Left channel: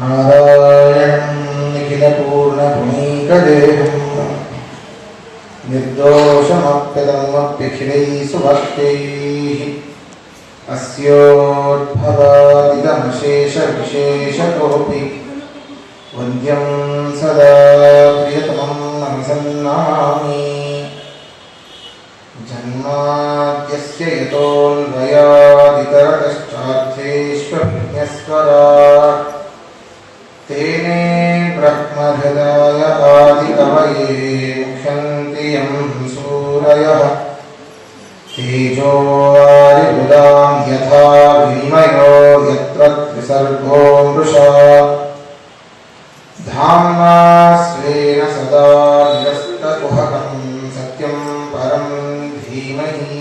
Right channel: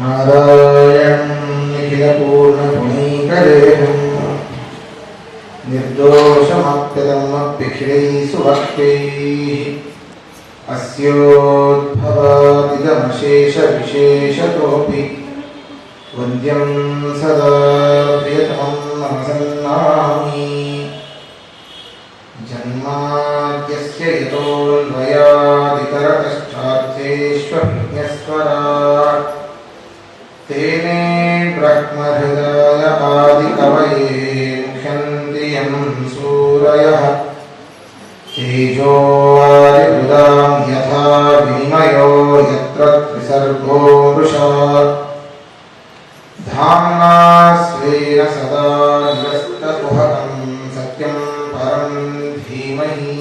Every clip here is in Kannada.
ನಾರಾಯಣಂ ನಿಖಿಲಪೂರ್ಣಗುಣೈಕದೇಹಂ ನಿರ್ದೋಷಮಪ್ಯದಮಪ್ಯಖಿಲೈಃ ಸುಭಕ್ತೈಃ ಅಸ್ಯೋದ್ಭವಾದಿದಮಶೇಷವಿಶೇಷತೋಪಿ ವಂದ್ಯಂ ಸದಾ ಪ್ರಿಯತಮಂ ನಮಸನ್ನಾಮಿ. ಜನ್ಮಾದ್ಯಸ್ಯ ಯತೋನ್ವಯಾದಿತರತಶ್ಚಾರ್ಥೇಷ್ವಜ್ಞಸ್ವರಾಟ್ ತೇನೇ ಬ್ರಹ್ಮಹೃದಾಯ ಆದಿಕವಯೇ ಮುಖ್ಯಂತಿ ಯಂ ಸೂರಯಃ ತೇಜೋ ವಾರಿಮೃದಾಂ ಯಥಾ ವಿನಿಮಯೋ ಯತ್ರ ತ್ರಿಸರ್ಗೋ ಮೃಷಾ ಧಾಮ್ನಾ ಸ್ವೇನ ಸದಾ ನಿರಸ್ತಕುಹಕಂ ಸತ್ಯಂ ಪರಂ ಧೀಮಹಿ.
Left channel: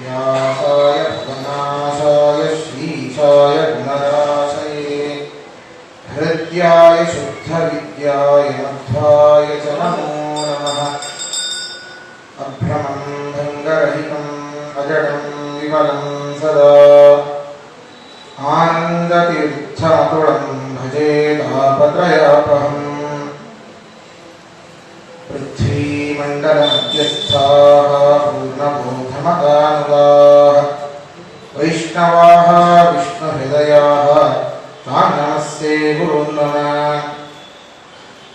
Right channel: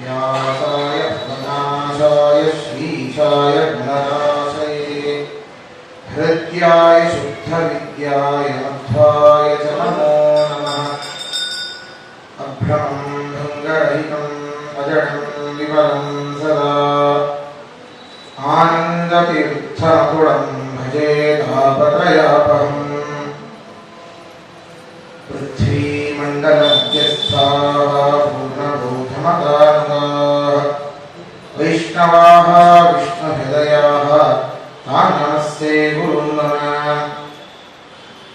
ವ್ಯಾಸಾಯ ವಿನಾಶಾಯ ಶ್ರೀಶಾಯ ಗುಣರಾಶಯೇ ಹೃದ್ಯಾಯ ಶುದ್ಧವಿದ್ಯಾಯ ಮಧ್ವಾಯ ಚ ನಮೋ ನಮಃ. ಅಭ್ರಮಂ ಭಂಗರಹಿತಂ ಅಜಡಂ ವಿಮಲಂ ಸದಾ ಆನಂದತೀರ್ಥಮತುಳಂ ಭಜೆ ತಾಪತ್ರಯಾಪಹಂ. ಪೃಥ್ವೀಮಂಡಲಮಧ್ಯಸ್ಥಾಃ ಪೂರ್ಣಬೋಧಮತಾನುಗಾಃ ವೈಷ್ಣವಾಃ ವಿಷ್ಣುಹೃದಯಾಃ ತಾನ್ ನಮಸ್ತೆ ಗುರುನ್ ನಮಃ.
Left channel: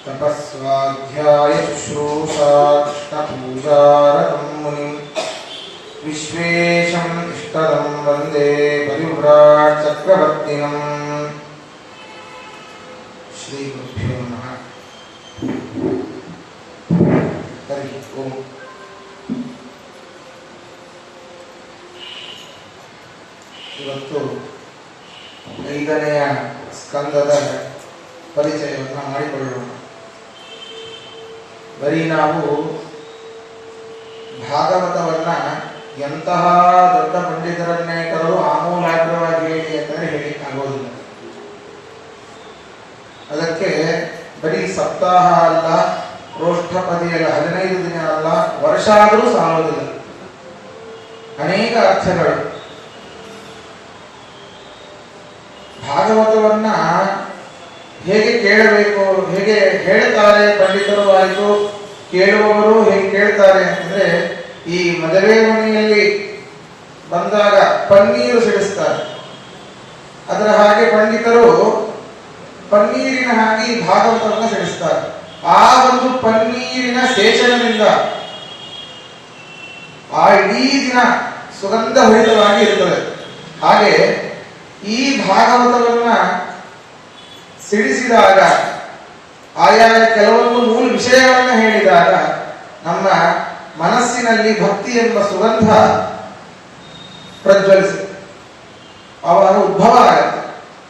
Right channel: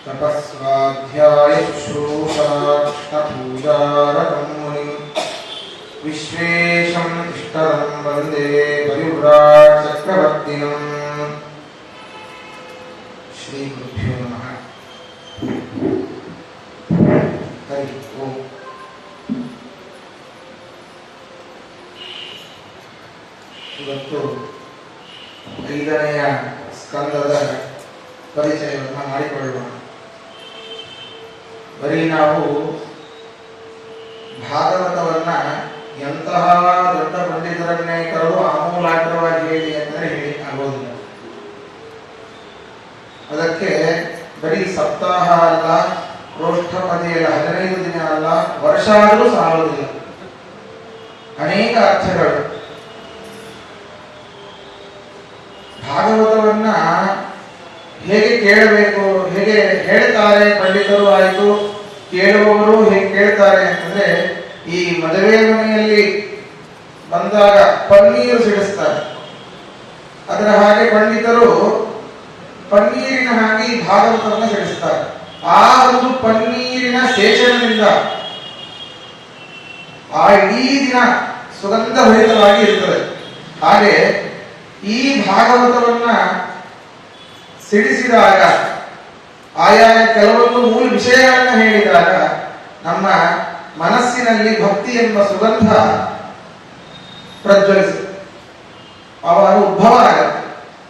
ತಪಸ್ವಾಧ್ಯಾಯ ಶುಶ್ರೂಷಾ ಕೃಷ್ಣಪೂಜಾರತಂ ಮುನಿಂ ವಿಶ್ವೇಶಂ ಇಷ್ಟದಂ ವಂದೇ ಪರಿವ್ರಾಟ್ ಚಕ್ರವರ್ತಿನಂ. ಶ್ರೀ ಗುರುಭ್ಯೋ ನಮಃ. ಹರಿ ಓಂ. ಇವತ್ತು 5ನೆಯ ಸ್ಕಂದದ ಪರಿಚಯವನ್ನು ಮಾಡಿಕೊಳ್ಳೋಣ. ಬರೀ ನಾವು ಭಾಗವತವನ್ನ ಎಂತಹ ದೊಡ್ಡ ಪಂಡಿತರನ್ನೇ ಕರು ಆಮೂಲಾಗ್ರವಾಗಿ ಹೇಳಿ ಅಂದರೆ ಹೇಳಿ ಆಗೋದಿಲ್ಲ. ಅದಕ್ಕೆ ಬರೀ ಸಪ್ತಾಹ ಅಲ್ಲ, ಪ್ರೋಷ್ಠಪದಿಯಲ್ಲ, 15 ದಿನ ಅಲ್ಲ, ವರ್ಷ ಆದರೂ ಸಾಲುವುದಿಲ್ಲ. ಅನೇಕ ಅರ್ಥಗಳು. ಭಾಗವತವನ್ನ ಹೇಗೆ ಕೇಳಬೇಕು, ಹೇಗೆ ಹೇಳ್ತಾರೆ ಪಂಡಿತರು ಆಯಿತು, ಕೇಳುವವರು ಹೇಗೆ ಕೇಳ್ತಾರೆ ಅಂತಂದ್ರೆ, ಈ ಮದುವೆ ಮನೆಯಲ್ಲಿ ಬಂದಾಗ ಪನ್ನೀರು ಸಿಡಿಸ್ತಾರೆ. ಅದರ ಹಾಗೆ ಪಂಡಿತರು ಪನ್ನೀರಿನ ಹಾಗೆ ಭಾಗವತವನ್ನು ಸಿಡಿಸ್ತಾರೆ. ಆ ಒಂದು ಪನ್ನೀರಿನ ಶೇಷದಿಂದ ಆ ಇಡೀ ದಿನ ಸುಗಂಧ ಭರಿತವಾಗಿ ಇರುತ್ತದೆ. ಹಾಗೆ ಈ ಭಾಗವತವನ್ನ ಸಿಡಿಸಿದಾಗ, ಆಯಾ ಕೆಲವೊಂದು ಮೂಲ ವಿಷಯಗಳನ್ನು ಹೇಳಿದಾಗ ನಮ್ಮ ಮನಸ್ಸಿನಲ್ಲಿ ಭಕ್ತಿ ಎಂಬ ಸುಗಂಧ ಪ್ರಜ್ವಲಿಸಿ ಅವರ ಉದ್ಭವ ಆಗುತ್ತೆ.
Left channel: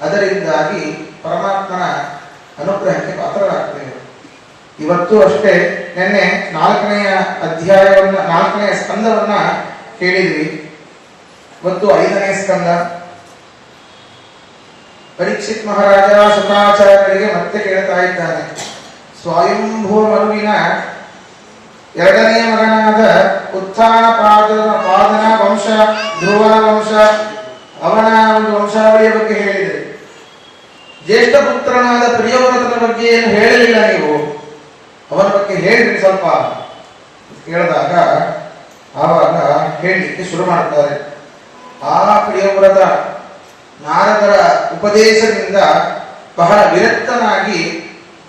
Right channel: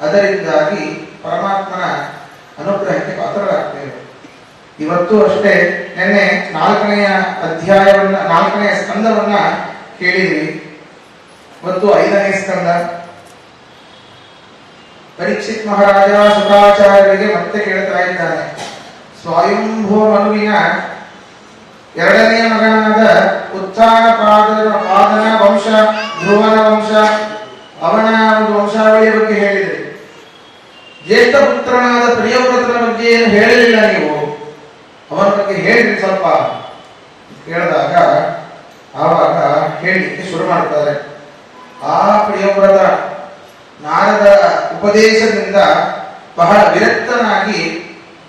ಅದರಿಂದಾಗಿ ಪರಮಾತ್ಮನ ಅನುಗ್ರಹಕ್ಕೆ ಪಾತ್ರರಾಗ್ತೇವೆ. ಇವತ್ತು ಅಷ್ಟೇ ನಿನ್ನೆ 4ನೆಯ ಅಧ್ಯಾಯವನ್ನ, 4ನೆಯ ಸ್ಕಂದವನ್ನ ಕೇಳಿದ್ವಿ. ಇವತ್ತು 5ನೇ ಸ್ಕಂದ. ಪರೀಕ್ಷಿತ್ ಮಹಾರಾಜ ಶುಕಾಚಾರ್ಯರಿಗೆ ಮತ್ತೆ ಕೇಳ್ತಾ ಇದ್ದಾನೆ. ಸ್ವಯಂಭೂ ಮನುವಿನ 2ನೇ ಮಗನಾದ ಉತ್ಥಾನಪಾದನ ವಂಶ, ಧ್ರುವನ ವಂಶ, ಅವನ ಒಂದು ವಂಶಾವಳಿಯ ಬಗ್ಗೆ ಹೇಳಿದೆ. ಜ್ಯೇಷ್ಠ ಪುತ್ರನಾದ ಪ್ರಿಯವ್ರತನ ಬಗ್ಗೆ ಏನು ಹೇಳಲಿಲ್ಲ ನೀವು, ಅವನ ಬಗ್ಗೆ ಹೇಳಿದ್ರಿ ಸ್ವಲ್ಪ ಕೇಳಿದಾಗ ಆವಾಗ ಹೇಳಲಿಕ್ಕೆ ಶುರು ಮಾಡ್ತಾರೆ. ಆ ಪ್ರಿಯವ್ರತ ನಾರದರ ಉಪದೇಶದಿಂದ ಬಹಳ ವಿರಕ್ತನಾಗಿ,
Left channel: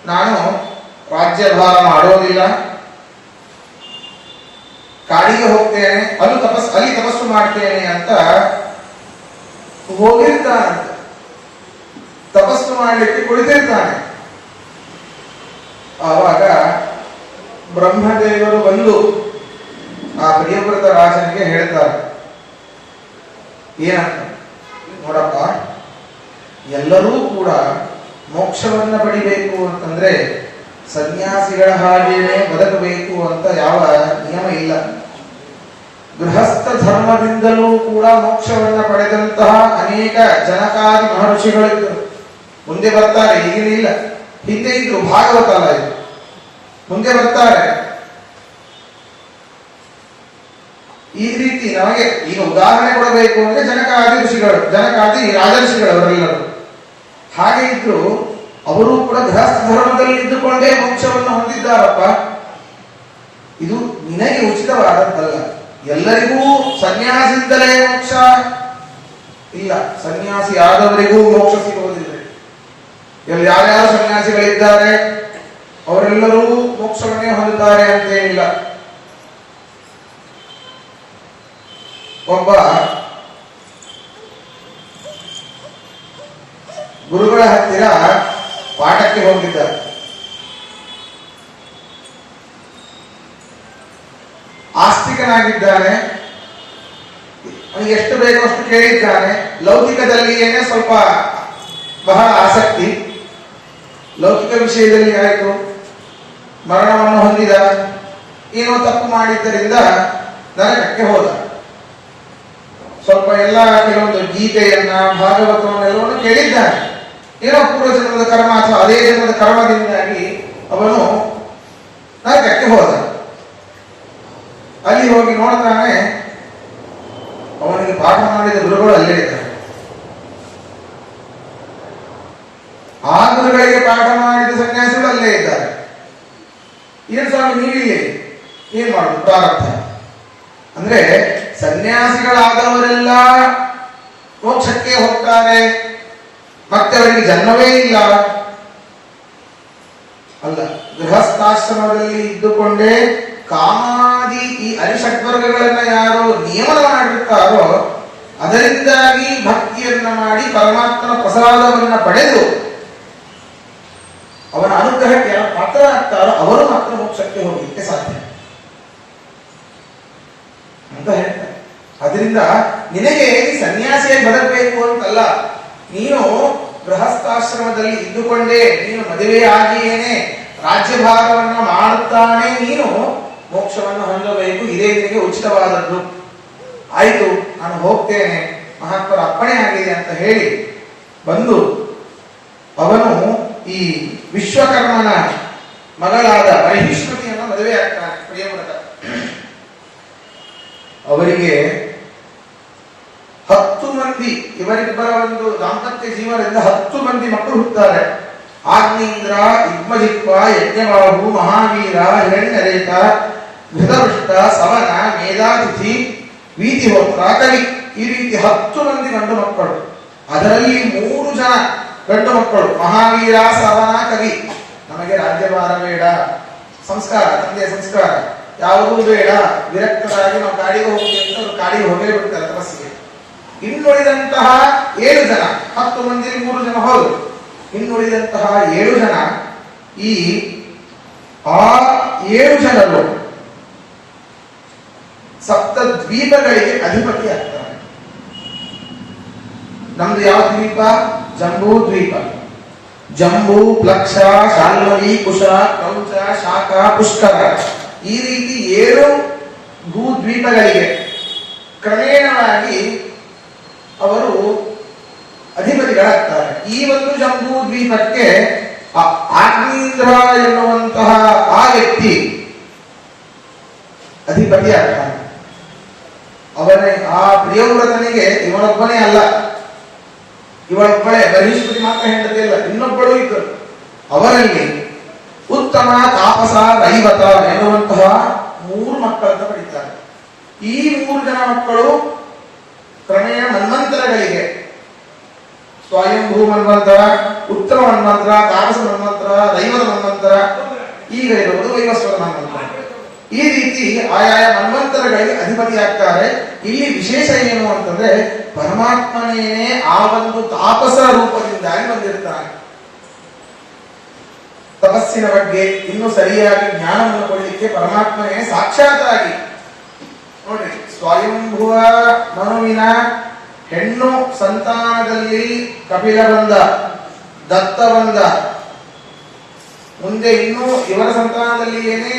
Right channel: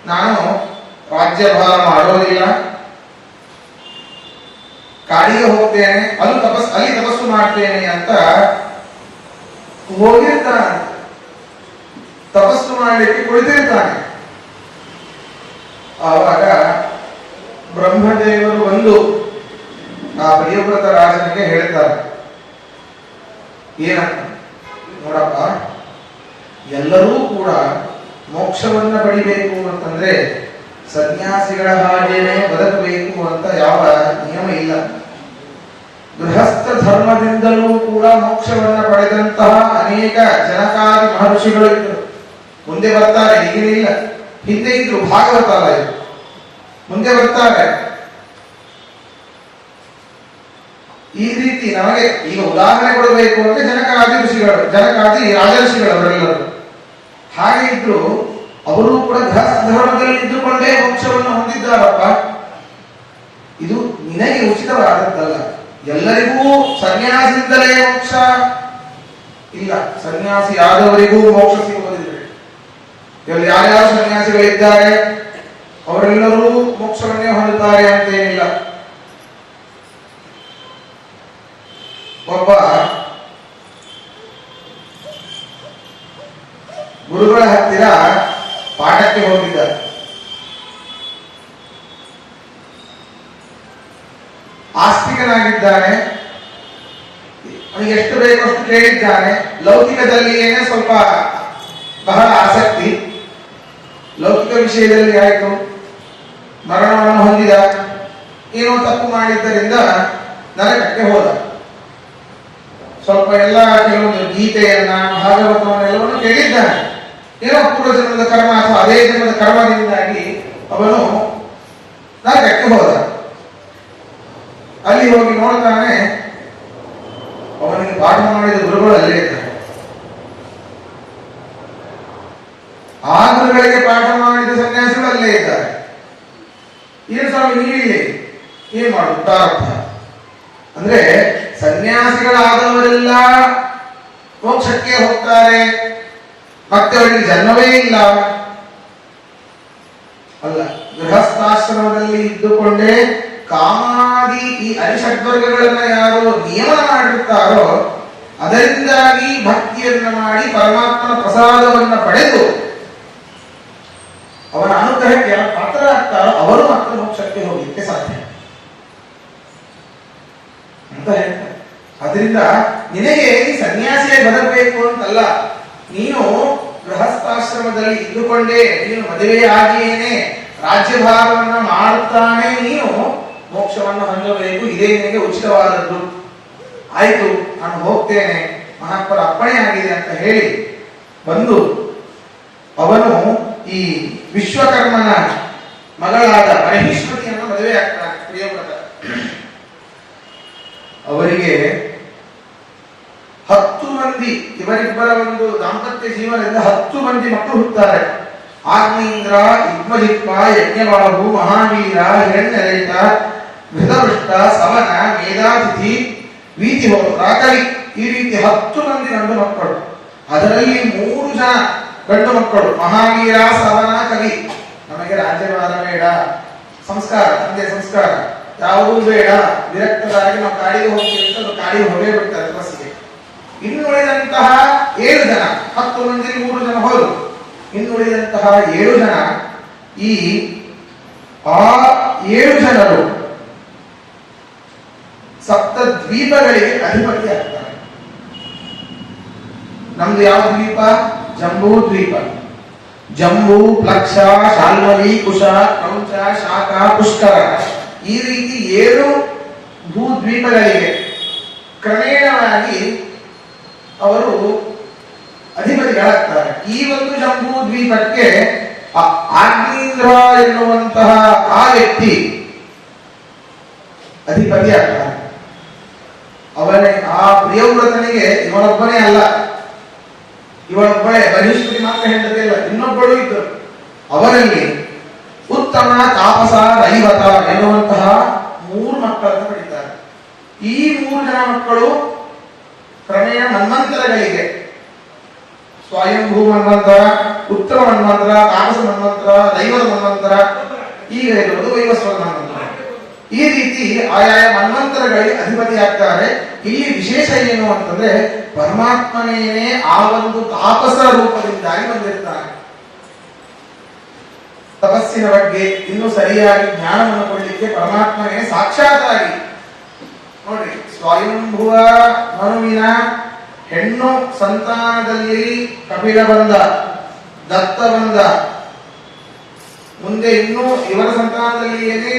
ನಾನು ರಾಜ್ಯಭಾರ ಮಾಡೋದಿಲ್ಲ, ಕಾಡಿಗೆ ಹೋಗ್ತೇನೆ, ಅಲ್ಲಿ ತಪಸ್ಸು ಮಾಡ್ತೇನೆ ಅಂತ ಹೋಗಿರ್ತಾನೆ. ತಪಸ್ಸು ಮಾಡಲಿಕ್ಕೆ ಕುಳಿತಿರ್ತಾನೆ. ಆವಾಗ ಬ್ರಹ್ಮದೇವರು ಬಂದು ಆ ಪ್ರಿಯವ್ರತ ರಾಜನಿಗೆ ಹೇಳ್ತಾರೆ, ಏನಂತ ನೋಡಪ್ಪ, ಎಲ್ಲರೂ ಕೂಡ ಮೋಕ್ಷವನ್ನ ಪಡಿಬೇಕು ಅಂತಂದ್ರೆ ಸನ್ಯಾಸಿಗಳ ಹಾಗೇನೆ ಬದುಕಬೇಕು ಅಂತ ಯಾವ ನಿಯಮ ಇಲ್ಲ. ಗೃಹಸ್ಥ ಧರ್ಮದಿಂದಲೂ ಕೂಡ ಮೋಕ್ಷವನ್ನ ಪಡೆದಂತಹ ಅನೇಕ ಜನಕಾದಿ ಮಹರ್ಷಿಗಳು ಇದ್ರು. ಮುಂದೆ ಬರ್ತಾರೆ, ಈಗಿಲ್ಲ, ಹಿಂದೆ ಇದ್ರು. ಭಾಗವತ ಅಲ್ಲ ಇದು, ಮುಂದೆ ಬರ್ತಾರೆ. ಈ ರೀತಿ ನಮಗೆ ಈಗ ಉದಾಹರಣೆ ಕೊಡಬೇಕು ಅಂದ್ರೆ ಜನಕಾದಿ ಋಷಿಗಳು, ಜನಕಾದಿ ರಾಜಋಷಿಗಳು ಅವರೆಲ್ಲರೂ. ಹಾಗೆ ಇದ್ರು ಅವರು ಕೂಡ ಗೃಹಸ್ಥ ಧರ್ಮದಲ್ಲಿ ಇದ್ದುಕೊಂಡೇ ಮೋಕ್ಷವನ್ನು ಹೊಂದಿದ್ದಾರಪ್ಪ. ಇದು ನಿನಗೆ ಉಚಿತವಾದದ್ದಲ್ಲ. ಎಲ್ಲರಿಗೂ ಸನ್ಯಾಸಿಯಿಂದಲೇ ಮೋಕ್ಷ ಇಲ್ಲ. ಸನ್ಯಾಸಿ ಆದವರಿಗೂ ಮೋಕ್ಷ ಸಿಗುವುದಿಲ್ಲ. ಇಲ್ಲಿ ಯಾರ್ಯಾರು ಸನ್ಯಾಸಿಗಳಿದ್ದಾರೆ ಅವರೆಲ್ಲರೂ ಮೋಕ್ಷವನ್ನೇ ಹೊಂದುತ್ತಾರೆ ಅಂತೇನಿಲ್ಲ. ಒಬ್ಬ ಗುರುಗಳ ಹತ್ತಿರ ಪಾಠಕ್ಕೆ ಹೋಗಿದ್ದ. ಆಸ್ತಿಕನಾಗಿದ್ದಾನೆ, ಎಷ್ಟು ಬೇಕೋ ಅಷ್ಟು ಕೇಳಿದ್ದಾನೆ. ಲೌಕಿಕದಲ್ಲಿ ಏನೇ ಸ್ವಲ್ಪ ಬಹಳ ಆಸಕ್ತಿ. ಲೌಕಿಕ ವಿಷಯದಲ್ಲಿ ಆಯಿತು, ಮರಣವನ್ನು ಹೊಂದಿದ, ಏನೋ ತಪ್ಪು ಮಾಡಿದ್ದರಿಂದ ನರಕಕ್ಕೆ ಹೋದ. ಸ್ವಲ್ಪ ಎಲ್ಲ ಕೆಲವೊಂದು ಗೀತೆಯನ್ನ ಭಾಗವತವನ್ನೆಲ್ಲವನ್ನು ಕೇಳಿದ್ದಾನೆ. ಏನೋ ಪೂರ್ವ ಜನ್ಮದ ಕರ್ಮ ಅಥವಾ ಅದೇ ಜನ್ಮದ ಕರ್ಮದಿಂದಾಗಿ ಅವನು ನರಕಕ್ಕೆ ಹೋದ. ಅಲ್ಲಿ ಹೋಗಿ ನೋಡ್ತಾನೆ, ಅವನಿಗೆ ಪಾಠ ಮಾಡಿದ ಗುರುಗಳು ಅಲ್ಲೇ ಇದ್ದಾರೆ. ಆ ಗುರುಗಳಿಗೆ ಪಾಠ ಮಾಡಿದ ಸನ್ಯಾಸಿಗಳು ಅಲ್ಲೇ ಇದ್ದಾರೆ. ಏನು ಸ್ವಾಮಿ ನೀವಿಲ್ಲಿ ಏನ್ ಮಾಡುದು ಪ್ರಾರಬ್ಧ ಅಂದ್ರೆ ಸನ್ಯಾಸಿಗಳಾದವರೆಲ್ಲ ಮೋಕ್ಷಕ್ಕೆ ಹೋಗ್ತಾರೆ, ಮತ್ತೆ ಅವರಿಗೆ ಜನ್ಮವೇ ಇಲ್ಲ ಅಲ್ಲ. ಗೃಹಸ್ಥಾಶ್ರಮದಲ್ಲಿ ಇದ್ದುಕೊಂಡೇ ಕಾಮಾದಿ ಈ ಅರಿಷಡ್ವರ್ಗಗಳನ್ನ ಯಾರು ನಿಯಮನ ಮಾಡಿರ್ತಾರೋ ಅದರಿಂದಾಗಿ ಭಕ್ತಿಯನ್ನ ಮಾಡಿ ಪರಮಾತ್ಮನ ಪ್ರಸಾದವನ್ನ ಪಡೆದು ಅವನ ಅನುಗ್ರಹಕ್ಕೆ ಪಾತ್ರರಾಗ್ತಾರೋ ಅವರು ಮಾತ್ರ ಮೋಕ್ಷಕ್ಕೆ ಹೋಗಲಿಕ್ಕೆ ಸಾಧ್ಯ ಅಂತ ಹೇಳ್ತಾರೆ. ಅದರಿಂದ ನಿನಗೆ ಈ ಸನ್ಯಾಸಿಯಾಗಿ ಬರಬೇಕು ಅಂತಲ್ಲ, ನೀನು ಗೃಹಸ್ಥಾಶ್ರಮದಲ್ಲಿ ಇದ್ದುಕೊಂಡೇ ನೀನು ಮದುವೆ ಆಗಿಯೇನೆ ರಾಜ್ಯಭಾರವನ್ನ ಮಾಡುತ್ತಾನೆ ನೀನು ಮೋಕ್ಷವನ್ನು ಹೊಂದಬೇಕು. ಇದೇ ನಿನಗೆ ಉಚಿತವಾದದ್ದು. ಆಯ್ತು, ನಾನು ಹೋಗ್ತೇನೆ, ಮಹಾತ್ಮರ ಅಪ್ಪಣೆ ಆಗಿದೆ ಅಂತ ಹೇಳಿ ಬಂದು ಅವನು ಈ ವಿಶ್ವಕರ್ಮನ ಮಗಳಾದ ಮಹಿಷ್ಮತಿಯನ್ನು ಮದುವೆ ಆಗ್ತಾನೆ ಪ್ರಿಯವ್ರತ. ಅವರಿಗೆ 10 ಮಂದಿ, ಇವರಿಬ್ಬರ ಒಂದು ದಾಂಪತ್ಯ ಜೀವನದಿಂದ 10 ಮಂದಿ ಮಕ್ಕಳು ಹುಟ್ಟುತ್ತಾರೆ. ಆಗ್ನೇಂದ್ರ, ಇದ್ಮಜಿತ್ವ, ಯಜ್ಞಬಾಹು, ಮಹಾವೀರ, ಹಿರಣ್ಯರೇತ, ಘೃತವೃಷ್ಟ, ಸಮನ, ಮೇಧಾತಿಥಿ, ವೀತಿಹೋತ್ರ, ಕವಿ, ಈ ರೀತಿ 10 ಮಂದಿ ಗಂಡು ಮಕ್ಕಳು. ಅದರಲ್ಲಿ 3 ಜನ ಗಂಡು ಮಕ್ಕಳು, ಮಹಾವೀರ, ಸಮನ, ಕವಿ. ನಮಗೆ ರಾಜ್ಯಭಾರ ಬೇಡ, ಸಂಸ್ಕಾರ, ತಂದೆ ಸಂಸ್ಕಾರ ಯಾವುದೂ ಬೇಡ, ವಿರಕ್ತರಾಗಿ ನಾವು ಕಾಡಿಗೆ ಹೋಗ್ತೀವಿ ಅಂತ ಅವರು ಕಾಡಿಗೆ ಹೋಗೇ ಬಿಡ್ತಾರೆ ತಪಸ್ಸಿಗೆ. ಇನ್ನುಳಿದಂತಹ 7 ಜನ, 10 ಮಂದಿ 3 ಜನ ಹೋದ್ರು. ಇನ್ನುಳಿದಂತಹ 7 ಜನ, ಈ 7 ಜನರು ಸಪ್ತ ದ್ವೀಪಗಳಿಗೆ ಅಧಿಪತಿ ಆಗ್ತಾರೆ. ನಮ್ದು ಯಾವ ದ್ವೀಪ? ಜಂಬೂ ದ್ವೀಪ. ಜಂಬೂ, ಪ್ಲಕ್ಷ, ಶಾಲ್ಮಲಿ, ಕುಶ, ಕ್ರೌಂಚ, ಶಾಖ, ಪುಷ್ಕರ, ಈ ರೀತಿ 7 ಭೂದ್ವೀಪಗಳಿವೆ. ಕ್ರಮೇಣವಾಗಿ ಅವರು ಅಧಿಪತಿಗಳಾಗ್ತಾರೆ. ಈ ಒಂದು ಜಂಬೂ ದ್ವೀಪಕ್ಕೆ ಆಗ್ನೇಂದ್ರ ಎನ್ನುವಂತಹ ಆ ವ್ಯಕ್ತಿ ಅಧಿಪತಿ ಆಗ್ತಾನೆ. ಅವನೇ ಆ ಪ್ರಿಯವ್ರತನಿಗೆ ಇವನೊಬ್ಬನೇ ಅಲ್ಲ, ಇವಳೊಬ್ಬಳೇ ಮಹಿಷ್ಮತಿ ಮಾತ್ರ ಹೆಂಡತಿ ಇಲ್ಲ, ಇನ್ನೊಬ್ಬಳು ಇದ್ದರು. ಅವರಲ್ಲಿ ಉತ್ತಮ, ತಾಪಸ, ರೈವತ ಎನ್ನುವಂತಹ 3 ಮಕ್ಕಳನ್ನು ಪಡಿತಾರೆ. ಈ 3 ಜನ ಮಕ್ಕಳು ಕ್ರಮೇಣ ಮನ್ವಂತರಗಳಿಗೆ, ಸ್ವಯಂಭೂ ಮನ್ವಂತರ, ಉತ್ತಮ ಮನ್ವಂತರ, ತಾಪಸ ಮನ್ವಂತರ, ದೈವದ ಮನ್ವಂತರ, ಈಗ ಇರುವುದು ವೈವಸ್ವತ ಮನ್ವಂತರ. ಈ ರೀತಿ ಆಯಾಯ ಮನ್ವಂತರಗಳಿಗೆ ಅಧಿಪತಿಯಾಗ್ತಾರೆ. ಇಲ್ಲಿ ವಿಶೇಷ ಏನು ಅಂತಂದ್ರೆ ಪರಮಾತ್ಮನೇ ಆ ಒಂದು ತಾಪಸ ರೂಪದಿಂದಾಗಿ ಬಂದಿರ್ತಾನೆ. ತಪಸ್ಸಿನ ಬಗ್ಗೆ ಇನ್ನೂ ಸರಿಯಾಗಿ ಜ್ಞಾನವನ್ನು ಕೊಡಲಿಕ್ಕೆ ಪರಮಾತ್ಮನೇ ಸಾಕ್ಷಾತ್ತಾಗಿ ನೋಡ್ರಿ, ಸ್ವಯಂಭುವ ಮನುವಿನ ಹೆಣ್ಣು ಸಂತಾನದಲ್ಲಿ ಕಪಿಲ ಬಂದ, ದತ್ತ ಬಂದ, ಮುಂದೆ ಇನ್ನೂ ಇವರ ಸಂತಾನದಲ್ಲಿ ಏನೇ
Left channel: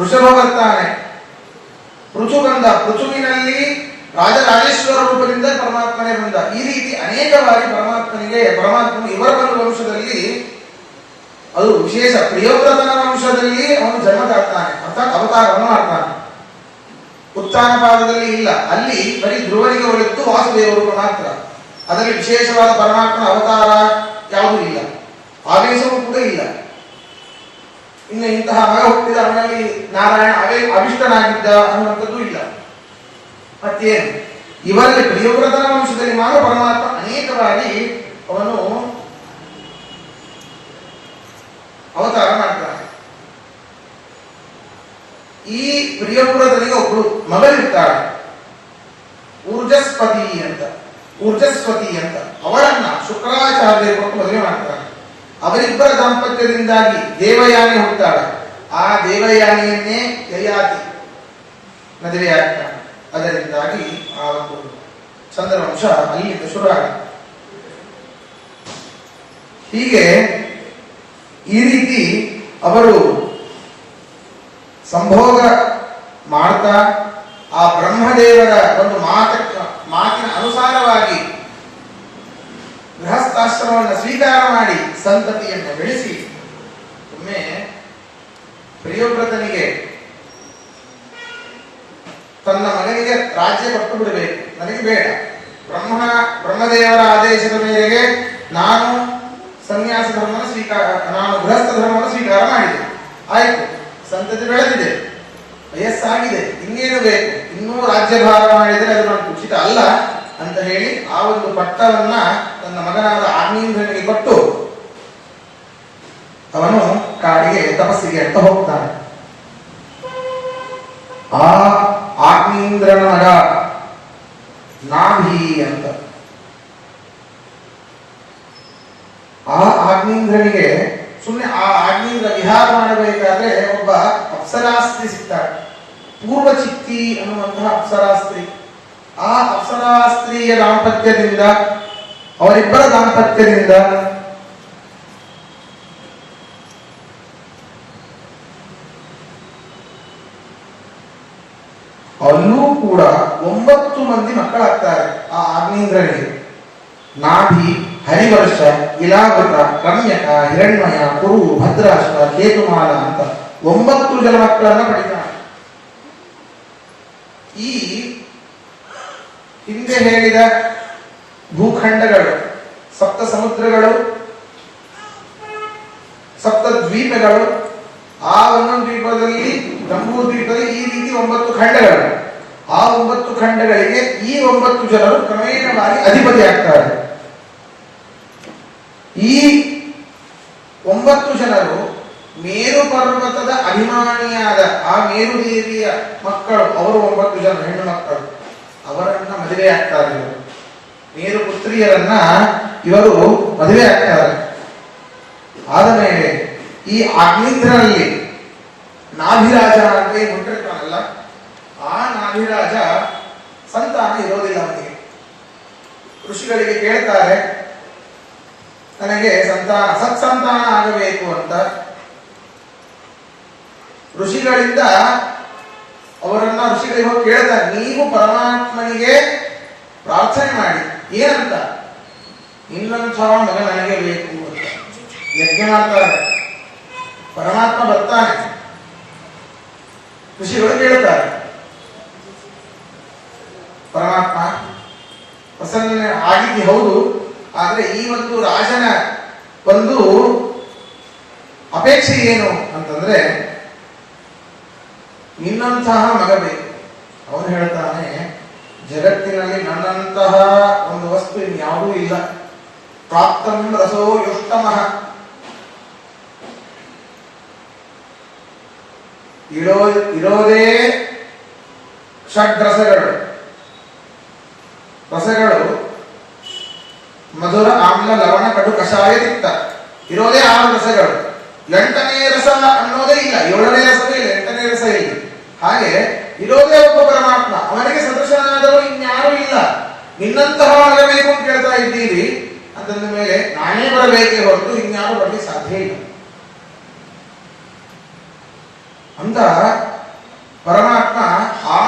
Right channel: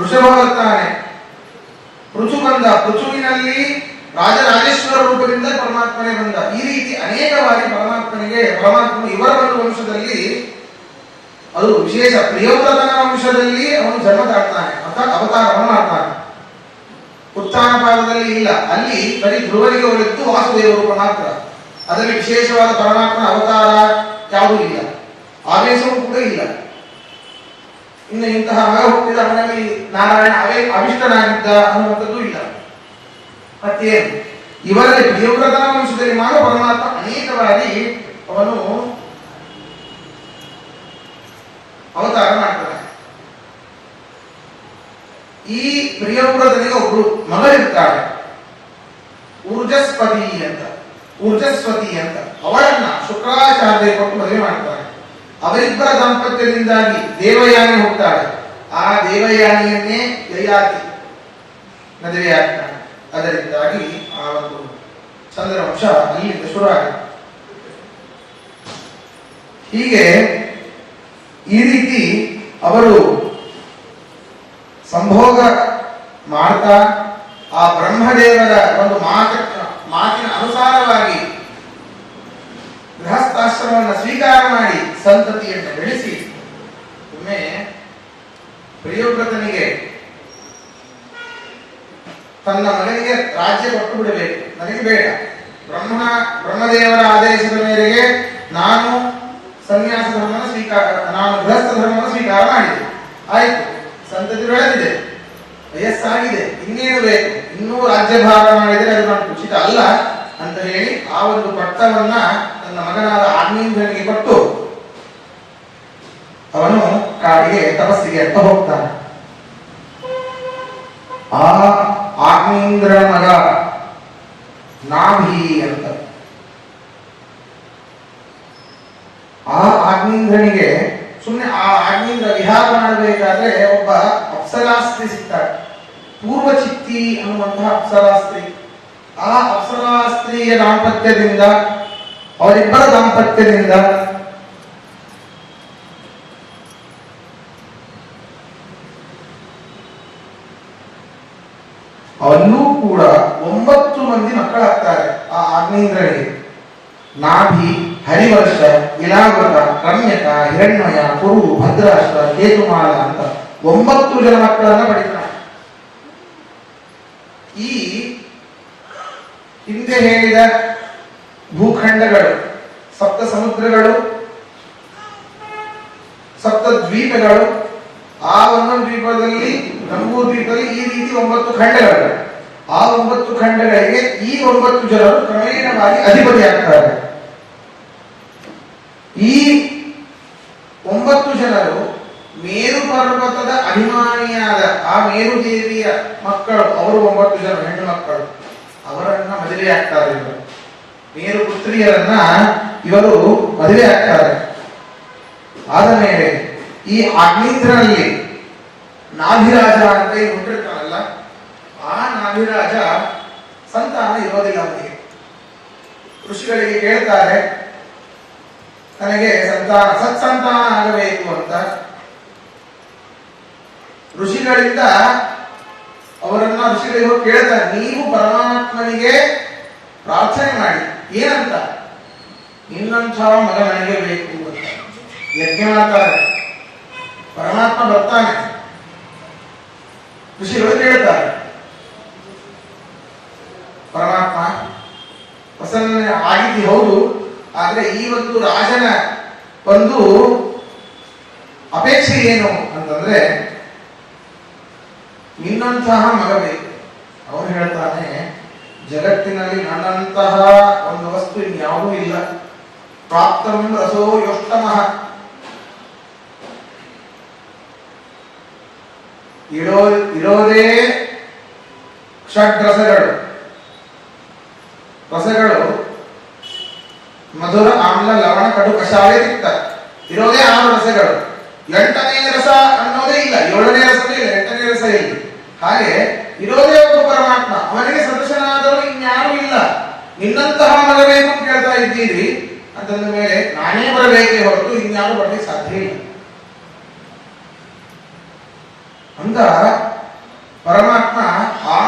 ಋಷಭ ಬರ್ತಾನೆ, ಪೃಥು ಬಂದ, ಪೃಥುವಿನಲ್ಲಿ ರಾಜರಾಜೇಶ್ವರ ರೂಪದಿಂದ ಪರಮಾತ್ಮನೇ ಬಂದ. ಈ ರೀತಿ ಅನೇಕ ಬಾರಿ ಪರಮಾತ್ಮನು ಇವರ ಒಂದು ವಂಶದಲ್ಲಿ, ಅದು ವಿಶೇಷ ಪ್ರಿಯವ್ರತನ ವಂಶದಲ್ಲಿ ಅವನು ಜನ್ಮ ತಾಳ್ತಾನೆ, ಅರ್ಥಾತ್ ಅವತಾರವನ್ನು ಮಾಡ್ತಾನೆ. ಉತ್ಥಾನ ಪಾದದಲ್ಲಿ ಇಲ್ಲ, ಅಲ್ಲಿ ಬರೀ ಧ್ರುವನಿಗೆ ಒಳಿತು ವಾಸುದೇವರು ಮಾತ್ರ. ಅದರಲ್ಲಿ ವಿಶೇಷವಾದ ಪರಮಾತ್ಮನ ಅವತಾರ ಯಾವುದು ಅನ್ನುವಂಥದ್ದು ಇಲ್ಲ. ಮತ್ತೇನು ಇವರಲ್ಲಿ ಪ್ರಿಯವ್ರತನ ವಂಶದಲ್ಲಿ ಮಾತ್ರ ಪರಮಾತ್ಮ ಅನೇಕ ಬಾರಿ ಅವನು ಅವತಾರ ಮಾಡ್ತಾನೆ. ಈ ಪ್ರಿಯವ್ರತನಿಗೆ ಒಬ್ರು ಮಗಳಿರ್ತಾಳೆ, ಊರ್ಜಸ್ವತಿ ಅಂತ. ಅವಳನ್ನ ಶುಕ್ರಾಚಾರ್ಯ ಕೊಟ್ಟು ಮದುವೆ ಮಾಡ್ತಾನೆ. ಅವರಿಬ್ಬರ ದಾಂಪತ್ಯದಿಂದಾಗಿ ದೇವಯಾನಿ ಹುಟ್ಟಾಳೆ. ಆ ದೇವಯಾನಿಯನ್ನೇ ಯಯಾತಿ ಮದುವೆಯಾಗ್ತಾನೆ. ಅದರಿಂದಾಗಿ ಆ ಒಂದು ಚಂದ್ರವಂಶ ಅಲ್ಲಿಂದ ಶುರುವಾಗಿದೆ. ಹೀಗೆ ಈ ರೀತಿ ಅವರು ಸಂಭೋಗ ಮಾಡ್ತಾ ಆ ಬ್ರಹ್ಮದೇವರ ಒಂದು ಮಾತಿನ ಅನುಸಾರವಾಗಿ ಗೃಹಸ್ಥಾಶ್ರಮವನ್ನು ಸ್ವೀಕಾರ ಮಾಡಿ ಸಂತತಿಯನ್ನು ಬೆಳೆಸಿ ಒಮ್ಮೆ ಪ್ರಿಯವ್ರತನಿಗೆ ತನ್ನ ಮಗನಿಗೆ ರಾಜ್ಯ ಕೊಟ್ಟು ಬಿಡಬೇಕು, ನನಗೆ ಬೇಡ, ಬ್ರಹ್ಮದೇವರ ಆದೇಶದ ಮೇರೆಗೆ ನಾನು ಸನ್ಯಾಸ ಧರ್ಮವನ್ನು ನಾನು ಗೃಹಸ್ಥ ಧರ್ಮವನ್ನು ಸ್ವೀಕಾರ ಮಾಡಿದೆ. ಆಯ್ತು, ಸಂತತಿ ಬೆಳೆದಿದೆ, ವಯಸ್ಸಾಗಿದೆ, ಇನ್ನೇನು ಬೇಕು, ಇನ್ನೂ ರಾಜ್ಯಭಾರ ಮಾಡಿದರೆ ಅದು ನನಗೆ ಉಚಿತ ಅಲ್ಲ ಅಂತ ಹೇಳಿ ಆ ಒಂದು ಪಟ್ಟವನ್ನ ತನ್ನ ಮಗನಾದ ಆಗ್ನೇಂದ್ರನಿಗೆ ಕೊಟ್ಟು ಅವನು ಕಾಡಿಗೆ ತಪಸ್ಸಿಗೆ ಅಂತ ಹೋಗ್ತಾನೆ. ಆ ಆಗ್ನೇಂದ್ರ ಮಗ ನಾಭಿ ಅಂತ. ಆ ಆಗ್ನೇಂದ್ರನಿಗೆ ಸುಮ್ಮನೆ ಆ ಆಗ್ನೇಂದ್ರ ವಿಹಾರ ಮಾಡಬೇಕಾದ್ರೆ ಒಬ್ಬ ಅಪ್ಸರಾಸ್ತ್ರಿ ಸಿಗ್ತಾರೆ, ಪೂರ್ವಚಿತ್ತಿ ಅನ್ನುವಂತಹ ಅಪ್ಸರಾಸ್ತ್ರಿ. ಆ ಅಪ್ಸರಾಸ್ತ್ರೀಯ ದಾಂಪತ್ಯದಿಂದ, ಅವರಿಬ್ಬರ ದಾಂಪತ್ಯದಿಂದ ಅವನ್ನೂ ಕೂಡ 9 ಮಂದಿ ಮಕ್ಕಳಾಗ್ತಾರೆ ಆ ಆಗ್ನೇಂದ್ರನಿಗೆ. ನಾಭಿ, ಹರಿವರ್ಷ, ಇಲಾವೃತ, ರಮ್ಯಕ, ಹಿರಣ್ಮಯ, ಕುರು, ಭದ್ರಾಶ್ವ, ಕೇತುಮಾಲ ಅಂತ 9 ಜನ ಮಕ್ಕಳನ್ನ ಪಡಿತಾನೆ. ಈ ಹಿಂದೆ ಹೇಳಿದ ಭೂಖಂಡಗಳು, ಸಪ್ತ ಸಮುದ್ರಗಳು, ಸಪ್ತ ದ್ವೀಪಗಳು, ಆ ಒಂದೊಂದು ದ್ವೀಪದಲ್ಲಿ, ಜಂಬೂ ದ್ವೀಪದಲ್ಲಿ ಈ ರೀತಿ 9 ಖಂಡಗಳು. ಆ 9 ಖಂಡಗಳಿಗೆ ಈ 9 ಜನರು ಕ್ರಮೇಣವಾಗಿ ಅಧಿಪತಿಯಾಗ್ತಾರೆ. ಈ 9 ಜನರು ಮೇರು ಪರ್ವತದ ಅಭಿಮಾನಿಯಾದ ಆ ಮೇರು ದೇವಿಯ ಮಕ್ಕಳು, ಅವರು 9 ಜನ ಹೆಣ್ಣು ಮಕ್ಕಳು. ಅವರನ್ನ ಮದುವೆ ಆಗ್ತಾರೆ ಇವರು. ಮೇರು ಪುತ್ರಿಯರನ್ನ ಇವರು ಮದುವೆ ಆಗ್ತಾರೆ. ಆದ ಮೇಲೆ ಈ ಆಗ್ನೇಂದ್ರನಲ್ಲಿ ನಾಭಿರಾಜ ಅಂತ ಹುಟ್ಟಿರ್ತಾನಲ್ಲ, ಆ ನಾಭಿರಾಜ ಸಂತಾನ ಇರೋದಿಲ್ಲ ಅವನಿಗೆ. ಋಷಿಗಳಿಗೆ ಕೇಳ್ತಾರೆ, ನನಗೆ ಸತ್ಸಂತಾನ ಆಗಬೇಕು ಅಂತ. ಋಷಿಗಳಿಂದ ಋಷಿಗಳಿಗೆ ಹೋಗಿ ಕೇಳ್ತಾರೆ, ನೀವು ಪರಮಾತ್ಮನಿಗೆ ಪ್ರಾರ್ಥನೆ ಮಾಡಿ, ಏನಂತ, ಇನ್ನೊಂದು ಮಗ ನನಗೆ ಬೇಕು ಅಂತ ಯಜ್ಞ ಮಾಡ್ತಾರೆ. ಪರಮಾತ್ಮ ಬರ್ತಾನೆ, ಋಷಿಗಳು ಕೇಳ್ತಾರೆ, ಪರಮಾತ್ಮ ಪ್ರಸನ್ನ ಆಗಿದ್ದಿ ಹೌದು, ಆದ್ರೆ ಈ ಒಂದು ರಾಜನ ಒಂದು ಅಪೇಕ್ಷೆ ಏನು ಅಂತಂದ್ರೆ ನಿನ್ನಂತಹ ಮಗ ಬೇಕು. ಅವನು ಹೇಳ್ತಾನೆ, ಜಗತ್ತಿನಲ್ಲಿ ನನ್ನಂತಹ ಒಂದು ವಸ್ತು ಇನ್ಯಾವುದೂ ಇಲ್ಲ. ಪ್ರಾಪ್ತಂ ರಸೋ ಯೋಷ್ಟಮಃ, ಇರೋದೇ ಷಡ್ರಸಗಳು. ರಸಗಳು ಮಧುರ, ಆಮ್ಲ, ಲವಣ, ಕಡು, ಕಷಾಯ, ತಿಕ್ತ, ಇರೋದೇ 6 ರಸಗಳು. 8ನೇ ರಸ ಅನ್ನೋದೇ ಇಲ್ಲ, 7ನೇ ರಸವೇ ಇಲ್ಲ, 8ನೇ ರಸ ಇಲ್ಲ. ಹಾಗೆ ಇರೋದೇ ಒಬ್ಬ ಪರಮಾತ್ಮ, ಅವನಿಗೆ ಸದೃಶನಾದರೂ ಇನ್ಯಾರೂ ಇಲ್ಲ. ನಿನ್ನಂತಹ ಮಗ ಬೇಕು ಅಂತ ಕೇಳ್ತಾ ಇದ್ದೀರಿ ಅಂತಂದ ಮೇಲೆ ನಾನೇ ಬರಬೇಕೇ ಹೊರತು ಇನ್ಯಾರು ಬರಲಿಕ್ಕೆ ಸಾಧ್ಯ ಇಲ್ಲ ಅಂತ ಪರಮಾತ್ಮ ಆ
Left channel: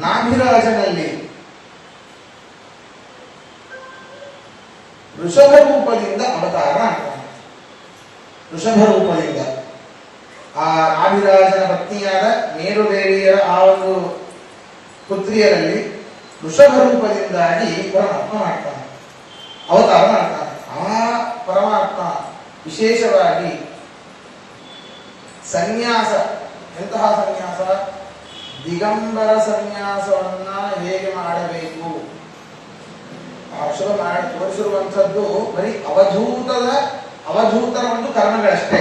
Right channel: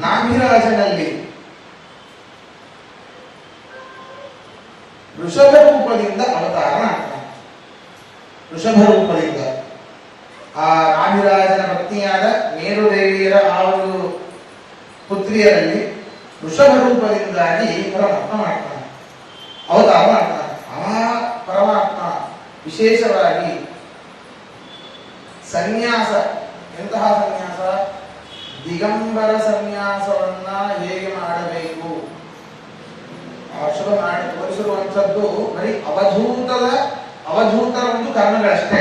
ನಾಭಿರಾಜನಲ್ಲಿ ಋಷಭ ರೂಪದಿಂದ ಅವತಾರ ಮಾಡ್ತಾನೆ. ಋಷಭ ರೂಪದಿಂದ ಆ ನಾಭಿರಾಜನ ಪತ್ನಿಯಾದ ಮೇರುದೇವಿಯರ ಆ ಒಂದು ಪುತ್ರಿಯರಲ್ಲಿ ಋಷಭ ರೂಪದಿಂದಾಗಿ ಪರಮಾತ್ಮ ಮಾಡ್ತಾನೆ, ಅವತಾರ ಮಾಡ್ತಾನೆ. ಆ ಪರಮಾತ್ಮ ವಿಶೇಷವಾಗಿ ಸನ್ಯಾಸ ಎಂತಹ ಸನ್ಯಾಸ? ದಿಗಂಬರ ಸನ್ಯಾಸವನ್ನ ಹೇಗೆ ಮಾಡಬೇಕು ಮಾಡಿ ತೋರಿಸಿರುವಂತದ್ದು ಬರೀ ಅವಧೂತರ ಒಂದು ಕರ್ಮಗಳಷ್ಟೇ,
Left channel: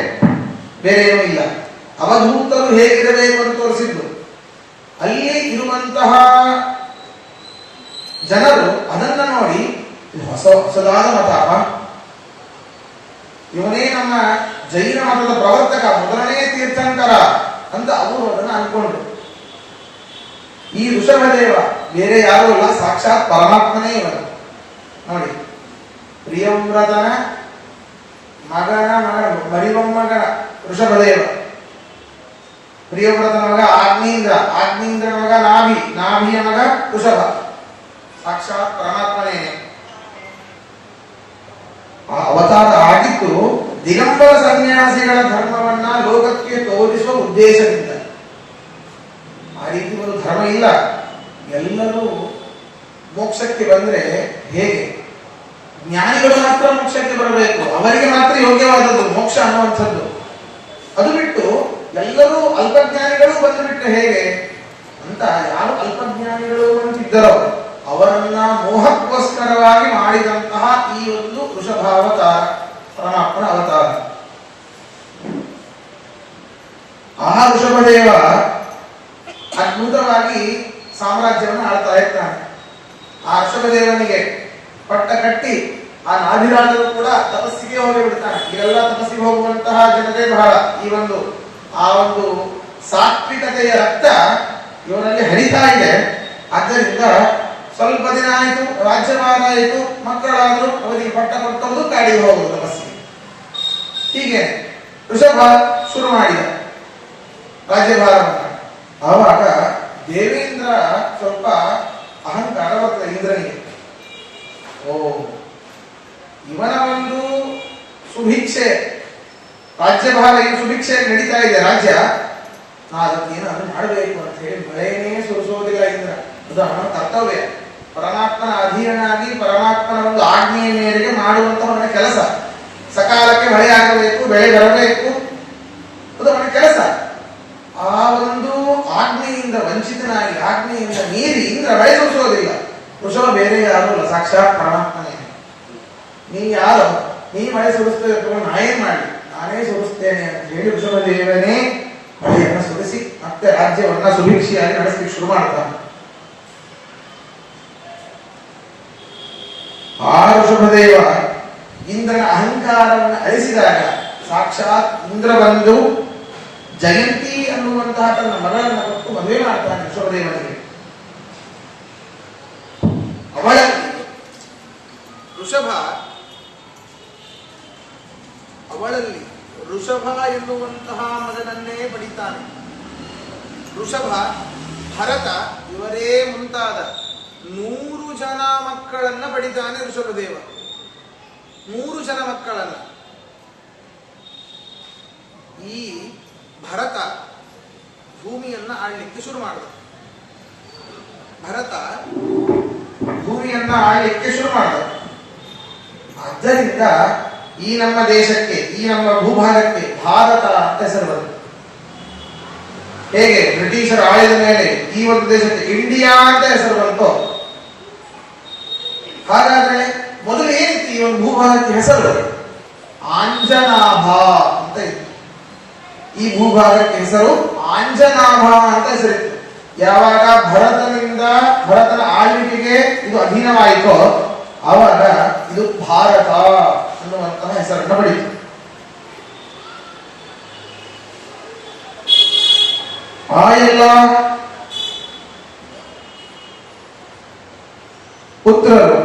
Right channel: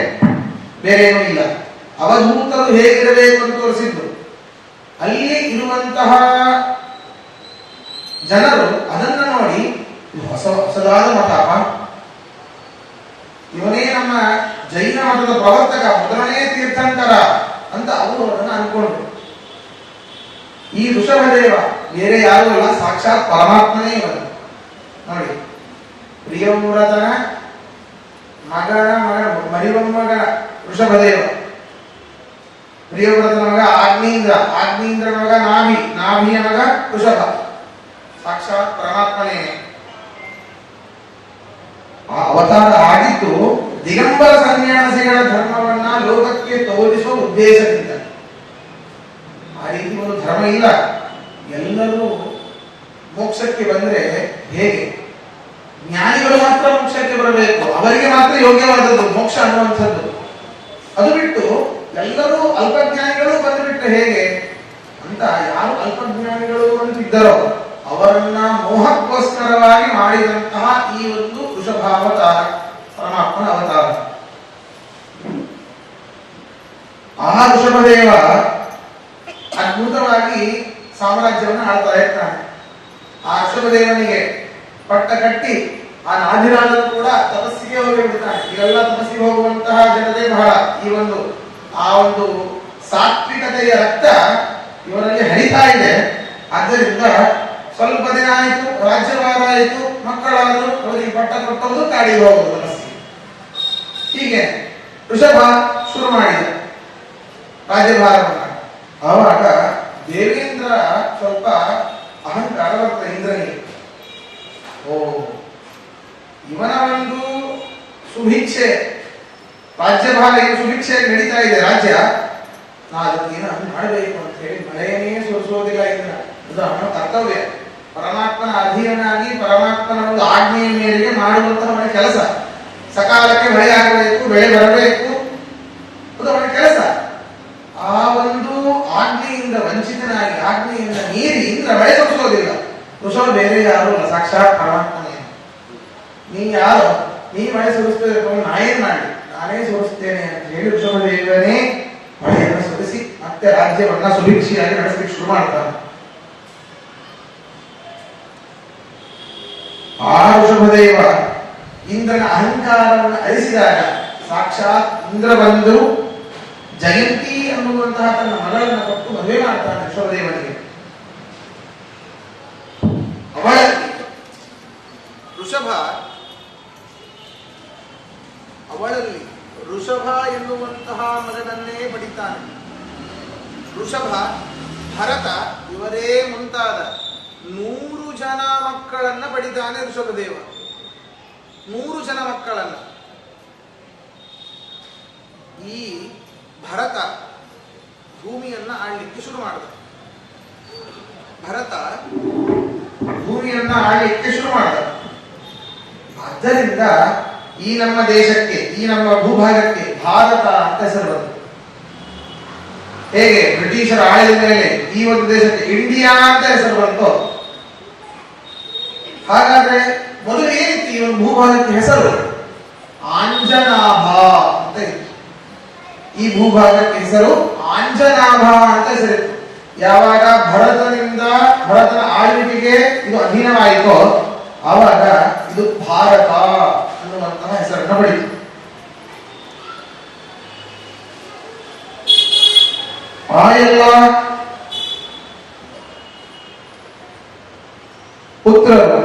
ಬೇರೆ ಏನೂ ಇಲ್ಲ. ಅವಧೂತರು ಹೇಗಿರಬೇಕು ಅಂತ ತೋರಿಸಿದ್ರು. ಅಲ್ಲಿ ಇರುವಂತಹ ಜನರು ಅದನ್ನ ನೋಡಿ ಹೊಸದಾದ ಮತ, ಇವನೇ ನಮ್ಮ ಜೈನ ಮತದ ಪ್ರವರ್ತಕ, ಮೊದಲನೇ ತೀರ್ಥಂಕರ ಅಂತ ಅವರು ಅದನ್ನು ಅನ್ಕೊಂಡ್ರು. ಈ ಋಷಭದೇವ ಬೇರೆ ಯಾರು ಅಲ್ಲ, ಸಾಕ್ಷಾತ್ ಪರಮಾತ್ಮನೇ ಇವನು. ನೋಡಿ, ಪ್ರಿಯವ್ರತನ ಮಗನ ಮರಿಮೊಮ್ಮಗನ ಋಷಭದೇವ, ಪ್ರಿಯವ್ರತನ ಮಗ ಆಗ್ನೇಂದ್ರ ಮಗ ನಾಭಿಯ ಮಗ ಋಷಭ, ಸಾಕ್ಷಾತ್ ಪರಮಾತ್ಮನೇ. ಆ ಅವತಾರ ಆಗಿದ್ದು ದಿಗಂಬರ ಸನ್ಯಾಸಿಗಳ ಧರ್ಮವನ್ನ ಲೋಕಕ್ಕೆ ತೋರಿಸುವ ಉದ್ದೇಶದಿಂದ. ಆ ರೀತಿ ಒಂದು ಧರ್ಮ ಇಲ್ಲ. ಎಲ್ಲರೂ ಮೋಕ್ಷಕ್ಕೆ ಬಂದ್ರೆ ಹೇಗೆ? ಜ್ಞಾನಿಗಳು ಮಾತ್ರ ಮೋಕ್ಷಕ್ಕೆ ಬರಬೇಕು, ಅವರಿಗೆ ಮಾತ್ರ ಯೋಗ್ಯವಾದದ್ದು ಮೋಕ್ಷ ಅನ್ನುವಂಥದ್ದು. ಅದು ಬಿಟ್ಟು ಎಲ್ಲರೂ ಅಲ್ಪಜ್ಞಾನಿಗಳು ಬಂದುಬಿಟ್ರೆ ಹೇಗೆ ಅಂತ, ಯಾರು ಅಲ್ಪಜ್ಞಾನಿಗಳು ಅಂತಿದ್ದರೋ ಅವರನ್ನ ಮೋಹಕ್ಕೋಸ್ಕರವಾಗಿ ಮಾಡಿದಂತಹ ಈ ಒಂದು ವೃಷಭಾವತಾರ, ಪರಮಾತ್ಮನ ಅವತಾರ. ಆ ಋಷಭದೇವ ಅದ್ಭುತವಾಗಿ ಸಾಮ್ರಾಜ್ಯವನ್ನು ಆಳ್ತಾ ಇರ್ತಾನೆ. ಆ ಋಷಭದೇವನಿಗೆ ಪಟ್ಟ ಕಟ್ಟಿ ಆ ನಾಭಿರಾಜರು ಕೂಡ ತಪಸ್ಸಿಗೆ ಹೋಗಿಬಿಡ್ತಾನೆ. ಇವೆಲ್ಲ ತಪಸ್ಸಿಗೆ ಹೋಗುವಂತಹ ಜನರೇ ಬಹಳ. ಈ ಒಂದು ಆ ಒಂದು ಸಾತ್ವಿಕತೆಯ ರಕ್ತ ಇವರಲ್ಲಿ ಹರಿತಾ ಇದೆ. ಆದ್ದರಿಂದ ಸ್ವಲ್ಪ ದಿನ ಆಯಿತು, ರಾಜ್ಯಭಾರ ಆಯಿತು, ಮಕ್ಕಳಾದರೂ ಅವರಿಗೆ ಪಟ್ಟ ಕೊಟ್ಟವುದು, ಕಾಡಿಗೆ ಹೋಗುವುದು ತಪಸ್ಸಿಗೆ. ಹೀಗೆ ಋಷಭ ಶುರು ಮಾಡಿದ ರಾಜ್ಯಭಾರವನ್ನು. ಆವಾಗ ದೇವೇಂದ್ರ ಸ್ವಲ್ಪ ಅಹಂಕಾರ ಬರ್ತದೆ ಇಂದ್ರನಿಗೆ. ಓ, ಇವನ ಒಂದು ಸುಭಿಕ್ಷೆ, ರಾಜ್ಯಭಾರ ಏನು ಸುಭಿಕ್ಷೆ ನಡೀತಾ ಇದೆ ರಾಜ್ಯ, ನಾ ಅದಕ್ಕೇನು ಮಾಡಬೇಕು ಅಂತ ಹೇಳಿ ಮಳೆಯನ್ನೇ ಸುರಿಸೋದಿಲ್ಲ ಇಂದ್ರ. ಅದು ಅವನ ಕರ್ತವ್ಯ. ಪರಮಾತ್ಮನ ಅಧೀನನಾಗಿ ಪರಮಾತ್ಮನ ಒಂದು ಆಜ್ಞೆಯ ಮೇರೆಗೆ ಮಾಡುವಂತಹ ಅವನ ಕೆಲಸ. ಸಕಾಲಕ್ಕೆ ಮಳೆ ಆಗಬೇಕು, ಬೆಳೆ ಬರಬೇಕು, ಅದು ಅವನ ಕೆಲಸ. ಆ ಒಂದು ಆಜ್ಞೆಯಿಂದ ವಂಚಿತನಾಗಿ ಆಜ್ಞೆಯಿಂದ ಮೀರಿ ಇಂದ್ರ ಮಳೆ ಸುರಿಸೋದಿಲ್ಲ. ಋಷಭ ಬೇರೆ ಯಾರು ಅಲ್ಲ, ಸಾಕ್ಷಾತ್ ಪರಮಾತ್ಮನೇ. ನೀ ಯಾರು? ನೀ ಮಳೆ ಸುರಿಸ್ತೇವೆ, ನಾನೇನ್ ಮಾಡಿ, ನಾನೇ ಸುರಿಸ್ತೇನೆ ಅಂತ ಹೇಳಿ ಋಷಭದೇವನೇ ಮಳೆಯನ್ನು ಸುರಿಸಿ ಮತ್ತೆ ರಾಜ್ಯವನ್ನ ಸುಭಿಕ್ಷಿಯಾಗಿ ನಡೆಸಲಿಕ್ಕೆ ಶುರು ಮಾಡ್ತಾನೆ. ಆ ಋಷಭದೇವ ಇಂದ್ರನ ಅಹಂಕಾರವನ್ನು ಅಳಿಸಿದಾಗ ಸಾಕ್ಷಾತ್ ಇಂದ್ರ ಬಂದು ಜಯಂತಿ ಅನ್ನುವಂತಹ ತನ್ನ ಮಗಳನ್ನು ಕೊಟ್ಟು ಮದುವೆ ಮಾಡ್ತಾನೆ ಋಷಭದೇವನಿಗೆ. ಅವಳಲ್ಲಿ ಋಷಭ ಎನ್ನುವಂತಹ ಮಗನನ್ನೇ ಪಡಿತಾನೆ. ಋಷಭ, ಭರತ ಇವರೇ ಮುಂತಾದ 100 ಜನ ಮಕ್ಕಳನ್ನ ಪಡಿತಾನೆ ಋಷಭದೇವ. 100 ಜನ ಮಕ್ಕಳನ್ನ. ಈ ಭರತ ಭೂಮಿಯನ್ನ ಆಳ್ಲಿಕ್ಕೆ ಶುರು ಮಾಡಿದ. ಆದ್ದರಿಂದ ಈ ನಮ್ಮ ದೇಶಕ್ಕೆ, ಈ ನಮ್ಮ ಭೂಭಾಗಕ್ಕೆ ಭಾರತ ಅಂತ ಹೆಸರು ಬಂತು. ಹೇಗೆ ಬ್ರಿಟಿಷರ ಆಳಿದ ಮೇಲೆ ಈ ಒಂದು ದೇಶಕ್ಕೆ ಇಂಡಿಯಾ ಅಂತ ಹೆಸರು ಬಂತು, ಹಾಗಾದ್ರೆ ಮೊದಲು ಏನಿತ್ತು ಈ ಒಂದು ಭೂಭಾಗಕ್ಕೆ ಹೆಸರು? ಆಂಜನಾಭ ಅಂತ ಇತ್ತು. ಈ ಭೂಭಾಗಕ್ಕೆ ಹೆಸರು ಆಂಜನಾಭ ಅಂತ ಹೆಸರಿತ್ತು. ಯಾವಾಗ ಭರತನ ಆಳ್ವಿಕೆಗೆ ಇದು ಅಧೀನವಾಯಿತೋ ಆವಾಗ ಇದು ಭಾರತ ಅನ್ನುವಂತಹ ಹೆಸರನ್ನು ಪಡೆಯಿತು. ಆ ಎಲ್ಲ ಪುತ್ರರು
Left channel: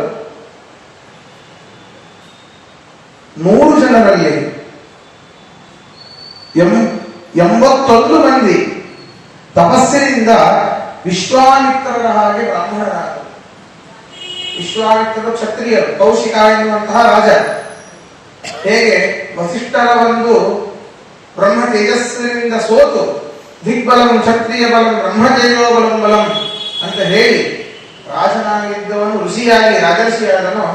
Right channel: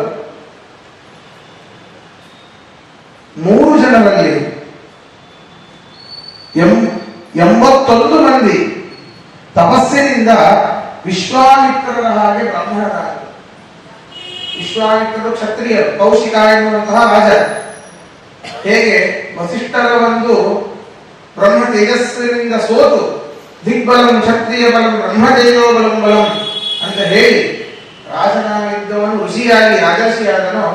100 ಜನರಲ್ಲಿ 81 ಮಂದಿ ತಪಸ್ಸಿನಿಂದ ವಿಶ್ವಾಮಿತ್ರರ ಹಾಗೆ ಬ್ರಾಹ್ಮಣರಾದರು. ವಿಶ್ವಾಮಿತ್ರರು ಕ್ಷತ್ರಿಯರು, ಕೌಶಿಕ ಎನ್ನುವಂತಹ ರಾಜ. ಹೇಗೆ ವಸಿಷ್ಠರ ಒಂದು ಬ್ರಹ್ಮ ತೇಜಸ್ಸಿನಿಂದ ಸೋತು ದಿಗ್ಬಲಂ ಕ್ಷತ್ರಿಯ ಬಲಂ ಬ್ರಹ್ಮತೇಜೋ ಬಲಂ ಬಲಂ ಅಂತ ಹೇಳಿ ರಾಜನಾಗಿದ್ದವನು ಋಷಿಯಾಗಿ ರಾಜರ್ಷಿಯಾದನೋ,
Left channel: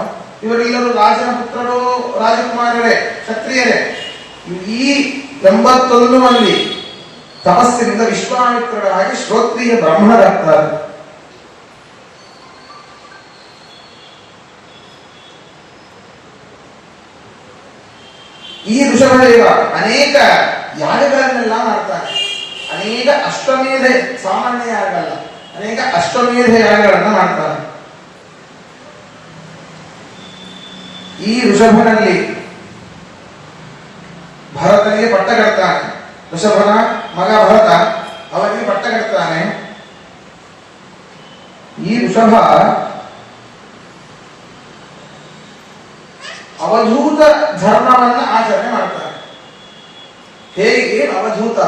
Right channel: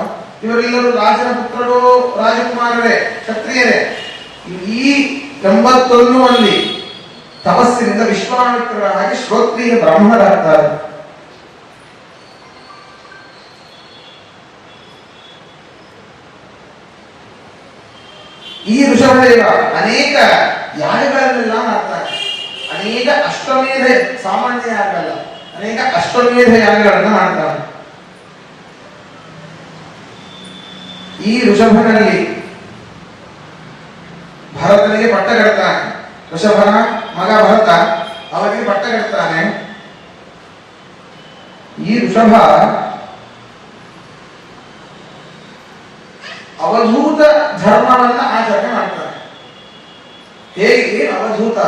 ಇವರೆಲ್ಲರೂ ರಾಜನ ಪುತ್ರರು, ರಾಜಕುಮಾರರೇ, ಕ್ಷತ್ರಿಯರೇ. ಈ 81 ಮಂದಿ ತಪಸ್ಸಿನಿಂದ ವಿಶ್ವಾಮಿತ್ರರಾಗಿ ಶ್ರೋತ್ರಿಯ ಬ್ರಾಹ್ಮಣರಾಗ್ತಾರೆ. ಈ ಋಷಭದೇವ ಅನೇಕ ಯಾಗಗಳನ್ನೆಲ್ಲ ಮಾಡ್ತಾರೆ. ಅನೇಕ ಅಶ್ವಮೇಧ, ಸಾಮಾನ್ಯ ಯಾಗ ಅಲ್ಲ, ಅನೇಕ ಅಶ್ವಮೇಧ ಯಾಗಗಳನ್ನು ಮಾಡ್ತಾರೆ. ಈ ಋಷಭನಲ್ಲಿ ಭರತನಿಗೆ ಪಟ್ಟ ಕಟ್ತಾನೆ. ಋಷಭನ ಮಗ ಭರತ ಅವನಿಗೆ ಪಟ್ಟ ಕಟ್ತಾನೆ. ಈ ಋಷಭ ಅವಧೂತ ಧರ್ಮವನ್ನ ಆಚರಣೆ ಮಾಡ್ತಾನೆ. ಹೇಗೆ ಅವಧೂತ?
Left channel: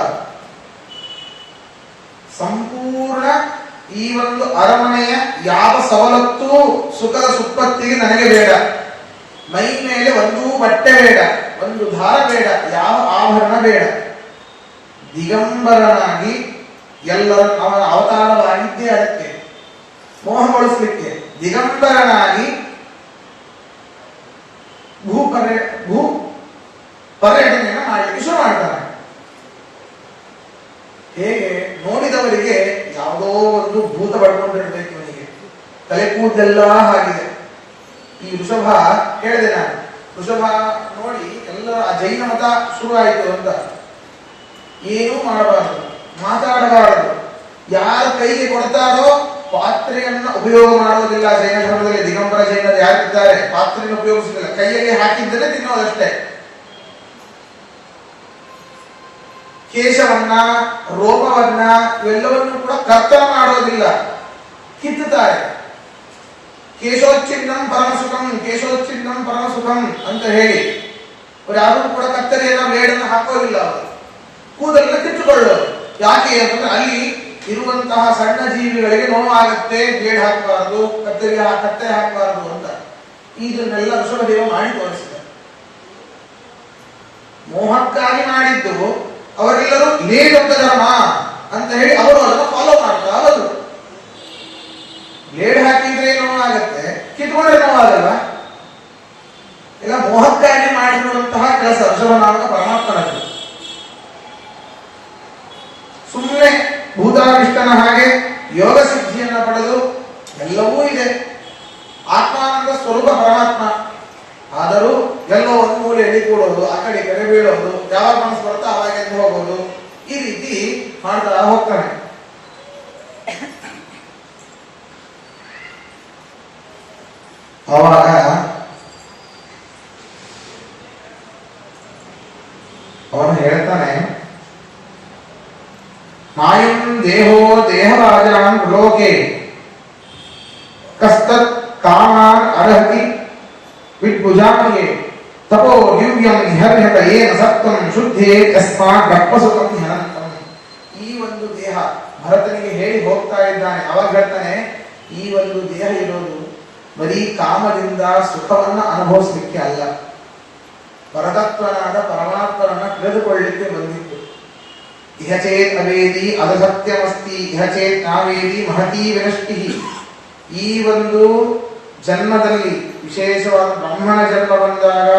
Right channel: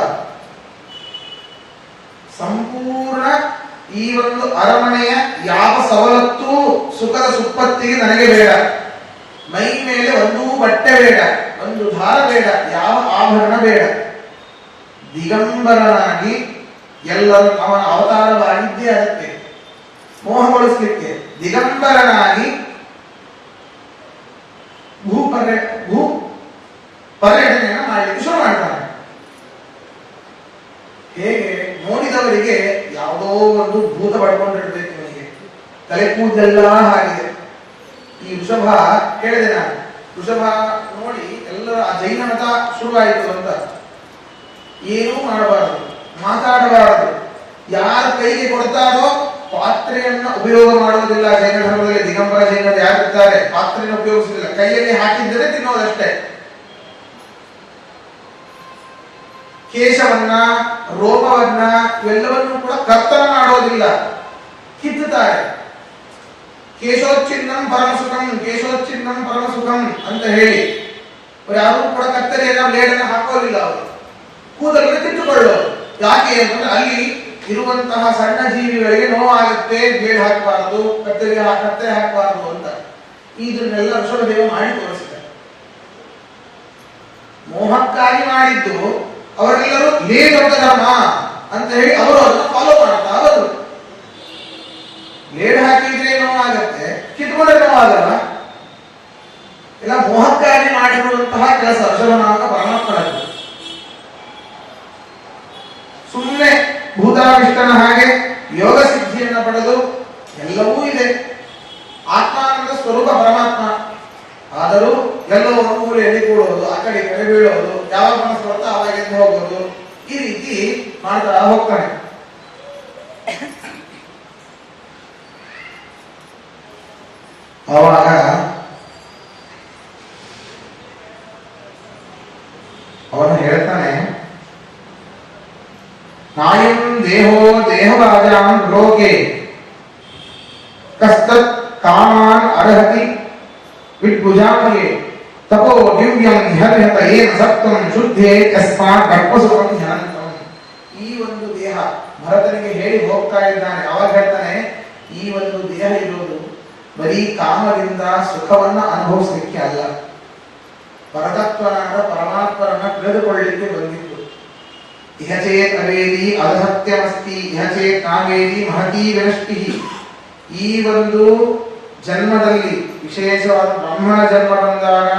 ಸಂಪೂರ್ಣ ಈ ಒಂದು ಅರಮನೆಯ ಯಾವ ಸವಲತ್ತು ಸುಖದ ಸುಪ್ಪತ್ತಿಗೆ ನನಗೆ ಬೇಡ. ಮೈ ಮೇಲೆ ಒಂದು ಬಟ್ಟೆ ಬೇಡ, ಒಂದು ದಾರ ಬೇಡ, ಯಾವ ಆಭರಣ ಬೇಡ. ದಿಗಂಬರನಾಗಿ ಎಲ್ಲರೂ ಅವನ ಅವತಾರವಾಗಿದ್ದೇ ಅದಕ್ಕೆ ಮೋಹಗೊಳಿಸಲಿಕ್ಕೆ ದಿಗಂಬರನಾಗಿ ಭೂ ಪರ್ಯಟನೆಯನ್ನು ಮಾಡಲಿಕ್ಕೆ ಶುರು ಮಾಡ್ತಾನೆ. ಹೇಗೆ ನೋಡಿದವರಿಗೆ ಯಾವುದೋ ಒಂದು ಭೂತ ಪಡ್ಕೊಂಡಿರ್ಬೇಕು, ಅವನಿಗೆ ತಲೆ ಕೂದಲೆಲ್ಲ ಆಗಿದೆ. ಈ ಋಷಭ ಹೇಳಿದೆ ನಾನು, ಋಷಭ ನೋಡಿ ಎಲ್ಲರ ಜೈನ ಮತ ಶುರುವಾಯಿತು ಅಂತ. ಏನೂ ಮಾಡಬಾರದು, ಮಾತಾಡಬಾರದು. ಯಾರ ಕೈಗೆ ಕೊಡ್ತಾರೋ ಪಾತ್ರೆಯನ್ನು ಉಪಯೋಗ ಮಾಡುವುದಿಲ್ಲ. ಜೈನ ಧರ್ಮದಲ್ಲಿ ದಿಗಂಬರ ಜೈನರು ಯಾರಿದ್ದಾರೆ ಪಾತ್ರೆಯನ್ನು ಉಪಯೋಗಿಸುವುದಿಲ್ಲ, ಕೈಯಲ್ಲಿ ಹಾಕಿದ್ದರೆ ತಿನ್ನೋದಷ್ಟೇ. ಕೇಶವನ್ನ, ರೋಮವನ್ನ ಇವೆಲ್ಲವನ್ನು ಕೂಡ ಕರ್ತನ ಮಾಡೋದಿಲ್ಲ, ಕಿತ್ತುತ್ತಾರೆ. ಕೇಶೋಚ್ಛಿನ್ನಂ ಪರಮಸುಖಂ, ಕೇಶೋಚ್ಛಿನ್ನಂ ಪರಮಸುಖಂ ಅಂತ ಹೇಳಿ ಯಾರು ಕೂಡ ಕತ್ತರಿಯನ್ನ ಬ್ಲೇಡನ್ನು ಹಾಕೋದಿಲ್ಲ. ಅವರು ಕೂದಲನ್ನು ಕಿತ್ತುಕೊಳ್ಳೋದು. ಯಾಕೆ ಅಂತಂದ್ರೆ ಅಲ್ಲಿ ಇರುವಂತಹ ಸಣ್ಣ ಜೀವಿಗಳಿಗೆ ನೋವಾಗುತ್ತೆ, ಬ್ಲೇಡ್ ಹಾಕಬಾರದು, ಕತ್ತೆ ಹಾಕಬಾರದು ಅಂತ. ಇದನ್ನೆಲ್ಲ ಋಷಭದೇವ ಮಾಡಿ ತೋರಿಸಿದ್ದಾರೆ. ಮೋಹಕ್ಕಾಗಿ ಮಾಡಿದ್ದು. ಅವರೆಲ್ಲರೂ ಇದೇ ದೊಡ್ಡ ಧರ್ಮ ಅಂತ ಹೇಳಿ ಅವರು ಅದನ್ನು ಫಾಲೋ ಮಾಡ್ತಾ ಅವರು. ಬ್ಲೇಡ್ ಹಾಕಿದ್ರೆ ನೋವಾಗತ್ತೆ, ಕಿತ್ಕೊಂಡ್ರೆ ನೋವಾಗಲ್ಲ. ಇಲ್ಲ, ಮೋಹಕ್ಕಾಗಿ ಮಾಡಿರುವಂತಹ ಕೆಲಸ ಋಷಭನಾಮಕ ಪರಮಾತ್ಮನದ್ದು. ಸುಮ್ಮನೆ ಭೂತಾವಿಷ್ಟನ ಹಾಗೆ ಯೋಗ ಸಿದ್ಧಿಯನ್ನು ಪಡೆದು ಎಲ್ಲವೂ ಇದೆ. ಆತ್ಮಾನಂದ ಸ್ವರೂಪ ಪರಮಾತ್ಮ. ಆದರೂ ಎಲ್ಲೋ ಒಂದು ಮೂಲೆ ಎಳಿಕೊಳ್ಳೋದು, ಆ ಕಡೆ ಕಡೆ ಬೀಳೋದು, ಯಾವಾಗ ಮನಸ್ಸು ಬರುತ್ತಾ ಅವಾಗ ಎದ್ದು ಹೋಗೋದು, ಈ ರೀತಿ ಮಾಡ್ತಾ ಹೋಗ್ತಾನೆ. ಆವಾಗ ಅವನು ಹೇಳ್ತಾನೆ, ನಾಯಂ ದೇಹೋ ದೇಹರಾಜಾಂ ಲೋಕೆ ಕಸ್ತತ್ ಕಾಮಾನ್ ಅರ್ಹತಿ ವಿದ್ಭುಜಾಮಯೇ ತಪೋ ದಿವ್ಯಂ ಧ್ಯಾನತ ಏನ ಸತ್ವಂ ಶುದ್ಧೇ ತಸ್ಮಾತ್ ಗರ್ಭಸುಖಂ ಧ್ಯಾನಂತಂ. ಈ ಒಂದು ದೇಹ ಭರತನಿಗೆ ಹೇಳಿ ಹೋಗ್ತಾ ಇದ್ದಾನೆ. ಅವಾಗ ಹೇಳ್ತಾನೆ, ಈ ಒಂದು ದೇಹ ಇರೋದು ಬರೀ ಕಾಮದಿಂದ ಸುಖವನ್ನ ಅನುಭವಿಸಲಿಕ್ಕೆ ಅಲ್ಲ, ಪರತತ್ವನಾದ ಪರಮಾತ್ಮರನ್ನ ತಿಳಿದುಕೊಳ್ಳಲಿಕ್ಕೆ ಬಂದಿತ್ತು. ಇಹ ಚೇತ್ ಅವೇದಿ ಅಸತ್ಯಮಸ್ತಿ, ಇಹ ಚೇತ್ ನಾವೇದಿ ಮಹತೀ ವಿನಷ್ಟಿ. ಈ ಒಂದು ಜನ್ಮದಲ್ಲಿ, ವಿಶೇಷವಾದ ಬ್ರಹ್ಮನ ಜನ್ಮ ಬಂದಾಗ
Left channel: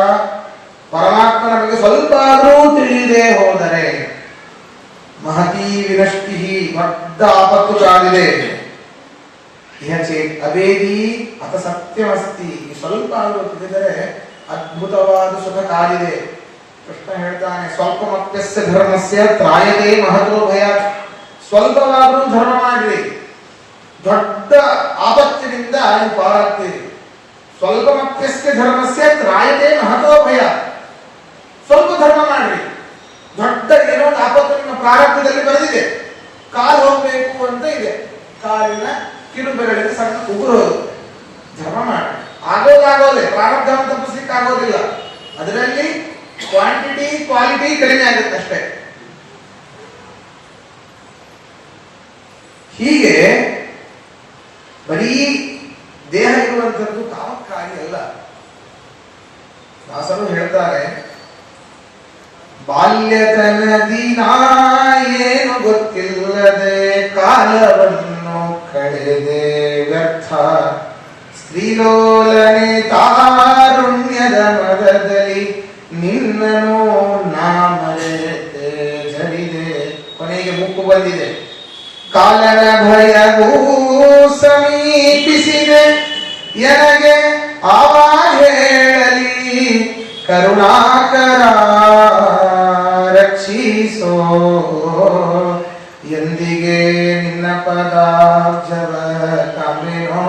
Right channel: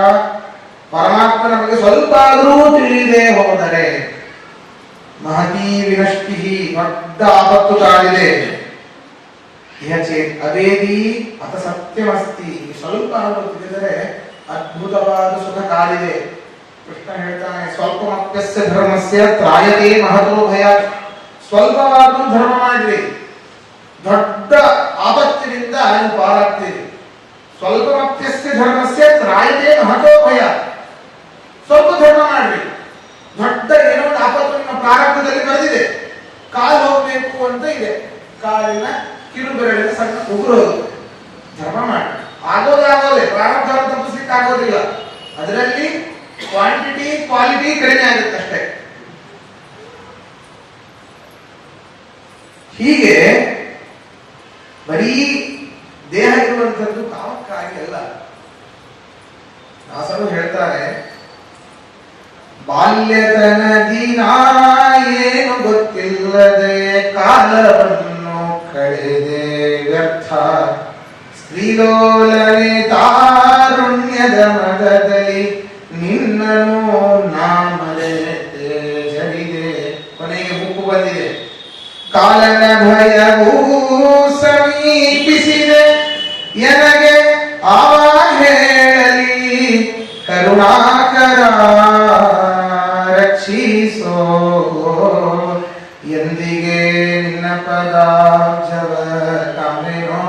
ಪರಮಾತ್ಮನ ಬಗ್ಗೆ ಸ್ವಲ್ಪ ಆದರೂ ತಿಳಿಯದೆ ಹೋದರೆ ಮಹತೀ ವಿನಷ್ಟಿ, ದೊಡ್ಡ ಆಪತ್ತು ಕಾಲಿದೆ. ಇಹ ಚೇತ್ ಅವೇದಿ ಅಥ ಸತ್ಯಮಸ್ತಿ, ಸ್ವಲ್ಪ ಆದರೂ ತಿಳಿದರೆ ಅದ್ಭುತವಾದ ಸುಖ ಕಾಲಿದೆ. ಕೃಷ್ಣ ಹೇಳ್ತಾನೆ, ಸ್ವಲ್ಪಮಪ್ಯಸ್ಯ ಧರ್ಮಸ್ಯ ತ್ರಾಯತೆ ಮಹತೋ ಭಯಾತ್. ಸ್ವಲ್ಪವಾದರೂ ಧರ್ಮ ಮಾಡ್ರಿ, ದೊಡ್ಡ ಆಪತ್ತಿನಿಂದ ನೀವು ಪಾರಾಗ್ತೀರಿ. ಸ್ವಲ್ಪಮಪ್ಯಸ್ಯ ಧರ್ಮಸ್ಯ ತ್ರಾಯತೆ ಮಹತೋ ಭಯಾತ್. ಸ್ವಲ್ಪ ಧರ್ಮ ಮಾಡ್ರಿ, ದೊಡ್ಡ ಏನೋ ಒಂದು ಆಪತ್ತು ನಿಮ್ಮ ಪ್ರಾರಬ್ಧದಲ್ಲಿ ಬರೆದಿದೆ. ಕಾಲು ಹೋಗ್ಬೇಕು ಅಂತ ಇದೆ, ಕಾಲಿನ ಕಿರು ಬೆರಳಿಗೆ ಸಣ್ಣ ಉಗುರು ಹೋಗುತ್ತೆ. ಧರ್ಮ ಮಾಡಿ, ಆಗೋದೇ ಪ್ರಾರಬ್ಧ ತಪ್ಪಿಸ್ಲಿಕ್ಕೆ ಆಗೋದಿಲ್ಲ. ಅದರಲ್ಲಿ ಕ್ವಾಂಟಿಟಿ ಕ್ವಾಲಿಟಿ ಕಡಿಮೆ ಆಗುತ್ತೆ ಅಷ್ಟೇ. ಹೀಗೆ ಬರೀ ದೇಹ ಇರುವಂಥದ್ದು ಕಾಮಕ್ಕಾಗಿ ಅಲ್ಲ. ದಾಸರು ಹೇಳ್ತಾರೆ, ಬಾಲ್ಯತನದಿ ಏನು ಗೊತ್ತಿಲ್ಲದೆ ಕಾಲವನ್ನು ಕಳೆದೆ ವ್ಯರ್ಥ, ಸ್ತ್ರೀಲೋಲನೆ ತಾರುಣ್ಯದ ಮದದಲ್ಲಿ ನಿನ್ನನು ನಾ ಮರೆಯದೆ ಜಡಿದೆ. ಕೊನೆಗೆ ಎನಗೆ ಆವ ಹೇಳಲಿ ಕರುಣಾಕರ ರಕ್ಷಿಸೋ ಎಂದಿಗೆ ನಿನ್ನ ಪದಾಬ್ಜವ ಕಾಮೆನೋ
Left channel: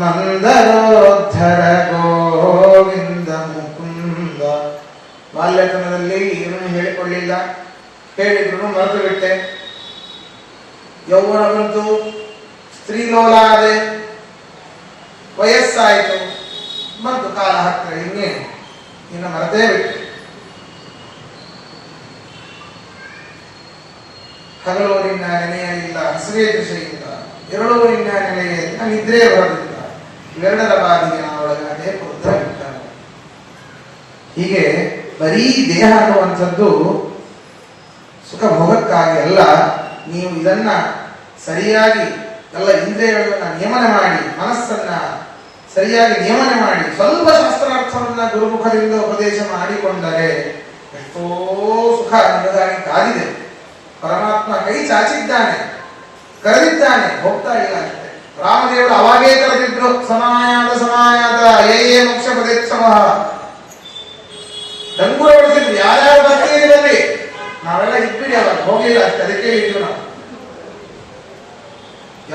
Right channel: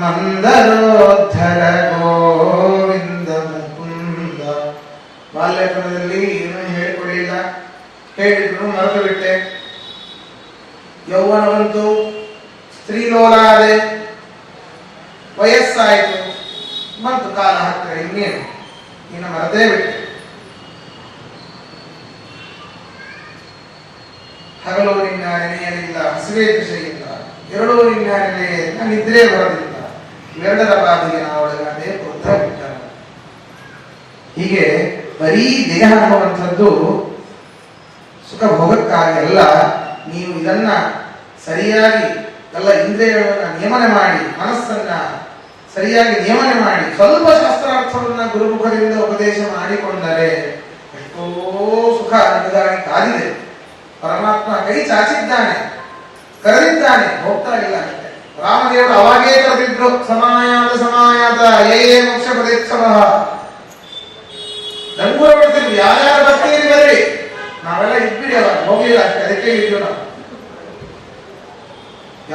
ಮಂದರೋದ್ಧರ ಗೋವಿಂದ ಮುಕುಂದ. ಬಾಲ್ಯತನದಲ್ಲಿ ಏನನ್ನು ಹೇಳಿಕೊಳ್ಳಿಲ್ಲ, ಹೇಳಿದ್ರು ಮರೆತು ಬಿಟ್ಟೆ. ಯೌವನ ಬಂತು, ಸ್ತ್ರೀಲೋಲ ಆದೆ, ವಯಸ್ಸಾಯಿತು, ಬಂತು ಕಾಲ ಹತ್ತಿರ, ಇನ್ನೇನು ಇನ್ನು ಮರೆತೇ ಬಿಟ್ಟೆ. ಹಗಲು ನಿನ್ನ ನೆನೆಯಲಿಲ್ಲ, ಹಸಿವೆ ಕೃಷಿಯಿಲ್ಲ, ಎರಡೂ ನಿನ್ನ ನೆನೆಯಿಂದ ನಿದ್ರೆ ಬರಲಿಲ್ಲ, ಎರಡರ ಬಾದಿಗೆ ನಾವು ಒಳಗಡೆ ಬುದ್ಧ ಬಿಟ್ಟ. ಹೀಗೆ ಬರೀ ದೇಹ ಅನ್ನುವಂಥದ್ದು ಸುಖ ಭೋಗಕ್ಕಾಗಿ ಅಲ್ಲ. ನೀವು ಇದನ್ನ ಸರಿಯಾಗಿ ಎಲ್ಲ ಇಂದ್ರಿಯಗಳನ್ನ ನಿಯಮನ ಮಾಡಿ, ಮನಸ್ಸನ್ನ ಸರಿಯಾಗಿ ನಿಯಮನೆ ಮಾಡಿ, ಸ್ವಲ್ಪ ಶಾಸ್ತ್ರಾರ್ಥವನ್ನ ಗುರುಮುಖದಿಂದ ಉಪದೇಶ ಮಾಡಿಕೊಂಡರೆ ಎಷ್ಟೋ ಸುಖ ಅನ್ನೋದಾಗಿ ಕಾದಿದೆ. ಪರಮಾತ್ಮ ಕೈ ಚಾಚಿದ್ದಾನೆ, ಕರೆದಿದ್ದಾನೆ, ಹೋಗ್ತಾ ಇಲ್ಲ ಅಷ್ಟೇ. ರಾಮದೇವರು ಅವಾಗೇ ಕರೆದಿದ್ರು, ಸಮಾಯಾತ ಸಮಾಯಾತ ಯೇ ಮೋಕ್ಷ ಪದೇಚ್ಛವ. ಡಂಗುರ ಬಡಿಸಿದ್ರು, ಯಾರ್ಯಾರು ಬರ್ತೀರಿ ಬರ್ರಿ, ನಾವೆಲ್ಲ ಇದ್ಬಿಡಿ, ಅವಾಗ ಹೋಗಿಲ್ಲ ಅಷ್ಟೇ. ಅದಕ್ಕೆ ಇದ್ರು ನಾವು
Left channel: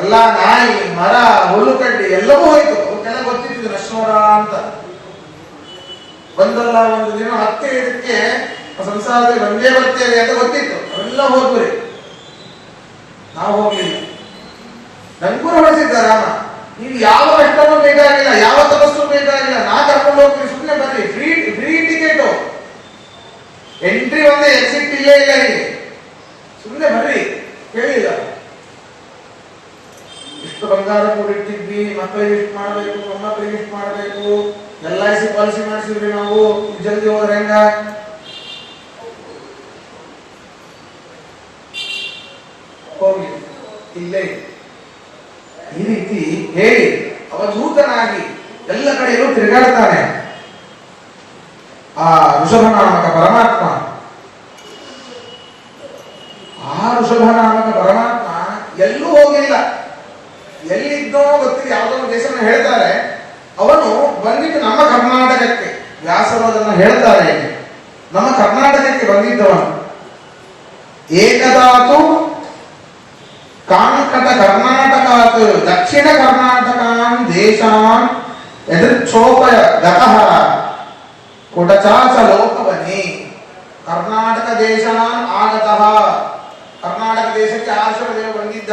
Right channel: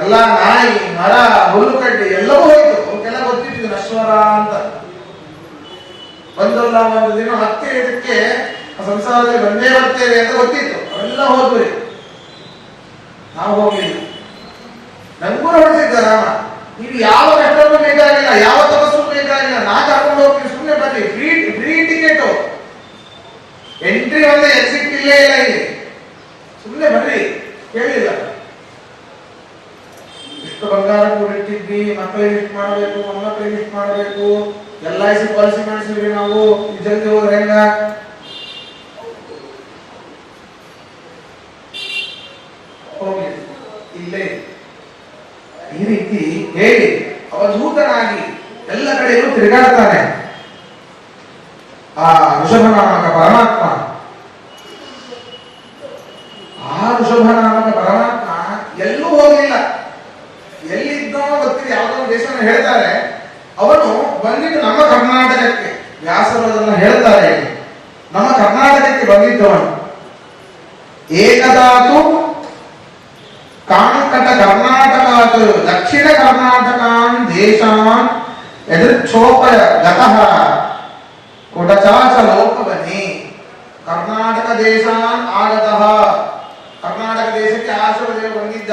ಎಲ್ಲ ನಾಯಿ ಮರ ಹುಲ್ಲು ಕಡ್ಡಿ ಎಲ್ಲವೂ ಹೋಯ್ತು. ಅವಕ್ಕೆಲ್ಲ ಗೊತ್ತಿತ್ತು ನಶ್ವರ ಅಂತ. ಬಂದಲ್ಲ ಒಂದು ದಿನ ಮತ್ತೆ ಇದಕ್ಕೆ ಸಂಸಾರದಲ್ಲಿ ಬಂದೇ ಬರ್ತೇವೆ ಅಂತ ಗೊತ್ತಿತ್ತು, ಅವೆಲ್ಲ ಹೋದ್ರಿ, ನಾವು ಹೋಗ್ಲಿಲ್ಲ. ಡಂಗುರ ಹೊಡೆಸಿದ್ದ ರಾಮ, ನೀವು ಯಾವ ಕಷ್ಟವೂ ಬೇಕಾಗಿಲ್ಲ, ಯಾವ ತಪಸ್ಸು ಬೇಕಾಗಿಲ್ಲ, ನಾ ಕರ್ಕೊಂಡು ಹೋಗ್ತೀನಿ, ಸುಮ್ಮನೆ ಬರ್ರಿ, ಫ್ರೀ ಟಿಕೆಟ್, ಎಂಟ್ರಿ ಒಂದೇ, ಎಕ್ಸಿಟ್ ಇಲ್ಲೇ ಇಲ್ಲ, ಇಲ್ಲಿ ಸುಮ್ಮನೆ ಬರ್ರಿ, ಕೇಳಿಲ್ಲ. ಇಷ್ಟು ಬಂಗಾರ ಕೂಡಿಟ್ಟಿದ್ವಿ, ಮಕ್ಕಳಿಗೆ ಇಷ್ಟು ಮಾಡ್ಬೇಕು, ಮೊಮ್ಮಕ್ಕಳಿಗೆ ಇಷ್ಟು ಮಾಡ್ಬೇಕು, LIC ಪಾಲಿಸಿ ಮಾಡಿಸಿದ್ವಿ, ನಾವು ಜಲ್ದಿ ಹೋದ್ರೆ ಹೆಂಗ? ಹೋಗ್ಲಿ, ಇಲ್ಲೇ ಈ ರೀತಿ ಹೇಳಿ ಅವಧೂತನಾಗಿ ಎಲ್ಲ ಕಡೆಯಲ್ಲೂ ತಿರುಗಾಡ್ತಾನೆ ಆ ಋಷಭನಾಮಕ ಪರಮಾತ್ಮ. ಆ ಋಷಭನಾಮಕ ಪರಮಾತ್ಮ ಎಲ್ಲೂ ಹೋಗಲಿಲ್ಲ, ಎಲ್ಲಿದ್ದೋ ಗೊತ್ತಿಲ್ಲ, ಯಾವುದೋ ಒಂದು ದೇಶವನ್ನು ಹೇಳ್ತಾರೆ. ಅವನು ಬಂದಿದ್ದು ನಮ್ಮ ಕರ್ನಾಟಕಕ್ಕೆ, ವ್ಯಾಸರು ಅದನ್ನು ಹೇಳ್ತಾರೆ, ನಮ್ಮ ಕರ್ನಾಟಕಕ್ಕೆ ಬಂದಿದ್ದವನು. ಏಕದಾತು ಕಾಂಕಟ ಕರ್ನಾಟಕ ದಕ್ಷಿಣ ಕರ್ನಾಟಕಾನ್ ದೇಶಾನ್ ಎದುರ್ಕ್ಷೋಪ ಗತಃ ಕುಟಚಾಚ ಲೋಕವನಿ. ಕರ್ನಾಟಕ ದೇಶಾನ್ ಆಗತಃ, ಕರ್ನಾಟಕ ದೇಶಕ್ಕೆ ಆಶ್ರಮದೇವ ಬಂದಿದ್ದ.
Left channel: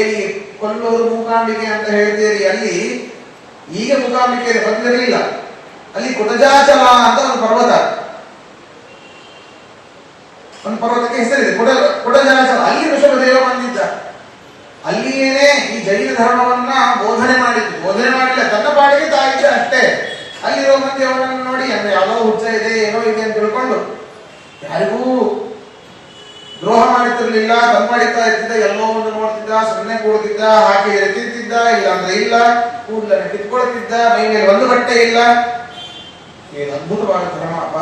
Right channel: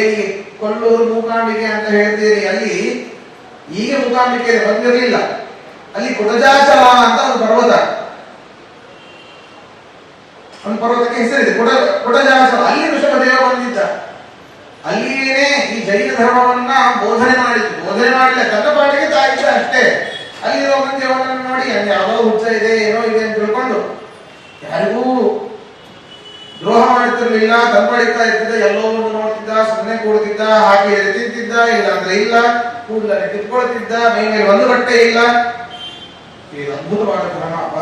ಏನಿ ಕೊಲ್ಲೂರು ಮೂಕಾಂಬಿಕೆ ಅಂತ ಹೇಳ್ತೀರಿ, ಅಲ್ಲಿ ಈಗ ಮೂಕಾಂಬಿಕೆ ಬಂದಿರಲಿಲ್ಲ. ಅಲ್ಲಿ ಕುಟಜಾಚಲ ಅಂತ ಒಂದು ಪರ್ವತ, ಒಂದು ಪರ್ವತಕ್ಕೆ ಹೆಸರಿದೆ ಕುಟಜಾಚಲ. ಅಲ್ಲಿ ಋಷಭದೇವ ಬಂದಿದ್ದ. ಅಲ್ಲಿಯೇನೆ ಈ ಜೈನ ಧರ್ಮವನ್ನ ಬೋಧನೆ ಮಾಡಿತ್ತು. ಬೋಧನೆ ಮಾಡಿಲ್ಲ, ತನ್ನ ಪಾಡಿಗೆ ತಾಯಿದ್ದ ಅಷ್ಟೇ. ಅಲ್ಲಿರೋ ಮಂದಿ ಅವನನ್ನು ನೋಡಿ ಅಲ್ಲಿ ಯಾವುದೋ ಹುಚ್ಚ ಇದೆ, ಏನೋ ಇದೆ ಅಂತ ತಿಳ್ಕೊಂಡು ಯಾರಿಗೂ ದ್ರೋಹ ಮಾಡ್ತಿರ್ಲಿಲ್ಲ, ತಂಪಾಡಿತಾ ಇರ್ತಿದ್ದ, ಎಲ್ಲೋ ಒಂದು ನೋಡ್ತಿದ್ದ, ಸುಮ್ಮನೆ ಕೂಡ್ತಿದ್ದ, ಹಾಕಿ ಎತ್ತಿದ್ದ, ಇಲ್ಲ ಅಂದ್ರೆ ಇಲ್ಲ, ಕೂದಲನ್ನು ಕಿತ್ಕೊಳ್ತಿದ್ದ, ಮೈ ಮೇಲೆ ಒಂದು ಬಟ್ಟೆ ಇಲ್ಲ. ಇದು ಅದ್ಭುತವಾದ ಧರ್ಮ ಅಪ್ಪ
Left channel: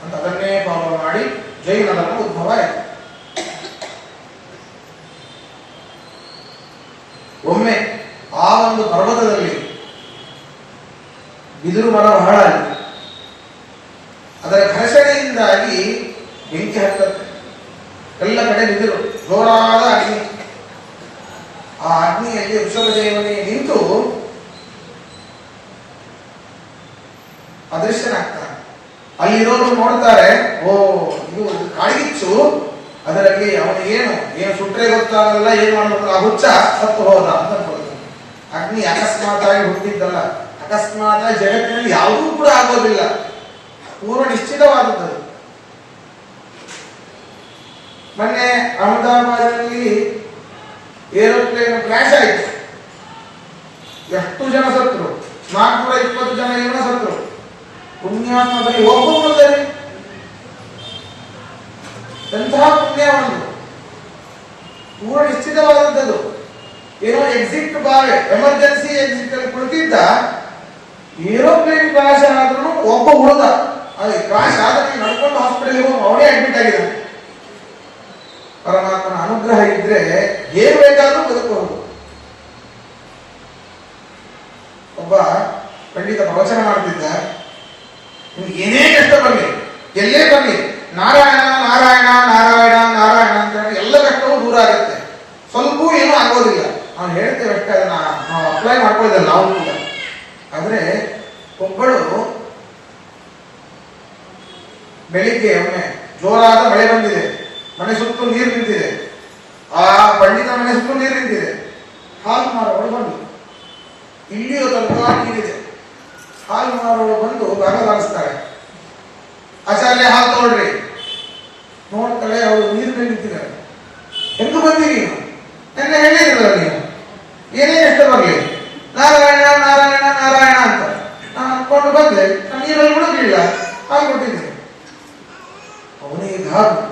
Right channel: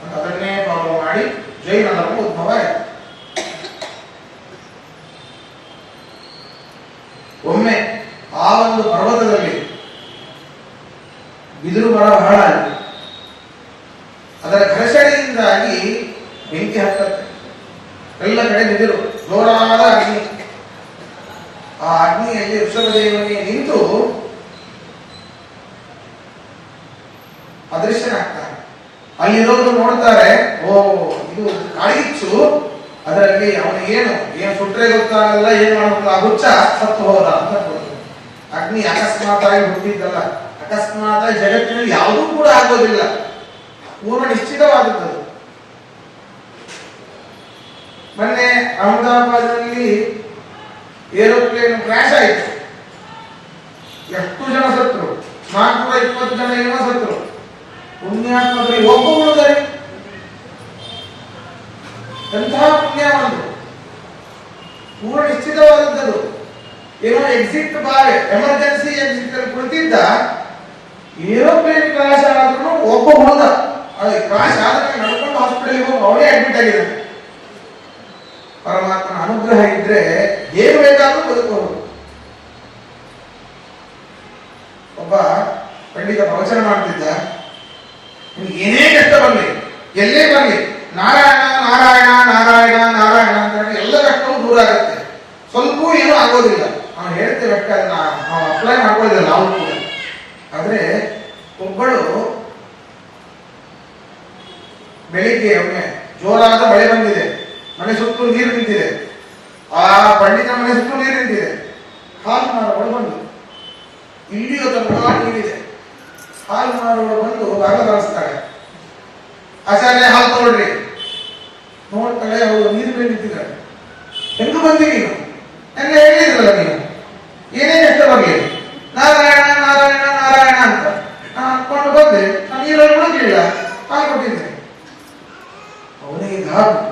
ಅಂತ ಅದನ್ನೇ ಫಾಲೋ ಮಾಡಿ ಜೈನ ಧರ್ಮ ಉದ್ಭವ ಆಯಿತು. ಒಮ್ಮೆ ಆ ಒಂದು ಪರ್ವತದಲ್ಲಿ ಬಿದಿರು ಮರ ಬಹಳ ಆಗಿದೆ. ಅದರ ಘರ್ಷಣೆಯಿಂದಾಗಿ ಬೆಂಕಿ ಹತ್ತತ್ತೆ. ಎಲ್ಲ ಕಡೆ ಬಿದಿರು, ಜೋರಾದ ಅಗ್ನಿ. ಆ ಅಗ್ನಿಯಲ್ಲಿ ಋಷಭದೇವನಿಗೆ ನಿಂತು ಅದೃಶ್ಯನಾಗ್ತಾನೆ. ಅಲ್ಲಿರೋರು ನೋಡ್ತಾರೆ, ಓ ಇದು ಕಾಳಿಗಿಚ್ಚು, ಅದರಲ್ಲಿ ಅವನು ಏನು ಸುಟ್ರೆ ಗೊತ್ತಾಗಲ್ಲ, ಏನ್ ಮಾಡಬೇಕು, ಆ ಹುಚ್ಚ ಸತ್ತು ಹೋದ ಅಂತ ಕೊಡೋದು. ಅಗ್ನಿ ಅಕಸ್ಮಾತ್ ಆಗಿ ಹುಟ್ಟಿದ್ದಲ್ಲ, ಅಕಸ್ಮಾತ್ ಜಗತ್ತಿನಲ್ಲಿ ಯಾವುದೂ ಕೂಡ ಆಗೋದಿಲ್ಲ, ಪೂರ್ವ ನಿಶ್ಚಿತವಾದದ್ದು. ಮೊನ್ನೆ ಅಹಮದಾಬಾದ್ನಲ್ಲಿ ಏರೋಪ್ಲೇನ್ ಕ್ರ್ಯಾಶ್ ಆಯಿತು. ಎಷ್ಟು ಜನ ಸತ್ರು? 420 ಜನ ಏನೋ ಸತ್ರು. ಪುಣ್ಯಾತ್ಮದಲ್ಲಿ ಒಬ್ಬರು ಎಂತಹ ಪುಣ್ಯವಂತರು, ಪೂರ್ಣ ನಿಶ್ಚಿತವಾದದ್ದು. ಏನೋ ಎಕ್ಸಿಟ್ ಬಾರ್, ಎಮರ್ಜೆನ್ಸಿ ಎಕ್ಸಿಟ್ ಅಲ್ಲಿ ಕುಳಿತಿದ್ದ, ಏರೋಪ್ಲೇನ್ ಕ್ರಾಶ್ ಆದ್ರೂ ಒಬ್ಬ ಹುಡುಗ ಅಲ್ಲಿ ಕ್ರಾಶ್ ಆದ್ರೆ ನಡ್ಕೊಂಡು ಹಾಸ್ಪಿಟಲ್ ಹೋಗಿ ಅವನೇ ಅಡ್ಮಿಟ್ ಆಗಿದ್ದಾನೆ. ಪರಮಾತ್ಮನ ಅನುಗ್ರಹ ಇದ್ರೆ ಏನ್ ಬೇಕಾದ್ರೂ ಬದುಕಬಹುದು. ಒಬ್ಬ ಖಂಡಿತ ಪ್ರವಚನ ಮಾಡ್ತಿದ್ದ. ನಿಮ್ಗೆ ಏನೇ ಕಷ್ಟ ಬರಲಿ, ಎಲ್ಲೇ ಬರಲಿ, ನಾರಾಯಣ ನಾರಾಯಣ ನಾರಾಯಣ ನಾರಾಯಣ ಅಂತ ಹೇಳಿದ್ರೆ ಎಲ್ಲ ಕಷ್ಟವೂ ದೂರ ಆಗುತ್ತೆ. ಸ್ವಲ್ಪ ಏನೂ ಆಗೋದಿಲ್ಲ. ನಾವು ಹೇಳ್ತೇವೆ ಅಷ್ಟೇ, ಅದನ್ನ ನಾವು ಅಪ್ಲೈ ಮಾಡ್ಕೊಳ್ಳೋದಿಲ್ಲ ನಾವು ಕೂಡ. ಆದ್ರೆ ಒಬ್ಬಳು ಬೆಳಿಗ್ಗೆ ಒಮ್ಮೆ ಜೋರಾದ ಮಳೆ ಬಂದಿದೆ, ಮನೆ ಸುತ್ತಲೂ ನೀರು ನಿಂತಿದೆ, ಆ ಪಂಡಿತ ಮನೆ ಸುತ್ತಲೂ ನೀರು ನಿಂತಿದೆ. ಹಾಲು ಮಾರೋಳು ಬಂದು, ಇಲ್ಲಿಯೂ ತನಕ ನೀರಿದೆ. ಹಾಲು ಮಾರೋಳು ಬಂದು ಭಾಗ ಬಾರಿಸ್ತಾಳೆ. ಆಚಾರ್ಯ ಹಾಲು ತಗೊಳ್ರಿ. ನೋಡ್ತಾಳೆ, ಅವಳು ನೀರಿನಲ್ಲಿ ನಿಂತಿದ್ದಾಳೆ. ಎಂದು ಬಂದಿ ನೀನು? ನನ್ನ ಹೇಳಿದ್ರಲ್ಲ ನೀವು ಏನೇ ಎಷ್ಟು ಬರಲಿ ನಾರಾಯಣ ನಾರಾಯಣ ನಾರಾಯಣ ಅಂತ ನಾನು ಅನ್ಕೊಂಡು ಬಂದೆ. ನಾನು ನೀರಲ್ಲಿ ಮುಳುಗಿಲ್ಲ, ಹಾಲು ಕೊಟ್ಟಿದ್ದೆ. ಅವನಿಗೆ ಗಾಬು.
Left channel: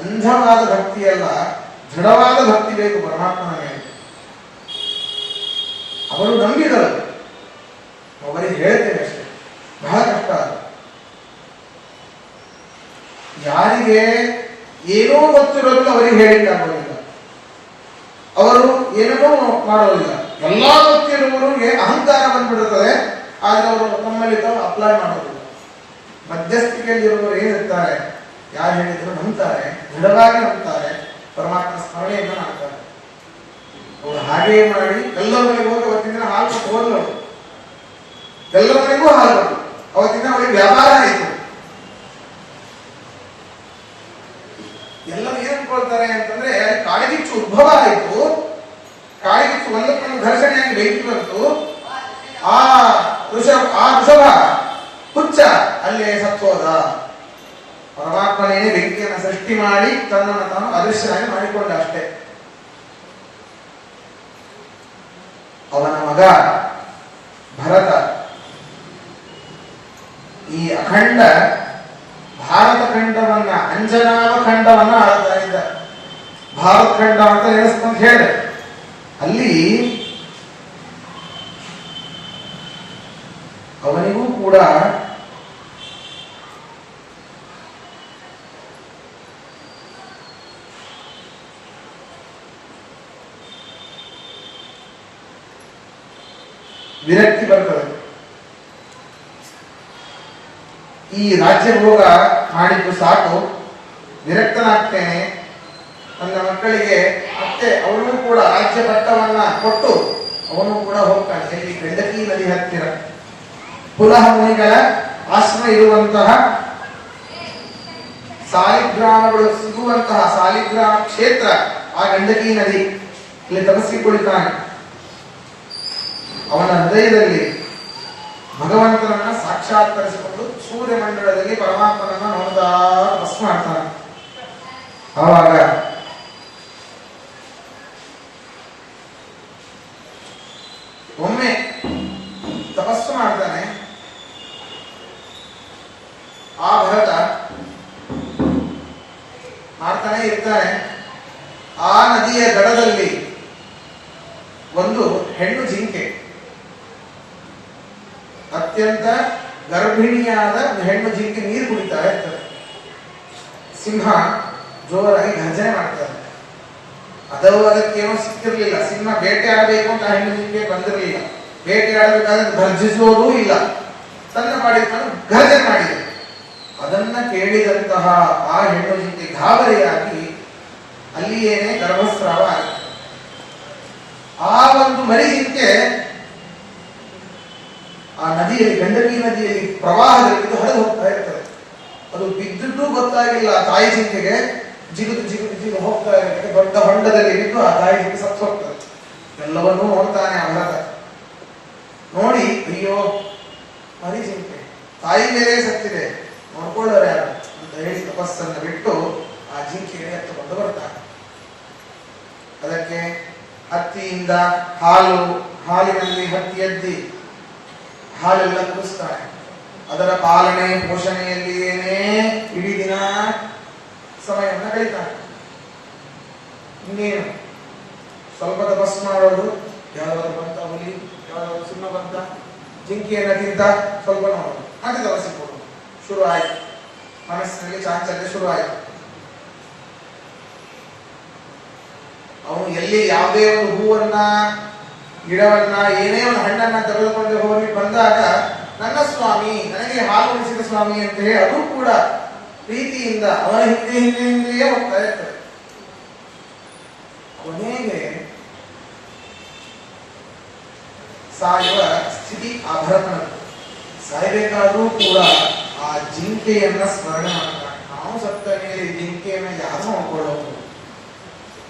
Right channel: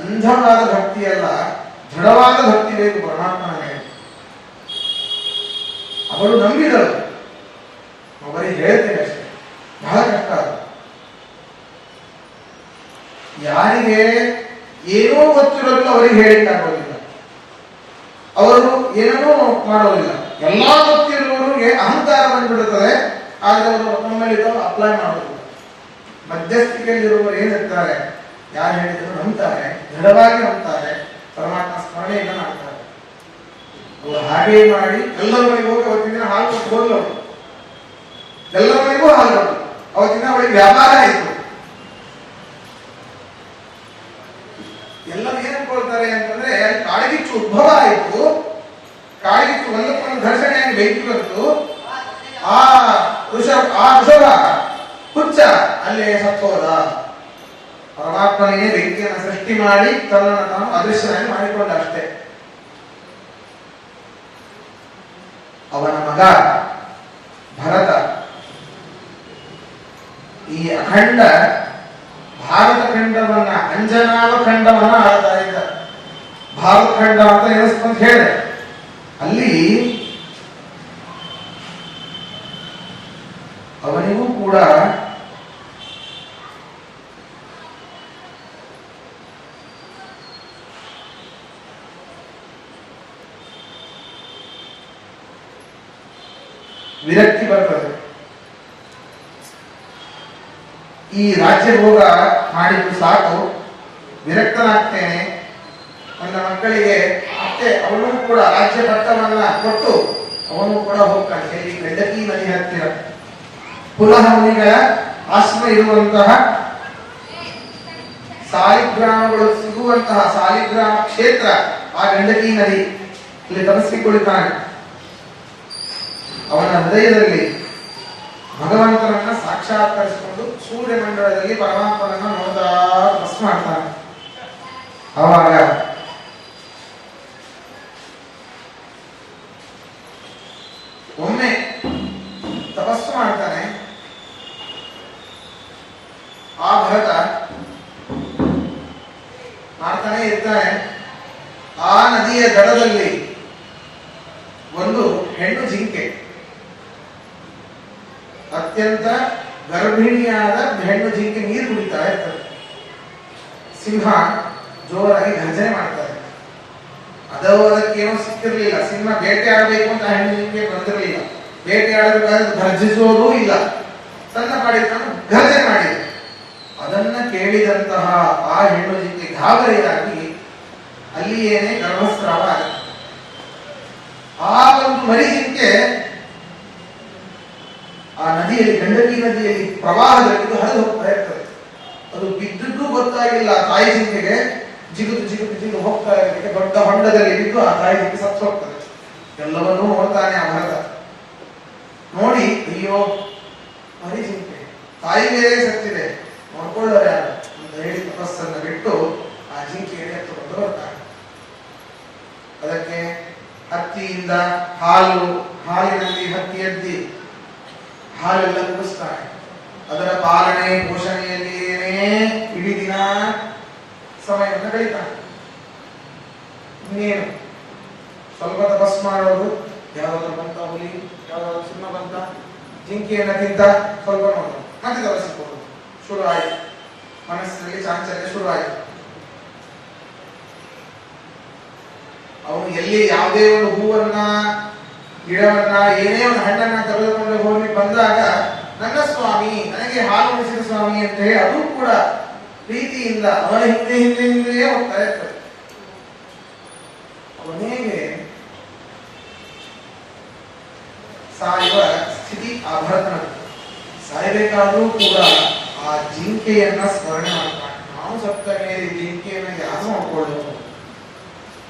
ಅಂಧವಾದ ಭಕ್ತಿಯಲ್ಲ, ದೃಢವಾದ ಭಕ್ತಿ ಬೇಕು ಪರಮಾತ್ಮನ ಮೇಲೆ. ಅವರು ನಂಬಿದರು. ಅವರಿಗೆ ಹೇಳ್ತೇನೆ ಅಷ್ಟೇ, ಬಹಳ ಕಷ್ಟ. ಯಾರಿಗೆ ಏನೋ ಗೊತ್ತಿರೋದಿಲ್ಲ ಅವರಿಗೆ ಹೇಳಿಕ್ಕಾಗೋದಿಲ್ಲ, ಅವರು ಏನೂ ಮಾಡೋದಿಲ್ಲ. ಎಲ್ಲಾ ಗೊತ್ತಿರುವವರಿಗೆ ಅಹಂಕಾರ ಬಂದ್ಬಿಡುತ್ತದೆ. ಆದ್ರೆ ಅವರು ತಮ್ಮಲ್ಲಿ ಅಪ್ಲೈ ಮಾಡೋದಿಲ್ಲ. ಮಧ್ಯಸ್ಥಿಕೆಯಲ್ಲಿರುವವರು ಏನಿರ್ತಾರೆ, ಯಾರು ಹೇಳಿದ್ರು ನಂಬ್ತಾರೆ, ದೃಢವಾಗಿ ನಂಬ್ತಾರೆ, ಪರಮಾತ್ಮ ಸ್ಮರಣೆಯಿಂದ ಮಾಡ್ತಾರೆ. ಅವರು ಹಾಗೆ ಮಾಡಿ ಎಲ್ಲರ ಮನೆಗೆ ಹೋಗಿ ಅವತ್ತಿನ ದಿನ ಹಾಲು ಹೋದ್ರು. ಎಲ್ಲರ ಮನೆಗೂ ಹಾಲು ಅವತ್ತಿನ ಅವಳಿಗೆ ವ್ಯಾಪಾರ ಆಯಿತು. ಎಲ್ಲರೂ ಏನ್ ಅನ್ಕೊಳ್ತಾರೆ ಅಂತಂದ್ರೆ, ಕಾಳಿಗಿಚ್ಚು ಉದ್ಭವ ಆಯಿತು. ಕಾಳಿಗಿಚ್ಚು ಒಂದಕ್ಕೊಂದು ಘರ್ಷಣೆಯಾಗಿ ಬೆಂಕಿ ಬಂತು. ಆ ಋಷಭ ಹುಚ್ಚ ಅಲ್ಲೇ ಸತ್ತೋದ. ಪರಮಾತ್ಮನೇ ಬೆಂಕಿಯನ್ನು ಸೃಷ್ಟಿ ಮಾಡಿ ತನ್ನನ್ನು ತಾನು ಅದೃಶ್ಯನಾಗಿ ಮಾಡಿಕೊಂಡ ಅಷ್ಟೇ. ಅವನ ಮಗ ಭರತ ಈ ಅಖಂಡ ಭಾರತ ಖಂಡವನ್ನ, ಅಂಜನಾವ ಖಂಡವನ್ನ ಆಳ್ತಾ ಇದ್ದ. ಭಾರತ ಖಂಡ ಅಂತ ಎನಿಸ್ಕೊಂತ ಹೇಳಿ ಅಲ್ಲಿ ಅವನಿಗೂ ಕೂಡ ವಿರಕ್ತಿ ಬರ್ತದೆ. ಈ ರಾಜ್ಯ ಭೋಗ ಮಾಡಿದ್ದು ಸಾಕು, ವಿರಕ್ತನಾಗ್ತೇನೆ, ನನ್ನ ಮಕ್ಕಳಿಗೆ ಮತ್ತೆ ಅವನು ಕೂಡ ರಾಜ್ಯ ಪಟ್ಟವನ್ನ ಕೊಟ್ಟು ಅವನು ಕೂಡ ಹೋಗ್ತಾನೆ ಎಲ್ಲಿ ಗಂಡಕಿ ನದಿ ಹತ್ತಿರ. ಪುನಃ ಮುನಿಗಳ ಆಶ್ರಮ ಇರುವಂತಹ ಸಾಲಿಗ್ರಾಮಗಳು ಸಿಗುವಂತಹ ಸಾಲಿಗ್ರಾಮ ಕ್ಷೇತ್ರ ಆ ಗಂಡಕಿ ನದಿ, ಇಲ್ಲಿ ತಪಸ್ಸಿಕೊಳ್ಳುತ್ತಾನೆ. ಅವನ ಹೃದಯದಲ್ಲಿ ಭಗವಂತನನ್ನ ಸಾಕ್ಷಾತ್ಕರಿಸಿಕೊಂಡು ಸೂರ್ಯಮಂಡಲದಲ್ಲಿ ಪರಮಾತ್ಮನನ್ನ ಮಮತಾ ತಪಸ್ ಮಾಡ್ತಾನೆ. ಆವಾಗ ಒಮ್ಮೆ ತಪಸ್ಸು ಮಾಡ್ತಾನೆ. ಆ ಭರತ ಮಾಡ್ತಾನೆ ಇರ್ತಾನೆ. ಆ ನದಿಯ ದಡದಲ್ಲಿ ಒಂದು ಹೆಣ್ಣು ಜಿಂಕೆ, ಅತ್ಯಂತ ಗರ್ಭಿಣಿಯಾದ ಹೆಣ್ಣು ಜಿಂಕೆ ನೀರು ಕುಡಿತಾ ಇರ್ತದೆ. ಸಿಂಹ ಜೋರಾಗಿ ಗರ್ಜನೆ ಮಾಡ್ತಾರೆ. ಅದಕ್ಕೇನೋ ಸಿಕ್ಕಿರ್ಲಿಲ್ಲ. ಸಿಂಹ ಬೇಟೆ ಆಡಬೇಕು ಅಂತ ಹೆಣ್ಣು ಜಿಂಕೆ ಬಂದಿರಲಿಲ್ಲ. ಬೇಟೆ ಆಡಬೇಕಾದ್ರೆ ಗರ್ಜಿಸುವುದೂ ಇಲ್ಲ, ತನ್ನ ಪಾಡಿಗೆ ಗರ್ಜನೆ ಮಾಡಿದೆ. ಅದನ್ನ ಕೇಳಿದಂತಹ ಆ ಹೆಣ್ಣು ಜಿಂಕೆ ಗಾಬರಿಯಾಗಿ ಅಲ್ಲಿಯೇನೆ ಗರ್ಭಸ್ರಾವ ಆಗುತ್ತೆ. ಆ ಒಂದು ಮರಿ ಜಿಂಕೆ ಆ ನದಿಯಲ್ಲಿ, ಗಂಡಕಿ ನದಿಯಲ್ಲಿ ಪ್ರವಾಹದಲ್ಲಿ ಹರಿದು ಹೋಗ್ತಾ ಇರ್ತದೆ. ಅದು ಬಿದ್ದದ್ದು ಗೊತ್ತಾಗಿಲ್ಲ ತಾಯಿ ಜಿಂಕೆಗೆ. ಜಿಗುದು ಜಿಗುದು ಜಿಗುದು ಹೋಗ್ತಾ ಇರಲಿಕ್ಕೆ ದೊಡ್ಡ ಹೊಂಡದಲ್ಲಿ ಬಿದ್ದು ಆ ತಾಯಿ ಜಿಂಕೆ ಸತ್ತು ಹೋಗ್ತದೆ. ಎಲ್ಲವನ್ನೂ ನೋಡ್ತಾನೆ ಆ ಭರತ. ನೋಡಿ, ಅಯ್ಯೋ ಮರಿ ಜಿಂಕೆ, ತಾಯಿ ಬೇರೆ ಸತ್ತಿದೆ, ನೋಡ್ಕೊಳ್ಳೋರೆ ಅಂತ ಹೇಳಿ ತಪಸ್ಸನ್ನು ಬಿಟ್ಟು ಆ ಜಿಂಕೆಗೆ ಎತ್ತುಕೊಂಡು ಬರ್ತಾನೆ. ಅದಕ್ಕೆ ಹತ್ತಿಯಿಂದ ಹಾಲಿನಲ್ಲಿ ಹತ್ತಿ ಎದ್ದಿ ಹಾಲೆಲ್ಲ ಕುಡಿಸ್ತಾನೆ. ಅದರ ಪಾಲನೆ ಪೋಷಣೆಯಲ್ಲಿಯೇ ಇಡೀ ದಿನ ಸಮಯವನ್ನು ಕಳೀತಾನೆ. ಇನ್ನೇನು ಸ್ವಲ್ಪ ತಪಸ್ ಮಾಡೋದು, ಯಾವ್ದಾದ್ರು ಬಂತ ಹುಲಿ, ಯಾವ್ದಾದ್ರು ಸಿಂಹ ಬಂತ, ಜಿಂಕೆಯನ್ನ ತಿಂತ ಸ್ವಲ್ಪ ನೋಡು, ಮತ್ತೆ ತಪಸ್ಸಿಕೊಂಡು ಶುರು ಆಯ್ತು. ಮನಸ್ಸಿನಲ್ಲಿ ಚಾಂಚಲ್ಯ ಶುರು ಆಯ್ತು. ಅವನು ಎಲ್ಲಿ ಯಾವುದೇ ಒಂದು ಹೂವನ್ನ ಗಿಡವನ್ನ ಏನೇ ಒಂದು ಹಣ್ಣನ್ನ ತೆಗೆದುಕೊಂಡು ಹೋಗಿ ಬಂದಾಗ ನನ್ನ ಸ್ವಾಮಿ ನನಗೆ ಹಾಲು ಉಣಿಸಿದ ಸ್ವಾಮಿ ಅಂತ ಹೇಳಿ ಅದು ಕೂಡ ಪ್ರೀತಿಯಿಂದ ಅವನ ಹಿಂದೆಯೇ ಹೋಗ್ತಾ ಇರ್ತದೆ. ಕೊನೆಗೆ ಸಾಯುವ ಸ್ಥಿತಿ ಆ ಭರತನ. ಸಾಯಬೇಕಾದ್ರೂ ಕೂಡ ಆ ಜಿಂಕೆಯನ್ನ ಸ್ಮರಣೆ ಮಾಡ್ತಾನೆ. ನಾವು ಸತ್ತ ಮೇಲೆ ಜಿಂಕೆಯನ್ನ ಯಾರು ನೋಡ್ಕೊಳ್ಳೋದು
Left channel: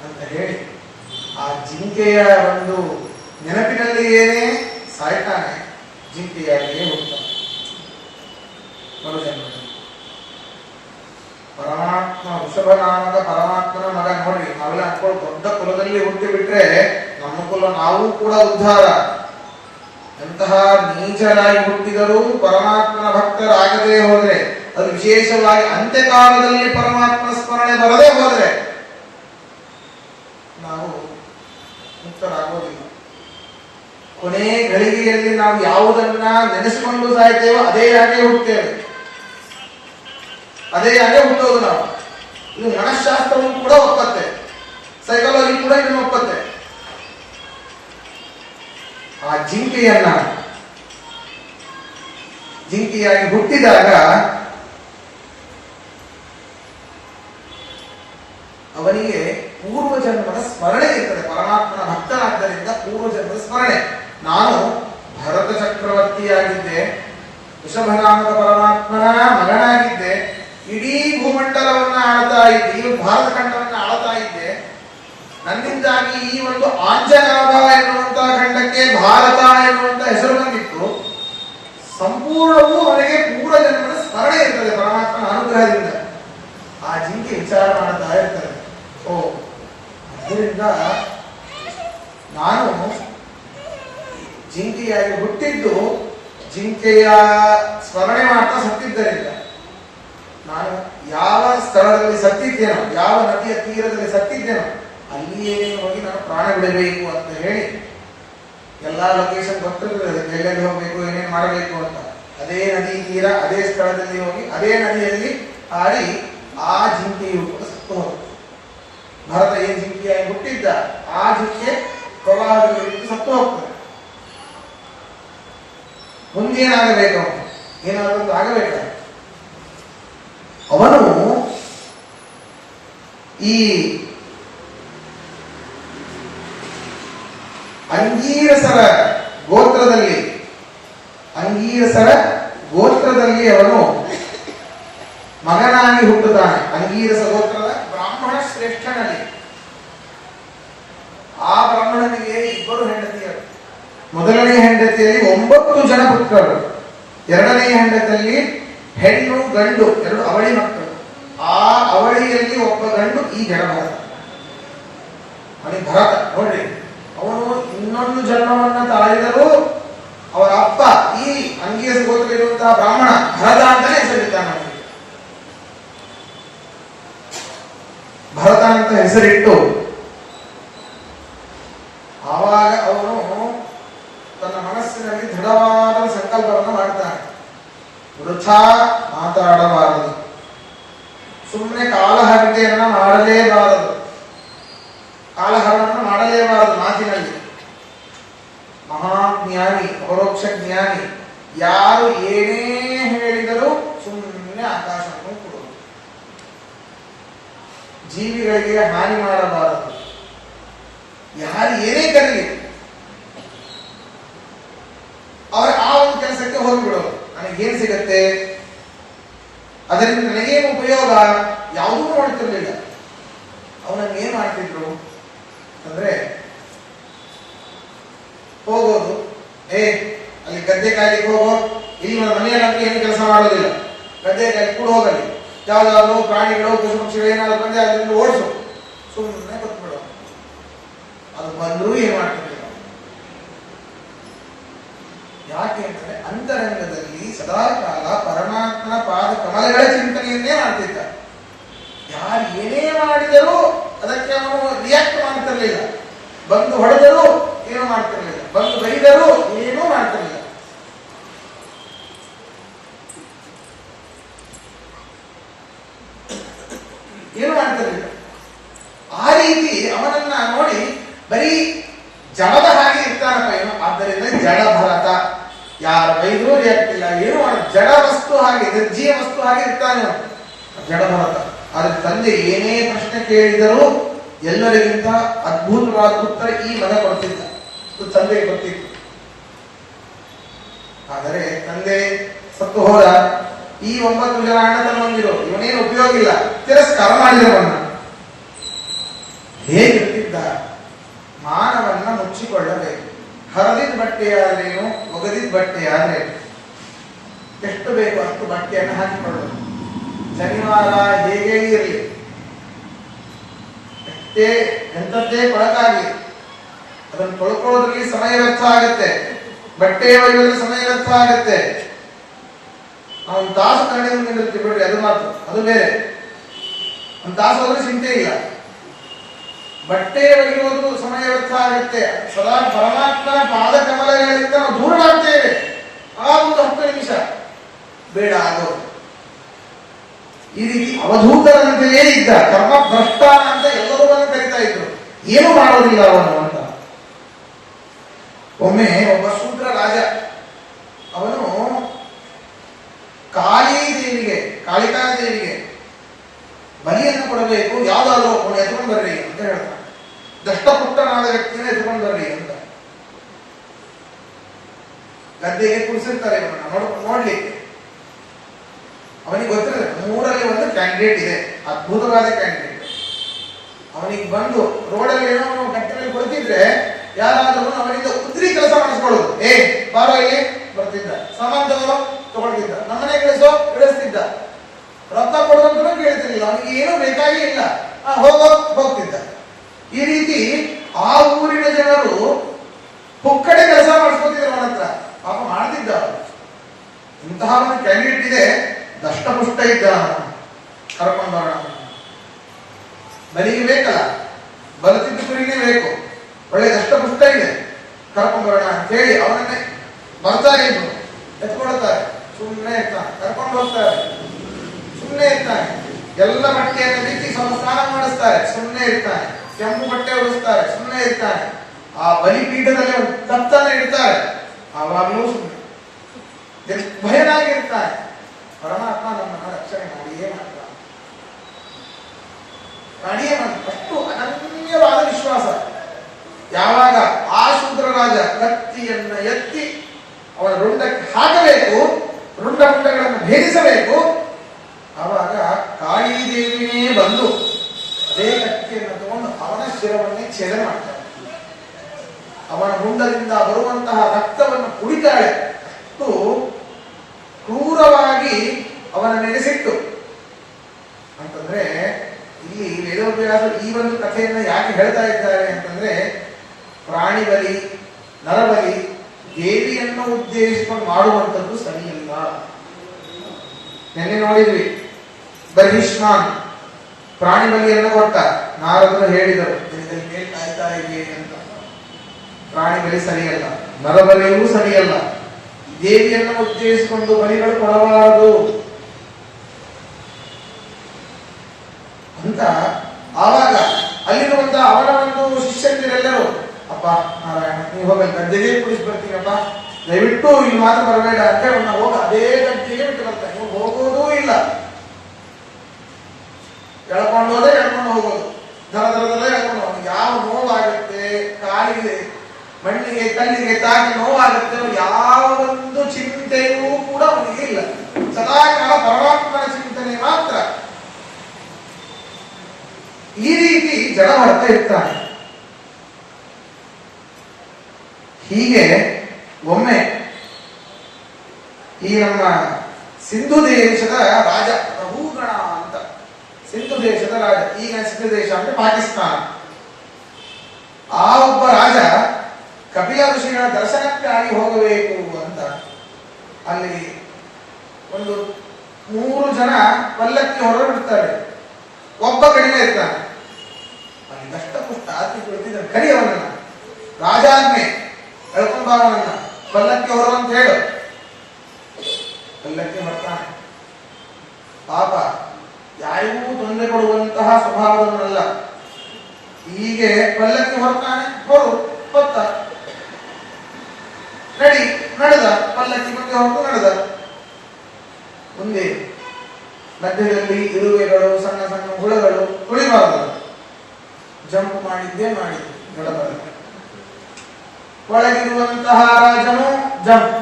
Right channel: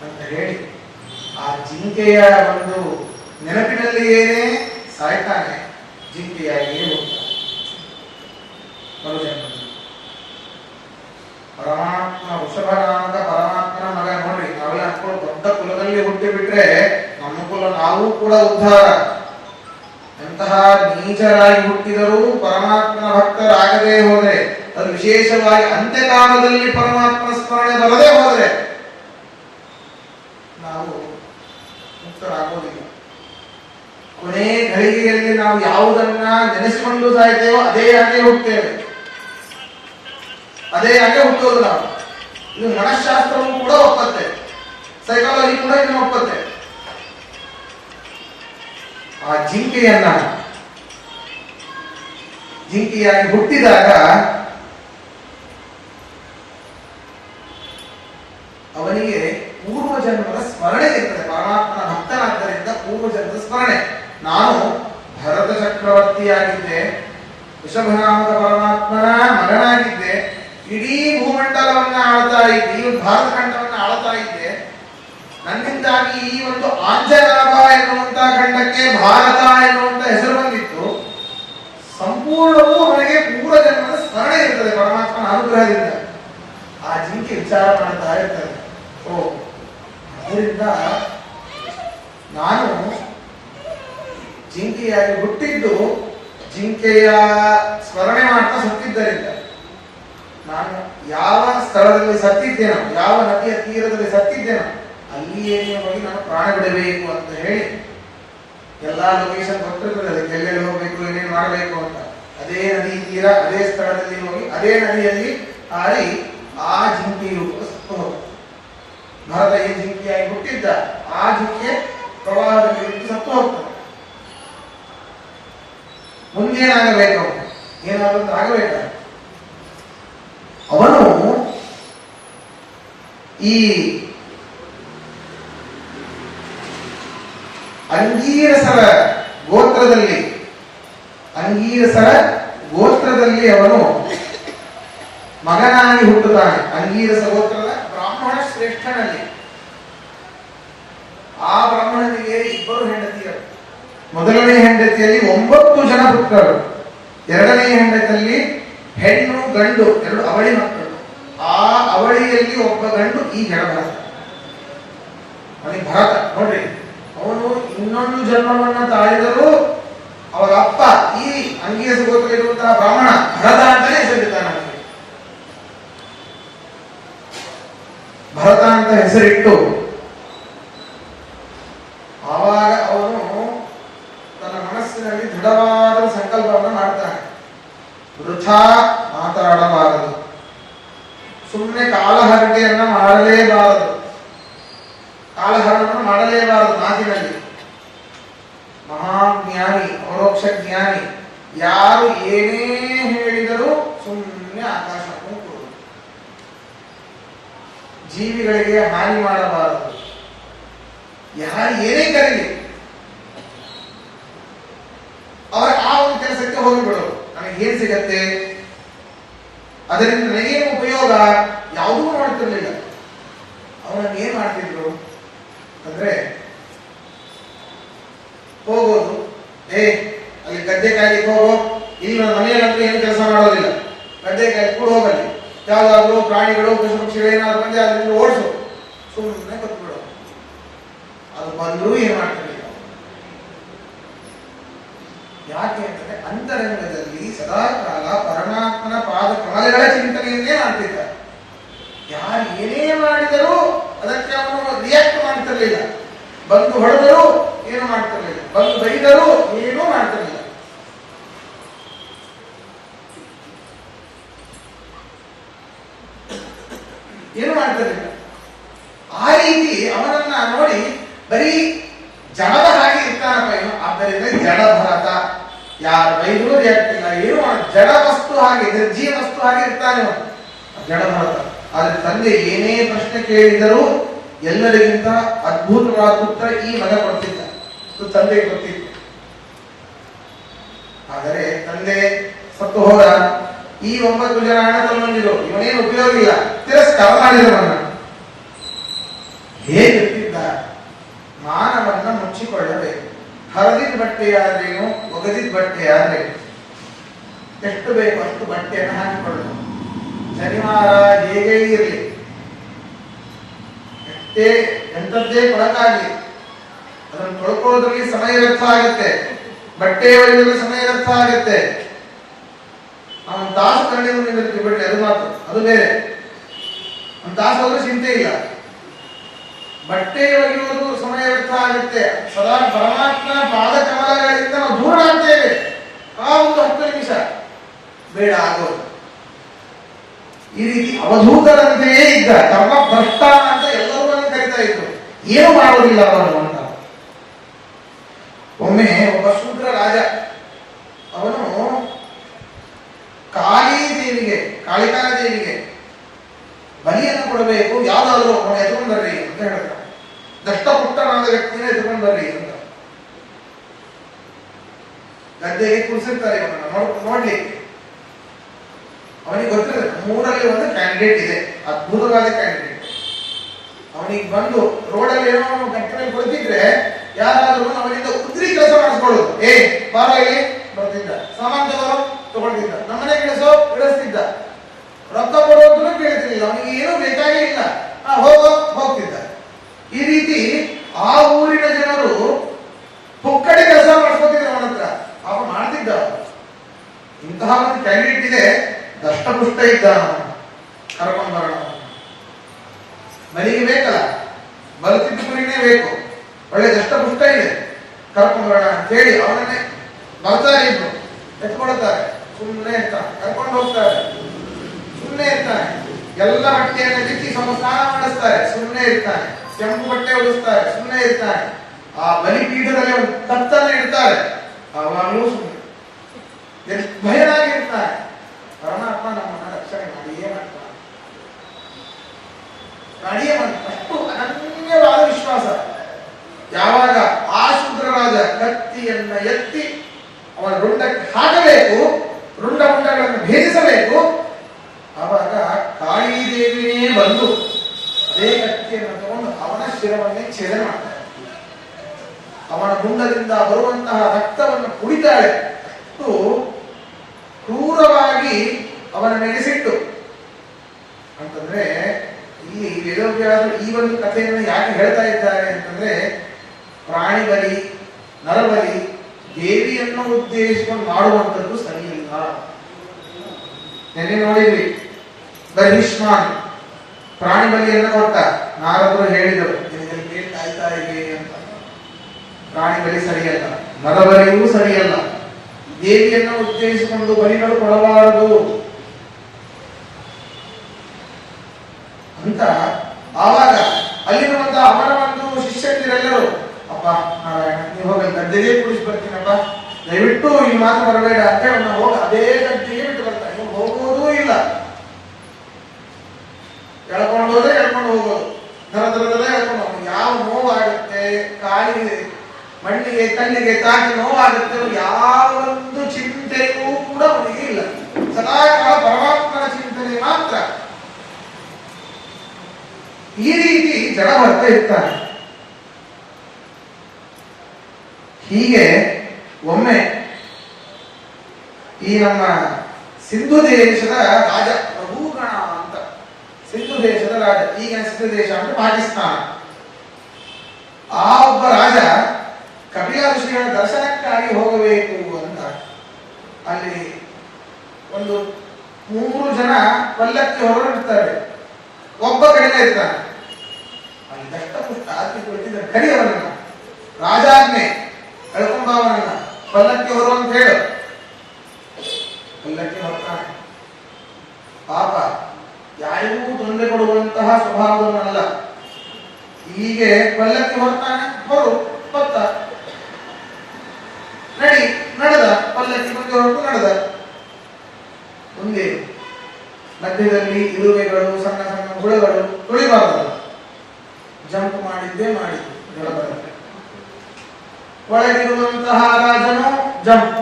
ಅಂತ ಹೇಳಿ ಆ ಜಿಂಕೆಯ ಒಂದು ನೆನಪಿನಲ್ಲಿಯೇ ಸಾಯ್ತಾನೆ, ಜಿಂಕೆಯಾಗಿಯೇ ಹೋಗ್ತಾನೆ. ಪರಮಾತ್ಮ ವೃಷಭನಾಮದ ಪರಮಾತ್ಮನ ಮಗ. ನೋಡ್ರಿ, ನಾವೆಲ್ಲ ಅನ್ಕೊಂಡು ದೊಡ್ಡ ಕುಲದಲ್ಲಿ ಹುಟ್ಟಿ ಬಿಟ್ರೆ ನಮ್ಮ ಕುಲ ನಾವು ಕೂಡ ಉದ್ಧಾರ. ಅಂತಹ ನೀಚರಾಗಿ ಹುಟ್ಟಿದರೂ ಪರಮಾತ್ಮನ ಭಕ್ತರಾಗದೇ ಹೋದರೆ, ಅದು ವಿಶೇಷವಾಗಿ ಅಂತ್ಯಕಾಲದಲ್ಲಿ ಪರಮಾತ್ಮ ಸ್ಮರಣೆ ಬರದೇ ಹೋದರೆ ನಾವು ಮುಕ್ತರಾಗೋದಿಲ್ಲ. ಕೊನೆ ಘಳಿಗೆಯಲ್ಲಿ ನಾವು ಯಾವುದನ್ನ ನೆನೆಸಿಕೊಂಡು ಸಾಯ್ತೇವೋ ಅದೇ ಹಾಗೆ ಹುಟ್ಟುತ್ತೇವೆ, ಅದೇ ಹಾಗೆ ಹುಟ್ಟೋದು ನಾವು. ಇದು ಮನಃಶಾಸ್ತ್ರವೂ ಕೂಡ ಒಪ್ಪತ್ತೆ, ಸೈಕಾಲಜಿ ಕೂಡ ಇದನ್ನು ಒಪ್ಪತ್ತೆ. ಆ ಜಿಂಕೆಯಾಗಿ ಹುಟ್ಟಿದಾಗ ಅವನಿಗೆ ಪೂರ್ವ ಜನ್ಮದ ಸ್ಮರಣೆ ಇರ್ತದೆ. ಪರಮಾತ್ಮನ ಭಕ್ತನಾದ್ದರಿಂದ ಪೂರ್ವ ಜನ್ಮದ ಸ್ಮರಣೆ. ನಾನು ಭರತ ಚಕ್ರವರ್ತಿಯಾಗಿದ್ದೆ, ವೃಷಭನಾಮದ ಪರಮಾತ್ಮನ ಮಗನಾಗಿದ್ದೆ, ಇಡೀ ಭೂಮಂಡಲವನ್ನ ಆಳ್ತಾ ಇದ್ದೆ, ಈ ಭಾರತ ಖಂಡವನ್ನ ಆಳ್ತಾ ಇದ್ದೆ. ನನ್ನಿಂದಾಗಿ ಈ ಒಂದು ಆಂಜನಾಭ ಎನ್ನುವಂತ ಖಂಡಕ್ಕೆ ಭಾರತ ಎನ್ನುವಂತ ಹೆಸರು ಬಂದಿತ್ತು. ಸಂಪೂರ್ಣವೂ ಅವನಿಗೆ ಪೂರ್ವ ಜನ್ಮದ ಸ್ಮರಣೆ ಇರ್ತದೆ ಪರಮಾತ್ಮನ ಅನುಗ್ರಹದಿಂದ. ಆ ಜಿಂಕೆ ವಿಚಾರ ಮಾಡ್ತಾ ಇರ್ತದೆ, ಓ ಅದರಿಂದ ನಾನು ಜಿಂಕೆಯಾಗಿ ಹುಟ್ಟಿದ್ದು ಜಿಂಕೆಯ ಸ್ಮರಣೆ ಮಾಡ್ತಾ ಸತ್ತಿದ್ದರಿಂದ, ನಾನು ಯಾವ ಸ್ಥಳದಲ್ಲಿ ಸತ್ತಿದ್ದೇನೋ, ಯಾವ ನದಿಯ ತೀರದಲ್ಲಿ ಸತ್ತಿದ್ದೇನೋ ಅಲ್ಲಿಯೇ ಹೋಗಿ ನಾನು ಪ್ರಾಣ ಬಿಡಬೇಕು ಅಂತ ಹೇಳಿ ಎಲ್ಲಾ ಲೊಕೇಶನ್ ಗೊತ್ತಿರ್ತದೆ, ಅದಕ್ಕೆ ಎಲ್ಲೆಲ್ಲಿ ಹೋಗ್ಬೇಕು, ಏನೇನು ಮಾಡಬೇಕು ಅಂತ. ಅದೇ ನದಿ ತೀರ, ಅದೇ ಸ್ಥಳದಲ್ಲಿ ಹೋಗಿ ಅದೇ ನದಿಯಲ್ಲಿ ಹಾರಿ ಆ ಜಿಂಕೆಯು ಸತ್ತು ಹೋಗುತ್ತೆ. ಭಾರತ ಈ ಜಿಂಕೆಯಾಗಿ ಹುಟ್ಟಿದ್ದ, ಆ ಜಿಂಕೆ ಪ್ರವಾಹದಲ್ಲಿ ಸತ್ತು ಹೋಗ್ತದೆ. ಮುಂದೇನಾಗಬೇಕು, ಏನಾದರೂ ಆಗಬೇಕಾಗ ಅವನು ಈ ಅಂಗೀರಸರ ಗೋತ್ರದಲ್ಲಿ ಅವನು ಮಗನಾಗಿ ಹುಟ್ಟುತ್ತಾನೆ. ಅಂಗೀರಸ ಗೋತ್ರದ ಬ್ರಾಹ್ಮಣ ಶ್ರೇಷ್ಠನಲ್ಲಿ. ಆ ಬ್ರಾಹ್ಮಣನಿಗೆ ಇಬ್ಬರು ಹೆಂಡತಿಯರು. ಮೊದಲನೇ ಹೆಂಡತಿಯಲ್ಲಿ 9 ಜನ ಪುತ್ರರು, ಎರಡನೇ ಹೆಂಡತಿಯಲ್ಲಿ ಹೆಣ್ಣು ಗಂಡು 2 ಅವಳಿ ಮಕ್ಕಳು. ಆ ಅವಳಿಯಲ್ಲಿ ಒಬ್ಬ ಗಂಡು ಈ ಜಡಭರತ. ಭರತ ನೋಡ್ರಿ, ಅವನು ಇನ್ನೊಂದು ಜನ್ಮವನ್ನ ತಾಳಿದರೂ ಅವರ ಅಪ್ಪ ಈ ಅಂಗೀರಸ ಗೋತ್ರ ಇರುವಂತಹ ಬ್ರಾಹ್ಮಣ ಭರತ ಅಂತಲೇ ಹೆಸರಿದ್ದಾನೆ. ಭರತ ಅಂತ ಹೆಸರಿಟ್ಟು ಆವಾಗ ಅವನು ತನ್ನ ಮನಸ್ಸಿನಲ್ಲಿ ದೃಢವಾದ ಸಂಕಲ್ಪವನ್ನು ಮಾಡ್ತಾನೆ. ವೃಥಾ ಮಾತಾಡಬಾರದು, ಸುಮ್ಮನೆ ಕಾಲಹರಟೆಯನ್ನ ಮಾಡಲೇಬಾರದು, ಕಾಲಹರಣವನ್ನು ಮಾಡಲೇಬಾರದು ಮಾತಿನಲ್ಲಿ. ಮಹಾಜ್ಞಾನಿ, ಪರೋಕ್ಷ ಜ್ಞಾನಿ, ಯಾರು ಏನೇ ಹೇಳಿದರೂ ಸುಮ್ಮನೆ ಆಕಾಶವನ್ನು ಕೊಡುವುದು. ಜೀವಿಗಳಿಗೆ ಹಾನಿ ಮಾಡಬಾರದು, ಯಾರು ಏನೇ ಕರೀಲಿ ಅವರ ಆ ಒಂದು ಕೆಲಸಕ್ಕೆ ಹೋಗಿಬಿಡೋದು. ನನಗೇನು ಸಿಗತ್ತೆ, ಅದರಿಂದ ನನಗೇನು ಉಪಯೋಗ, ಯಾವುದೂ ನೋಡ್ತಿರ್ಲಿಲ್ಲ. ಅವನನ್ನು ಏನ್ ಮಾಡ್ತಿದ್ರು ಅಂದ್ರೆ, ಹೋಗೋದು, ಅಲ್ಲಿ ಗದ್ದೆ ಕಾಯ್ಲಿಕ್ಕೆ ಹೋಗೋ, ಇಲ್ಲಿ ನನ್ನ ಮನೆಯಲ್ಲಿ ಏನು ಕೆಲಸ ಮಾಡೋದಿಲ್ಲ, ಗದ್ದೆ ಕಾಯಿ ಕೂಡ ಹೋಗಲಿ, ಯಾವ್ದಾದ್ರು ಪ್ರಾಣಿಗಳು ಪಶು ಪಕ್ಷಿಗಳು ಏನಾದ್ರು ಬಂದ್ರೆ ಅದರಿಂದ ಓಡಿಸು, ಸುಮ್ಮನೆ ಗೊತ್ತುಬಿಡೋ. ಅದು ಬಂದರೂ ಏನ್ ಮಾಡ್ತಿರ್ಲಿಲ್ಲ. ಯಾಕೆ ಅಂದ್ರೆ ಅಂತರಂಗದಲ್ಲಿ ಸದಾಕಾಲ ಪರಮಾತ್ಮನ ಪಾದ ಕಮಲಗಳ ಚಿಂತನೆಯನ್ನೇ ಮಾಡ್ತಿದ್ದ. ಯಾರು ಏನೇ ಮಾಡಿದರೂ ಅದಕ್ಕೆ ಅವನು ರಿಯಾಕ್ಟ್ ಮಾಡ್ತಿರ್ಲಿಲ್ಲ. ಬಂದು ಹೊಡೆದರೂ ಏನೂ ಮಾಡ್ತಿರ್ಲಿಲ್ಲ, ಬಂದು ಬೈದರೂ ಏನೂ ಮಾಡ್ತಿರ್ಲಿಲ್ಲ. ಏನು ಮಾಡ್ತಿರ್ಲಿಲ್ಲ. ಆ ರೀತಿ ಅವನನ್ನ ನೋಡಿ ಬರೀ ಜನದ ಹಾಗೆ ಇರ್ತಾನಪ್ಪ ಜಡ ಭರತ. ಯಾರ ವೈದ್ಯೂರ್ಯ ಆಗ್ತಿಲ್ಲ, ಏನು ಜಡ ವಸ್ತು ಹಾಗೆ, ನಿರ್ಜೀವ ವಸ್ತು ಹಾಗೆ ಇರ್ತಾನೆ ಅವನು ಜಡ ಭರತ. ಆದ್ರೆ ತಂದೆ ಏನೇ ಪ್ರಶ್ನೆ ಕೇಳಿದರೂ ಎಲ್ಲರಿಗಿಂತ ಅದ್ಭುತವಾದ ಉತ್ತರ ಈ ಮಗ ಕೊಡ್ತಿದ್ದ. ತಂದೆಗೆ ಗೊತ್ತಿತ್ತು. ಆದರೆ ತಂದೆ ಸತ್ತು ಹೋದ. ಈ 9 ಜನ ಅಣ್ಣ ತಮ್ಮಂದಿರು, ಇವನೇನು ಉಪಯೋಗ ಇಲ್ಲ, ತಿರಸ್ಕಾರ ಮಾಡಿದವನ್ನ. ಹೇಗಿರ್ತಿದ್ದ? ಮಾನವನ್ನ ಮುಚ್ಚಿಕೊಳ್ಳಬೇಕು. ಹರಿದಿದ್ದ ಬಟ್ಟೆಯಾದ್ರೇನು, ಒಗದಿದ್ದ ಬಟ್ಟೆಯಾದ್ರೇನು, ಎಷ್ಟು ಬೇಕು ಅಷ್ಟು ಬಟ್ಟೆಯನ್ನು ಹಾಕಿಕೊಳ್ಳಬೇಕು. ಶನಿವಾರ ಹೇಗೆ ಇರಲಿ, ಎಷ್ಟೇ ಎಂಥದ್ದೇ ಕೊಳಕಾಗ್ಲಿ, ಅದನ್ನು ತೊಳ್ಕೊಳ್ಳೋದ್ರಲ್ಲಿ ಸಮಯ ವ್ಯರ್ಥ ಆಗುತ್ತೆ, ಬಟ್ಟೆ ಒಗೆಯಲ್ಲಿ ಸಮಯ ವ್ಯರ್ಥ ಆಗುತ್ತೆ. ಅವನು ತಾಸು ಕಣ್ಣೆ ಮುಂದೆ ನಿಲ್ತೀವಿ ಬಿಡ್ರಿ, ಅದು ಮಾತು ಅದು ಬೇರೆ. ಒಂದು ತಾಸು ಹೋದ್ರೆ ಚಿಂತೆ ಇಲ್ಲ. ಬಟ್ಟೆ ಒಗೆಯುವುದು ಸಮಯ ವ್ಯರ್ಥ ಆಗುತ್ತೆ. ಸದಾ ಪರಮಾತ್ಮನ ಪಾದ ಕಮಲಗಳಿಂದ ನಾವು ದೂರನಾಗ್ತೇವೆ. ಆ ಒಂದು 10 ನಿಮಿಷ ಬೇಡ ಆಗೋದು. ಈ ರೀತಿ ಅವಧೂತರಂತೆಯೇ ಇದ್ದ. ಕರ್ಮ ಭ್ರಷ್ಟ ಅಂತ ಎಲ್ಲರೂ ಬಂದು ಕರೀತಾ ಇದ್ರು. ಏನು ಮಾಡೋದಿಲ್ಲ ಅವನು ಅಂತ. ಒಮ್ಮೆ ಒಬ್ಬ ಶೂದ್ರ ರಾಜ, ಅವನು ಕಾಳಿಕಾದೇವಿಗೆ ಬಲಿಯನ್ನು ಕೊಡಬೇಕು, ಯಾವ್ದಾದ್ರು ಅವನು ಎತ್ಕೊಂಡು ಬರ್ರಿ ಅಂತ ಹೇಳ್ತಾನೆ. ದಷ್ಟಪುಟ್ಟನಾದ ವ್ಯಕ್ತಿನ ಎತ್ಕೊಂಡು ಬರ್ರಿ ಅಂತ ಗದ್ದೆಗೆ ಕುಡಿಸಿರ್ತಾರೆ ನೋಡ್ಲಿಕ್ಕೆ. ಅವನಿಗೆ ಗೊತ್ತಿರೋದು 3ರಲ್ಲಿ ಒಂದು ಕ್ಯಾಂಡಿಡೇಟ್ ಇದೆ, ಅದ್ಭುತವಾದ ಕ್ಯಾಂಡಿಡೇಟ್. ಅವನಿಗೆ ಬಂದು ರೋಡಲ್ಲಿ ಏನೋ ಗಂಟೆ ಮೇಲೆ ಕೊಡ್ತಿದ್ರೆ ಯಾರಾದ್ರೂ ಅವನಿಂದ ಉದ್ರಿ ಕೆಲಸ ಮಾಡಿಸ್ಕೊಳ್ಳೋದು. ಬಾರೋ ಇಲ್ಲಿ ಬರ್ತಿದ್ದ, ಸಾಮಾನ್ ತಗೋರೋ ತಗೊಳ್ತಿದ್ದ, ನಮ್ಮನೆ ಕೆಲಸ ಇಳಿಸ್ತಿದ್ದ, ರೊಕ್ಕ ಕೊಡೋದನ್ನು ಕೇಳ್ತಿರ್ಲಿಲ್ಲ, ಅವನಿಗೆ ಏನೂ ಬೇಕಾಗೇ ಇಲ್ಲ, ಹೋಗ್ತಿದ್ದ. ಈ ರೀತಿ ಆ ಊರಿನ ಜನರು ಪುಕ್ಕಡೆ ಕೆಲಸ ಮಾಡಿಸ್ಕೊತಿದ್ರು ಅವನ ಹತ್ರ. ಅವ ಮಾಡ್ತಿದ್ದ. ಇಂತಹ ಒಂದು ಕ್ಯಾಂಡಿಡೇಟ್ ಇದೆ, ದಷ್ಟಪುಷ್ಟ ಇದ್ದ, ಕರ್ಕೊಂಡ್ಬರೋಣ. ಬಲಿಗೆ ಬೇಕಲ್ಲ, ಬಲತಿದ್ದ ಕುರಿನೇ ಬೇಕು, ಒಳ್ಳೆ ದಷ್ಟಪುಷ್ಟ ಇದೆ, ಕರ್ಕೊಂಡ್ಬರೋಣ ಅಂತ ಹೇಳಿ ಅವನನ್ನೇ ಬರ್ತಾರೆ. ಇಬ್ರು ಎತ್ಕೊಳ್ತಾರೆ, ಸುಮ್ಮನೆ ಇರ್ತಾನೆ, ಕರ್ಕೊಂಡು ಹೋಗ್ತಾರೆ, ಸುಮ್ಮನೆ ಇರ್ತಾನೆ. ಎಲ್ಲ ಬಟ್ಟೆಯನ್ನು ಬಿಚ್ಚಿ ಸ್ನಾನ ಮಾಡಿಸ್ತಾರೆ, ಸುಮ್ಮನೆ ಇರ್ತಾನೆ. ಕೆಂಪು ಬಟ್ಟೆ ಉಡಿಸ್ತಾರೆ, ಸುಮ್ಮನೆ ಇರ್ತಾನೆ. ಆ ಬಲಿಪೀಠದಲ್ಲಿ ಒಂದು ತಪ್ಪನ್ನ ಇಡ್ತಾರೆ, ಆವಾಗಲೂ ಸುಮ್ಮನೆ ಭಯನಾಗಿರ್ತಾನೆ. ಪರಮಾತ್ಮ ನಮ್ಮನ್ನ ರಕ್ಷಣೆ ಮಾಡಿಯೇ ಮಾಡ್ತಾನೆ, ಅಷ್ಟು ಅನನ್ಯವಾದ ವಿಶ್ವಾಸ. ಯಾವಾಗ ಆ ಶೂದ್ರ ರಾಜ ಕತ್ತಿಯನ್ನ ಎತ್ತಿ ಅವನ ರುಂಡಕ್ಕೆ ಹಾಕಬೇಕು, ರುಂಡಗಳನ್ನು ಭೇದಿಸಬೇಕು, ಆವಾಗ ಕಾಳಿದೇವಿಯೇ ಬಂದು ಅದೇ ಕತ್ತಿಯನ್ನು ತಗೊಂಡು ಅವನ ಶಿರವನ್ನೇ ಛೇದನ ಮಾಡ್ತಾಳೆ. ಅವನ ರುಂಡದಿಂದ ಬರುವಂತಹ ರಕ್ತವನ್ನು ಕುಡಿತಾಳೆ. ಅಷ್ಟು ಕ್ರೂರವಾಗಿ ಅವನ ಮೇಲೆ ಸಿಟ್ಟು. ಅಂತಂದ್ರೆ ಇಲ್ಲಿ ವೇದವ್ಯಾಸರು ಈ ಒಂದು ಕಥೆಯನ್ನು ಯಾಕೆ ಹೇಳ್ತಾ ಇದ್ದಾರೆ ಅಂತಂದ್ರೆ, ಪ್ರಾಣಿ ಬಲಿ, ನರಬಲಿ ದೇವಿಯನ್ನು ಉದ್ದೇಶಿಸಿಕೊಂಡು ಮಾಡುವಂಥದ್ದು ಸರಿಯಲ್ಲ. ನೆನ್ನೆ ನೋಡಿದ್ವಿ, ಬಲಿಷ್ಮಾನ್ ಪ್ರಾಣಿ ಬಲಿಯನ್ನು ಕೊಟ್ಟ. ನಾರದರು ಹೇಳಿದರು, ಇದಕ್ಕೆ ಕಾಯ್ತಾ ಇದ್ದೀವಿ ಅಂತ. ಪ್ರಾಣಿ ಬಲಿ ಸರಿಯಲ್ಲ, ನರಬಲಿಯೂ ಸರಿಯಲ್ಲ. ದೇವಿಯನ್ನು ಉದ್ದೇಶಿಸಿಕೊಂಡು ಬಲಿಗಳು ಕೊಡಬಾರದು ಅಂತ. ಆವಾಗ ಅಲ್ಲಿರುವಂತಹ ಅವರ ಒಂದು ಶಿಷ್ಯಂದಿರೆಲ್ಲರೂ, ಅಪ್ಪ ನಾರಾಯಣ ನೀವು ಹೋಗಿ ಗದ್ದೆಗೆ ಕುಡಿಸಿ ಬರ್ತೀನಪ್ಪ, ದಯವಿಟ್ಟು ಇಲ್ಲಿ ಮಾತ್ರ ಬರಬೇಡ ಅಂತ ಹೇಳಿ ನಾವು ಹೋಗಿ ಅದೇ ಗದ್ದೆಗೆ ಬಿಟ್ಟು ಬರ್ತಾರೆ. ನೀವು ಹೋಗೋದೂ ಇಲ್ಲ, ಎಳ್ಕೊಂಡು ಹೋದ್ರೆ ಎಳ್ಕೊಂಡು ಹೋಗೋದು, ದರದರದಲ್ಲೇ ಎಳ್ಕೊಂಡು ಹೋಗೋದು. ಯಾವ ನೋವಾಗುತ್ತೆ, ಕಾಲಿಗೆ ಮಣ್ಣಿಗೆ ಕಲ್ಲಿಗೆ ತಾಗಿ ನೋವಾಗುತ್ತೆ, ಯಾವ ಒಂದು ಚಿಂತೆಯೂ ಕೂಡ ಅವನಿಗೆ ಇಲ್ಲ. ಸದಾಕಾಲ ಪರಮಾತ್ಮನ ಚಿಂತನೆ ಮಾತ್ರ. ಈ ರೀತಿ ಜನ ಬರ್ತಾ ಇರ್ತಾನೆ. ಹೀಗೆ ಒಮ್ಮೆ ಈ ನಮ್ಮ ಸಿಂಧು ದೇಶದ ರಾಜ ರಘುಗಣ ಅಂತ, ಸಿಂಧು ದೇಶದ ರಾಜ, ಈಗ ಸಿಂಧು ದೇಶ ಅಂದ್ರೆ ಪಾಕಿಸ್ತಾನ. ಆ ಒಬ್ಬ ರಾಜ ಕಪಿಲ ಋಷಿಗಳ ದರ್ಶನಕ್ಕಾಗಿ ಹೋಗಬೇಕು ಅಂತ ಅಲ್ಲಿ ಒಂದು 3 ಜನ ಪಲ್ಲಕ್ಕಿ ಹೊರಡಿರ್ತಾರೆ. ಒಬ್ಬ ಕಡಿಮೆ ಇರ್ತಾನೆ. ಅಲ್ಲಿ ದಷ್ಟಪುಷ್ಟ ಆತಿ ಕುಳಿತಿದ್ದ ಕಡಿಯವನ್ನ ರಾಜಾಜ್ಞೆ ಹೇಳ್ಕೊಂಬಾವನನ್ನ ಪಲ್ಲಕ್ಕಿ ಹೊರ ಅಂತ ಹೇಳು. ಪಲ್ಲಕ್ಕಿ ಹೊರತಾನೆ. ಪಾಪ ಯಾರಿಗೂ ತೊಂದರೆ ಕೊಡುವಂತಹ ಸ್ವಭಾವವನ್ನಲ್ಲ. ಹೀಗೆ ಪಲ್ಲಕ್ಕಿ ಹೊರತಾನೆ, ಹೊತ್ತ ನಡೆದ, ಪಲ್ಲಕ್ಕಿ ಮುಂದೆ ಹೊರಟು ನಡೆದ. ಮುಂದೆ ಮಧ್ಯದಲ್ಲಿ ಇರುವೆಗಳು, ಸಣ್ಣ ಸಣ್ಣ ಹುಳಗಳು ತುಳಿಬಾರದು. ಜಂಪ್ ಮಾಡಿದ್ದೇ ಗಡಬಡ. ಒಳಗಿರುವಂತಹ ರಾಜನು ಜಂಪ್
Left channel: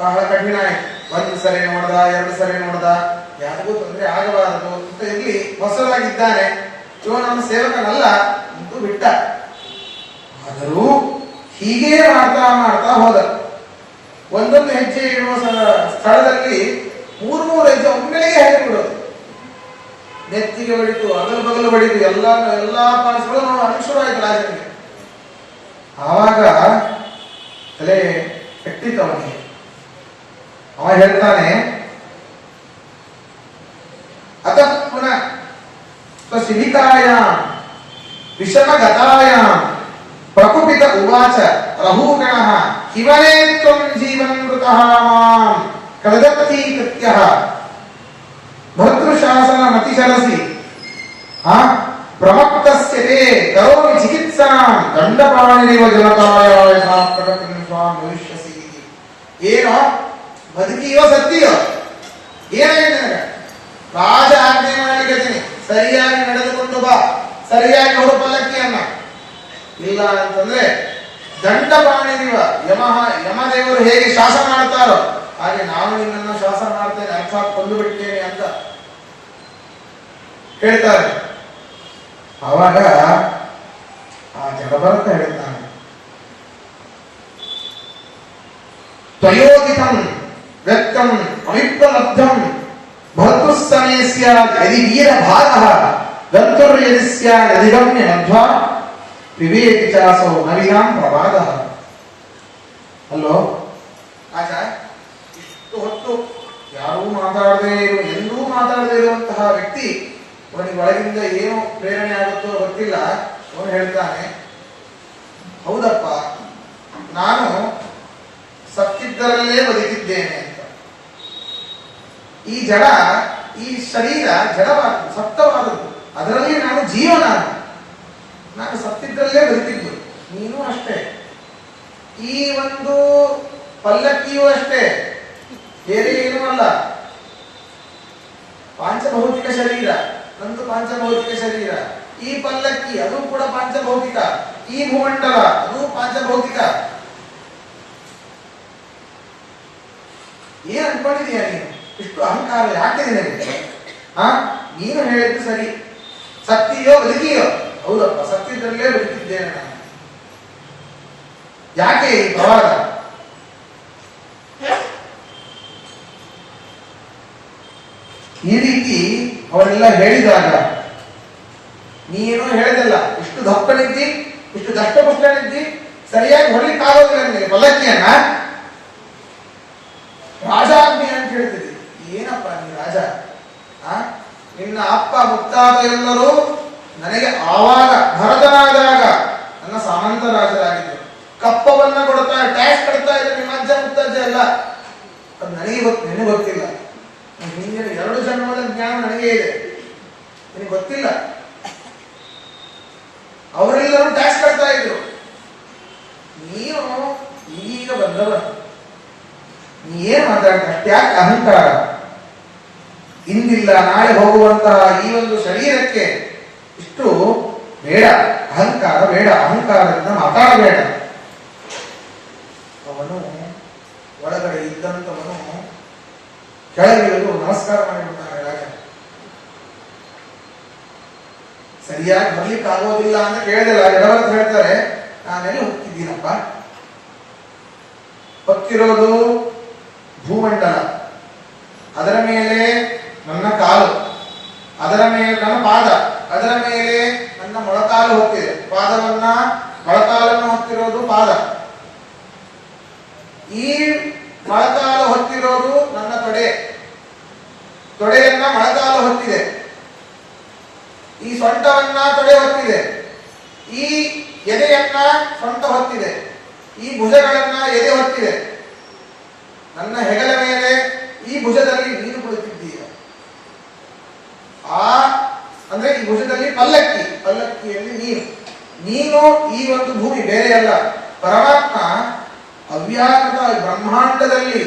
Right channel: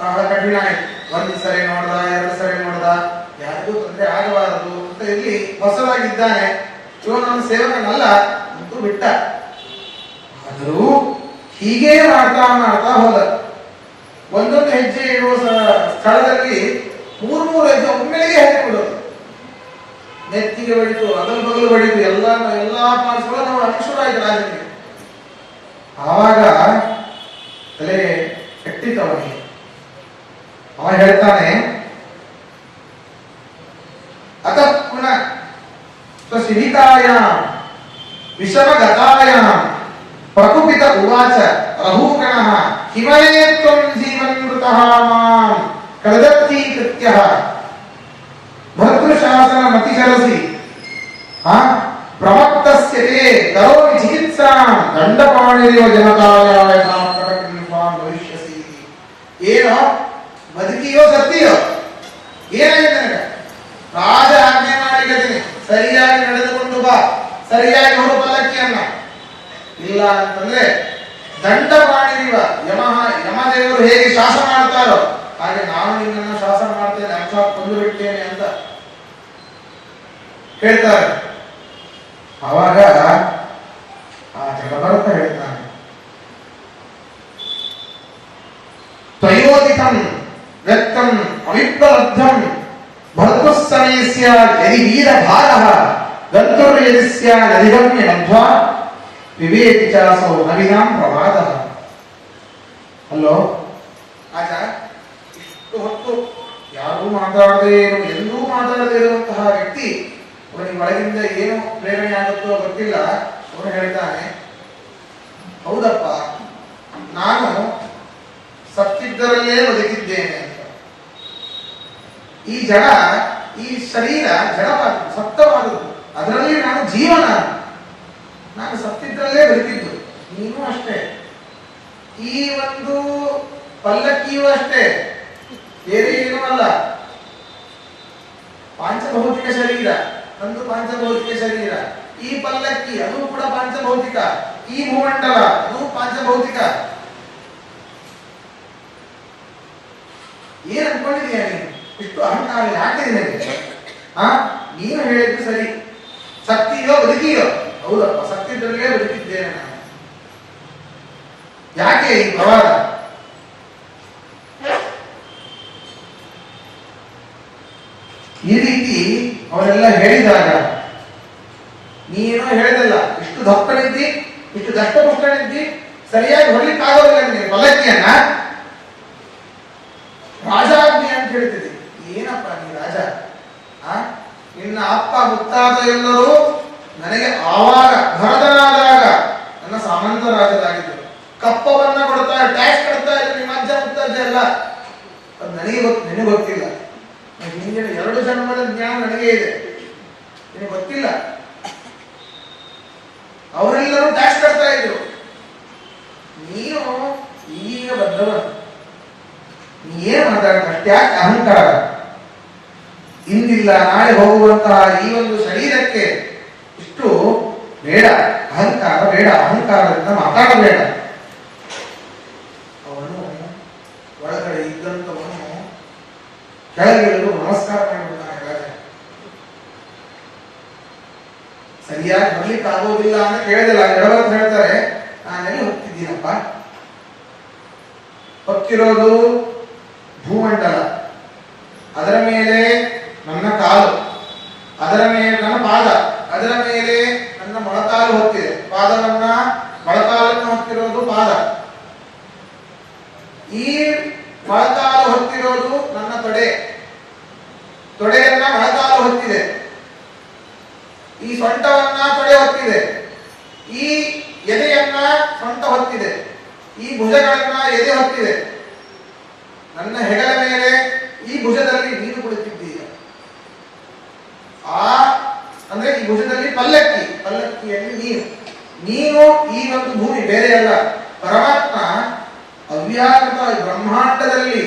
ಬಹಳ ಕಠಿಣ ಆಯ್ತು. ಒಂದು ಸರಿ ನೋಡ್ದ, ಎರಡು ಸರಿ ನೋಡ್ದ, ಯಾರಿಗೂ ತೊಂದರೆ ಆಗಬಾರದು ಅಂತ ಇಲ್ಲಿ ಹೊಸದಾಗಿದ್ದಾನೆ, ಇವ ನನ್ನ ಸೇವಕನಲ್ಲ ಅಂತೂ ಬಿಟ್ಟ. ಆದರೂ ಹೀಗೇ ಮಾಡ್ತಾ ಮಾಡ್ತಾ ಹೋದ. ಒಂದೊಂದು ಹೆಜ್ಜೆ ಇಡುವ ಸ್ಥಳದಲ್ಲಿ ಮೂರು ಹೆಜ್ಜೆ ಒಮ್ಮೆಲೆಗೆ ಹಾಕಿಬಿಡೋದು. ನೆತ್ತಿಗೆ ಹೊಡಿತು, ಅಗಲು ಬಗಲು ಹೊಡಿತು, ಎಲ್ಲಾ ಪಾರ್ಟ್ಸ್ಗಳು ಅನುಶೂರ ಆಯ್ತು ರಾಜನಿಗೆ. ಆವಾಗ ತಲೆ ಕೆಟ್ಟಿತ್ತು ಅವನಿಗೆ. ಅವ ಹೇಳ್ತಾನೆ, ಅತ ಪುನಃ ಸ್ವಶಿಬಿತಾಯ ವಿಷಮಗತಾಯ ಪ್ರಕುಪಿತ ಉವಾಚ ಅಹೂಗಣಃ ಹಿಮಯೇ ತ್ವಂ ಜೀವನ್ಮೃತಃ ಮಾಂ ಕದತ್ತೀಕೃತ್ಯಃ ಭರ್ತೃಶಾಸನ ಮತಿಶರಸಿ ಪ್ರವಕ್ತಸ್ಯ ತೇ ಕರೋಮಿ ಚಿಕಿತ್ಸಾಂ ದಂಡಪಾಣಿರಿವ ಜನತಾಯ ಸ್ವಾಂ ಭವಿಷ್ಯಸಿ. ಏನೋ ಬದುಕಿಯೋ ಸತ್ತಿಯೋ ಏನಾಗಿದೆ ನನಗೆ? ರಾಜ ಆಜ್ಞೆ ಮಾಡಿದ್ದೀನಿ, ಸರಿಯಾಗಿ ನಡೆದುಕೊಂಡು ಬಾ, ಸರಿಯಾಗಿ ಹೊರ ಪಲ್ಲಕ್ಕಿಯನ್ನ. ಇಲ್ಲ ಅಂತಂದ್ರೆ ದಂಡಪಾಣಿರಿವ ಯಮದೇವರು ಹೇಗೆ ಶಾಸನ ಮಾಡ್ತಾರೋ ಹಾಗೆ ನಾನು ನಿನ್ನನ್ನು ಶಾಸನ ಮಾಡ್ತೇನೆ, ಅರ್ಥಾತ್ ಕೊಂದು ಬಿಡ್ತೇನೆ ಅಂತ ಹೇಳ್ತಾರೆ. ಆವಾಗ ಆ ಜಗಭರತ ಹೇಳ್ತಾನೆ, ತ್ವಯೋದಿತಂ ವ್ಯಕ್ತಂ ಅವಿಪ್ರಲಬ್ಧಂ ಭರ್ತುಸ್ತನೇ ಸ್ಯಾದ್ ಯದಿ ವೀರಭಾಗಃ ಗಂತುರ್ಯದಿ ಸ್ಯಾದ್ ಅಧಿಗಮ್ಯ ಮಧ್ವಾ ವಿವೇಕಿ ಚಾಸೋ ನವಿದಾಂ ಪ್ರವಾದಃ. ಅಲ್ಲೋ ಆಚ, ಇಷ್ಟು ಹೊತ್ತು ಯಾರೂ ಮಾತಾಡದೆ, ಎಂದೂ ಮಾತಾಡದೇ ಇರುವಂತಹ ವ್ಯಕ್ತಿ ಅವನಿಗೆ ಒಳಗಿಂದ ಏನು ಪ್ರೇರಣೆ ಆಗುತ್ತೋ ಗೊತ್ತಿಲ್ಲ. ಅವನು ಹೇಳ್ತಾನೆ, ಹೌದಪ್ಪ, ನಾನು ಸತ್ತಿದ್ದರಲ್ಲೇ ಬದುಕಿದ್ದೇನೆ ಅಂತ. ಈ ಜಡ, ಈ ಶರೀರ ಜಡವಾದದ್ದು, ಸಪ್ತವಾದದ್ದು, ಅದರಲ್ಲಿ ನಾನು ಜೀವನ, ನಾನು ಸತ್ತಿದ್ದರಲ್ಲೇ ಬದುಕಿದ್ದು. ನೀನು ಅಷ್ಟೇ, ಈ ಒಂದು ಪಲ್ಲಕ್ಕಿಯೂ ಅಷ್ಟೇ, ಬೇರೆ ಏನೂ ಅಲ್ಲ. ಪಾಂಚಭೌತಿಕ ಶರೀರ, ನಂದು ಪಾಂಚಭೌತಿಕ ಶರೀರ. ಈ ಪಲ್ಲಕ್ಕಿ ಅದು ಕೂಡ ಪಾಂಚಭೌತಿಕ, ಈ ಭೂಮಂಡಲ ಅದು ಪಾಂಚಭೌತಿಕ. ಏನ್ ಅನ್ಕೊಂಡಿದೀಯ ನೀನು? ಇಷ್ಟು ಅಹಂಕಾರ ಯಾಕೆ ನಿನಗೆ? ನೀನು ಹೇಳಿದ್ದು ಸರಿ, ಸತ್ತಿಯೋ ಬದುಕಿಯೋ? ಹೌದಪ್ಪ, ಸತ್ತಿದ್ದರಲ್ಲೇ ಬದುಕಿದ್ದೇನೆ ನಾನು. ಯಾಕೆ ಈ ಪ್ರವಾದ? ಈ ರೀತಿ ಅವರೆಲ್ಲ ಹೇಳಿದಾಗ ನೀನೇನೋ ಹೇಳಿದಲ್ಲ, ಇಷ್ಟು ದಪ್ಪನಿದ್ದಿ, ಇಷ್ಟು ದಷ್ಟಪುಷ್ಟನಿದ್ದಿ, ಸರಿಯಾಗಿ ಹೊರಲಿಕ್ಕೆ ಆಗೋದಿಲ್ಲ ನಿನಗೆ ಪಲ್ಲಕ್ಕಿಯನ್ನ. ರಾಜಾಜ್ಞೆ ಅಂತ ಹೇಳ್ತೀರಿ. ಏನಪ್ಪ ನೀ ರಾಜ? ನಿನ್ನ ಅಪ್ಪ ಮುತ್ತಾದ ಎಲ್ಲರೂ ನನಗೆ ಆವಾಗ ಭರತನಾದಾಗ ನನ್ನ ಸಾಮಂತ ರಾಜರಾಗಿದ್ದರು. ಕಪ್ಪವನ್ನ ಕೊಡ್ತಾ, ಟ್ಯಾಕ್ಸ್ ಕೊಡ್ತಾ ಇದ್ರು ನಿಮ್ಮ ಅಜ್ಜ ಮುತ್ತಜ್ಜ ಎಲ್ಲ. ಅದು ನನಗೆ ನಿನಗೆ ಗೊತ್ತಿಲ್ಲ. ಹಿಂದಿನ 2 ಜನ್ಮದ ಜ್ಞಾನ ನನಗೆ ಇದೆ, ನಿನಗೆ ಗೊತ್ತಿಲ್ಲ. ಅವರೆಲ್ಲರೂ ಟ್ಯಾಕ್ಸ್ ಕಟ್ತಾ ಇದ್ರು, ನೀನು ಈಗ ಬಂದವ. ನೀ ಏನ್ ಮಾತಾಡ್ತ? ಯಾಕೆ ಅಹಂಕಾರ? ಇಂದಿಲ್ಲ ನಾಳೆ ಹೋಗುವಂತಹ ಈ ಒಂದು ಶರೀರಕ್ಕೆ ಇಷ್ಟು ಬೇಡ, ಅಹಂಕಾರ ಬೇಡ, ಅಹಂಕಾರದಿಂದ ಮಾತಾಡಬೇಡ. ಅವನು ಒಳಗಡೆ ಇದ್ದಂತವನು ಕೆಳಗಿಳಿದು ನಮಸ್ಕಾರ ಮಾಡಿಬಿಡ್ತಾನೆ. ರಾಜ ಸರಿಯಾಗಿ ಬರ್ಲಿಕ್ಕೆ ಆಗೋದಿಲ್ಲ ಅಂತ ಕೇಳಿದಿಲ್ಲ. ಜಡವರ್ತ ಹೇಳ್ತಾರೆ, ನಾನೆಲ್ಲ ಹೋಗ್ತಿದ್ದೀನಪ್ಪ, ಹೊತ್ತಿರೋದು ಭೂಮಂಡಲ, ಅದರ ಮೇಲೆ ನನ್ನ ಕಾಲು, ಅದರ ಮೇಲೆ ನನ್ನ ಪಾದ, ಅದರ ಮೇಲೆ ನನ್ನ ಮೊಳಕಾಲು ಹೊತ್ತಿದೆ. ಪಾದವನ್ನ ಮೊಳಕಾಲನ್ನು ಹೊತ್ತಿರೋದು ಪಾದ, ಈ ಮೊಳಕಾಲು ಹೊತ್ತಿರೋದು ನನ್ನ ತೊಡೆ, ತೊಡೆಯನ್ನ ಮೊಳಕಾಲು ಹೊತ್ತಿದೆ. ಈ ಸೊಂಟವನ್ನ ತೊಡೆ ಹೊತ್ತಿದೆ, ಈ ಎದೆಯನ್ನ ಸೊಂಟ ಹೊತ್ತಿದೆ, ಈ ಭುಜಗಳನ್ನ ಎದೆ ಹೊತ್ತಿದೆ. ನನ್ನ ಹೆಗಲ ಮೇಲೆ ಈ ಭುಜದಲ್ಲಿ ನೀನು ಕುಳಿತಿದ್ದೀಯ. ಅಂದ್ರೆ ಈ ಭುಜದಲ್ಲಿ ಪಲ್ಲಕ್ಕಿ, ಪಲ್ಲಕ್ಕಿಯಲ್ಲಿ ನೀನು. ನೀನು ಈ ಒಂದು ಭೂಮಿ ಬೇರೆ ಅಲ್ಲ. ಪರಮಾತ್ಮ ಅವ್ಯಾಕೃತ ಬ್ರಹ್ಮಾಂಡದಲ್ಲಿ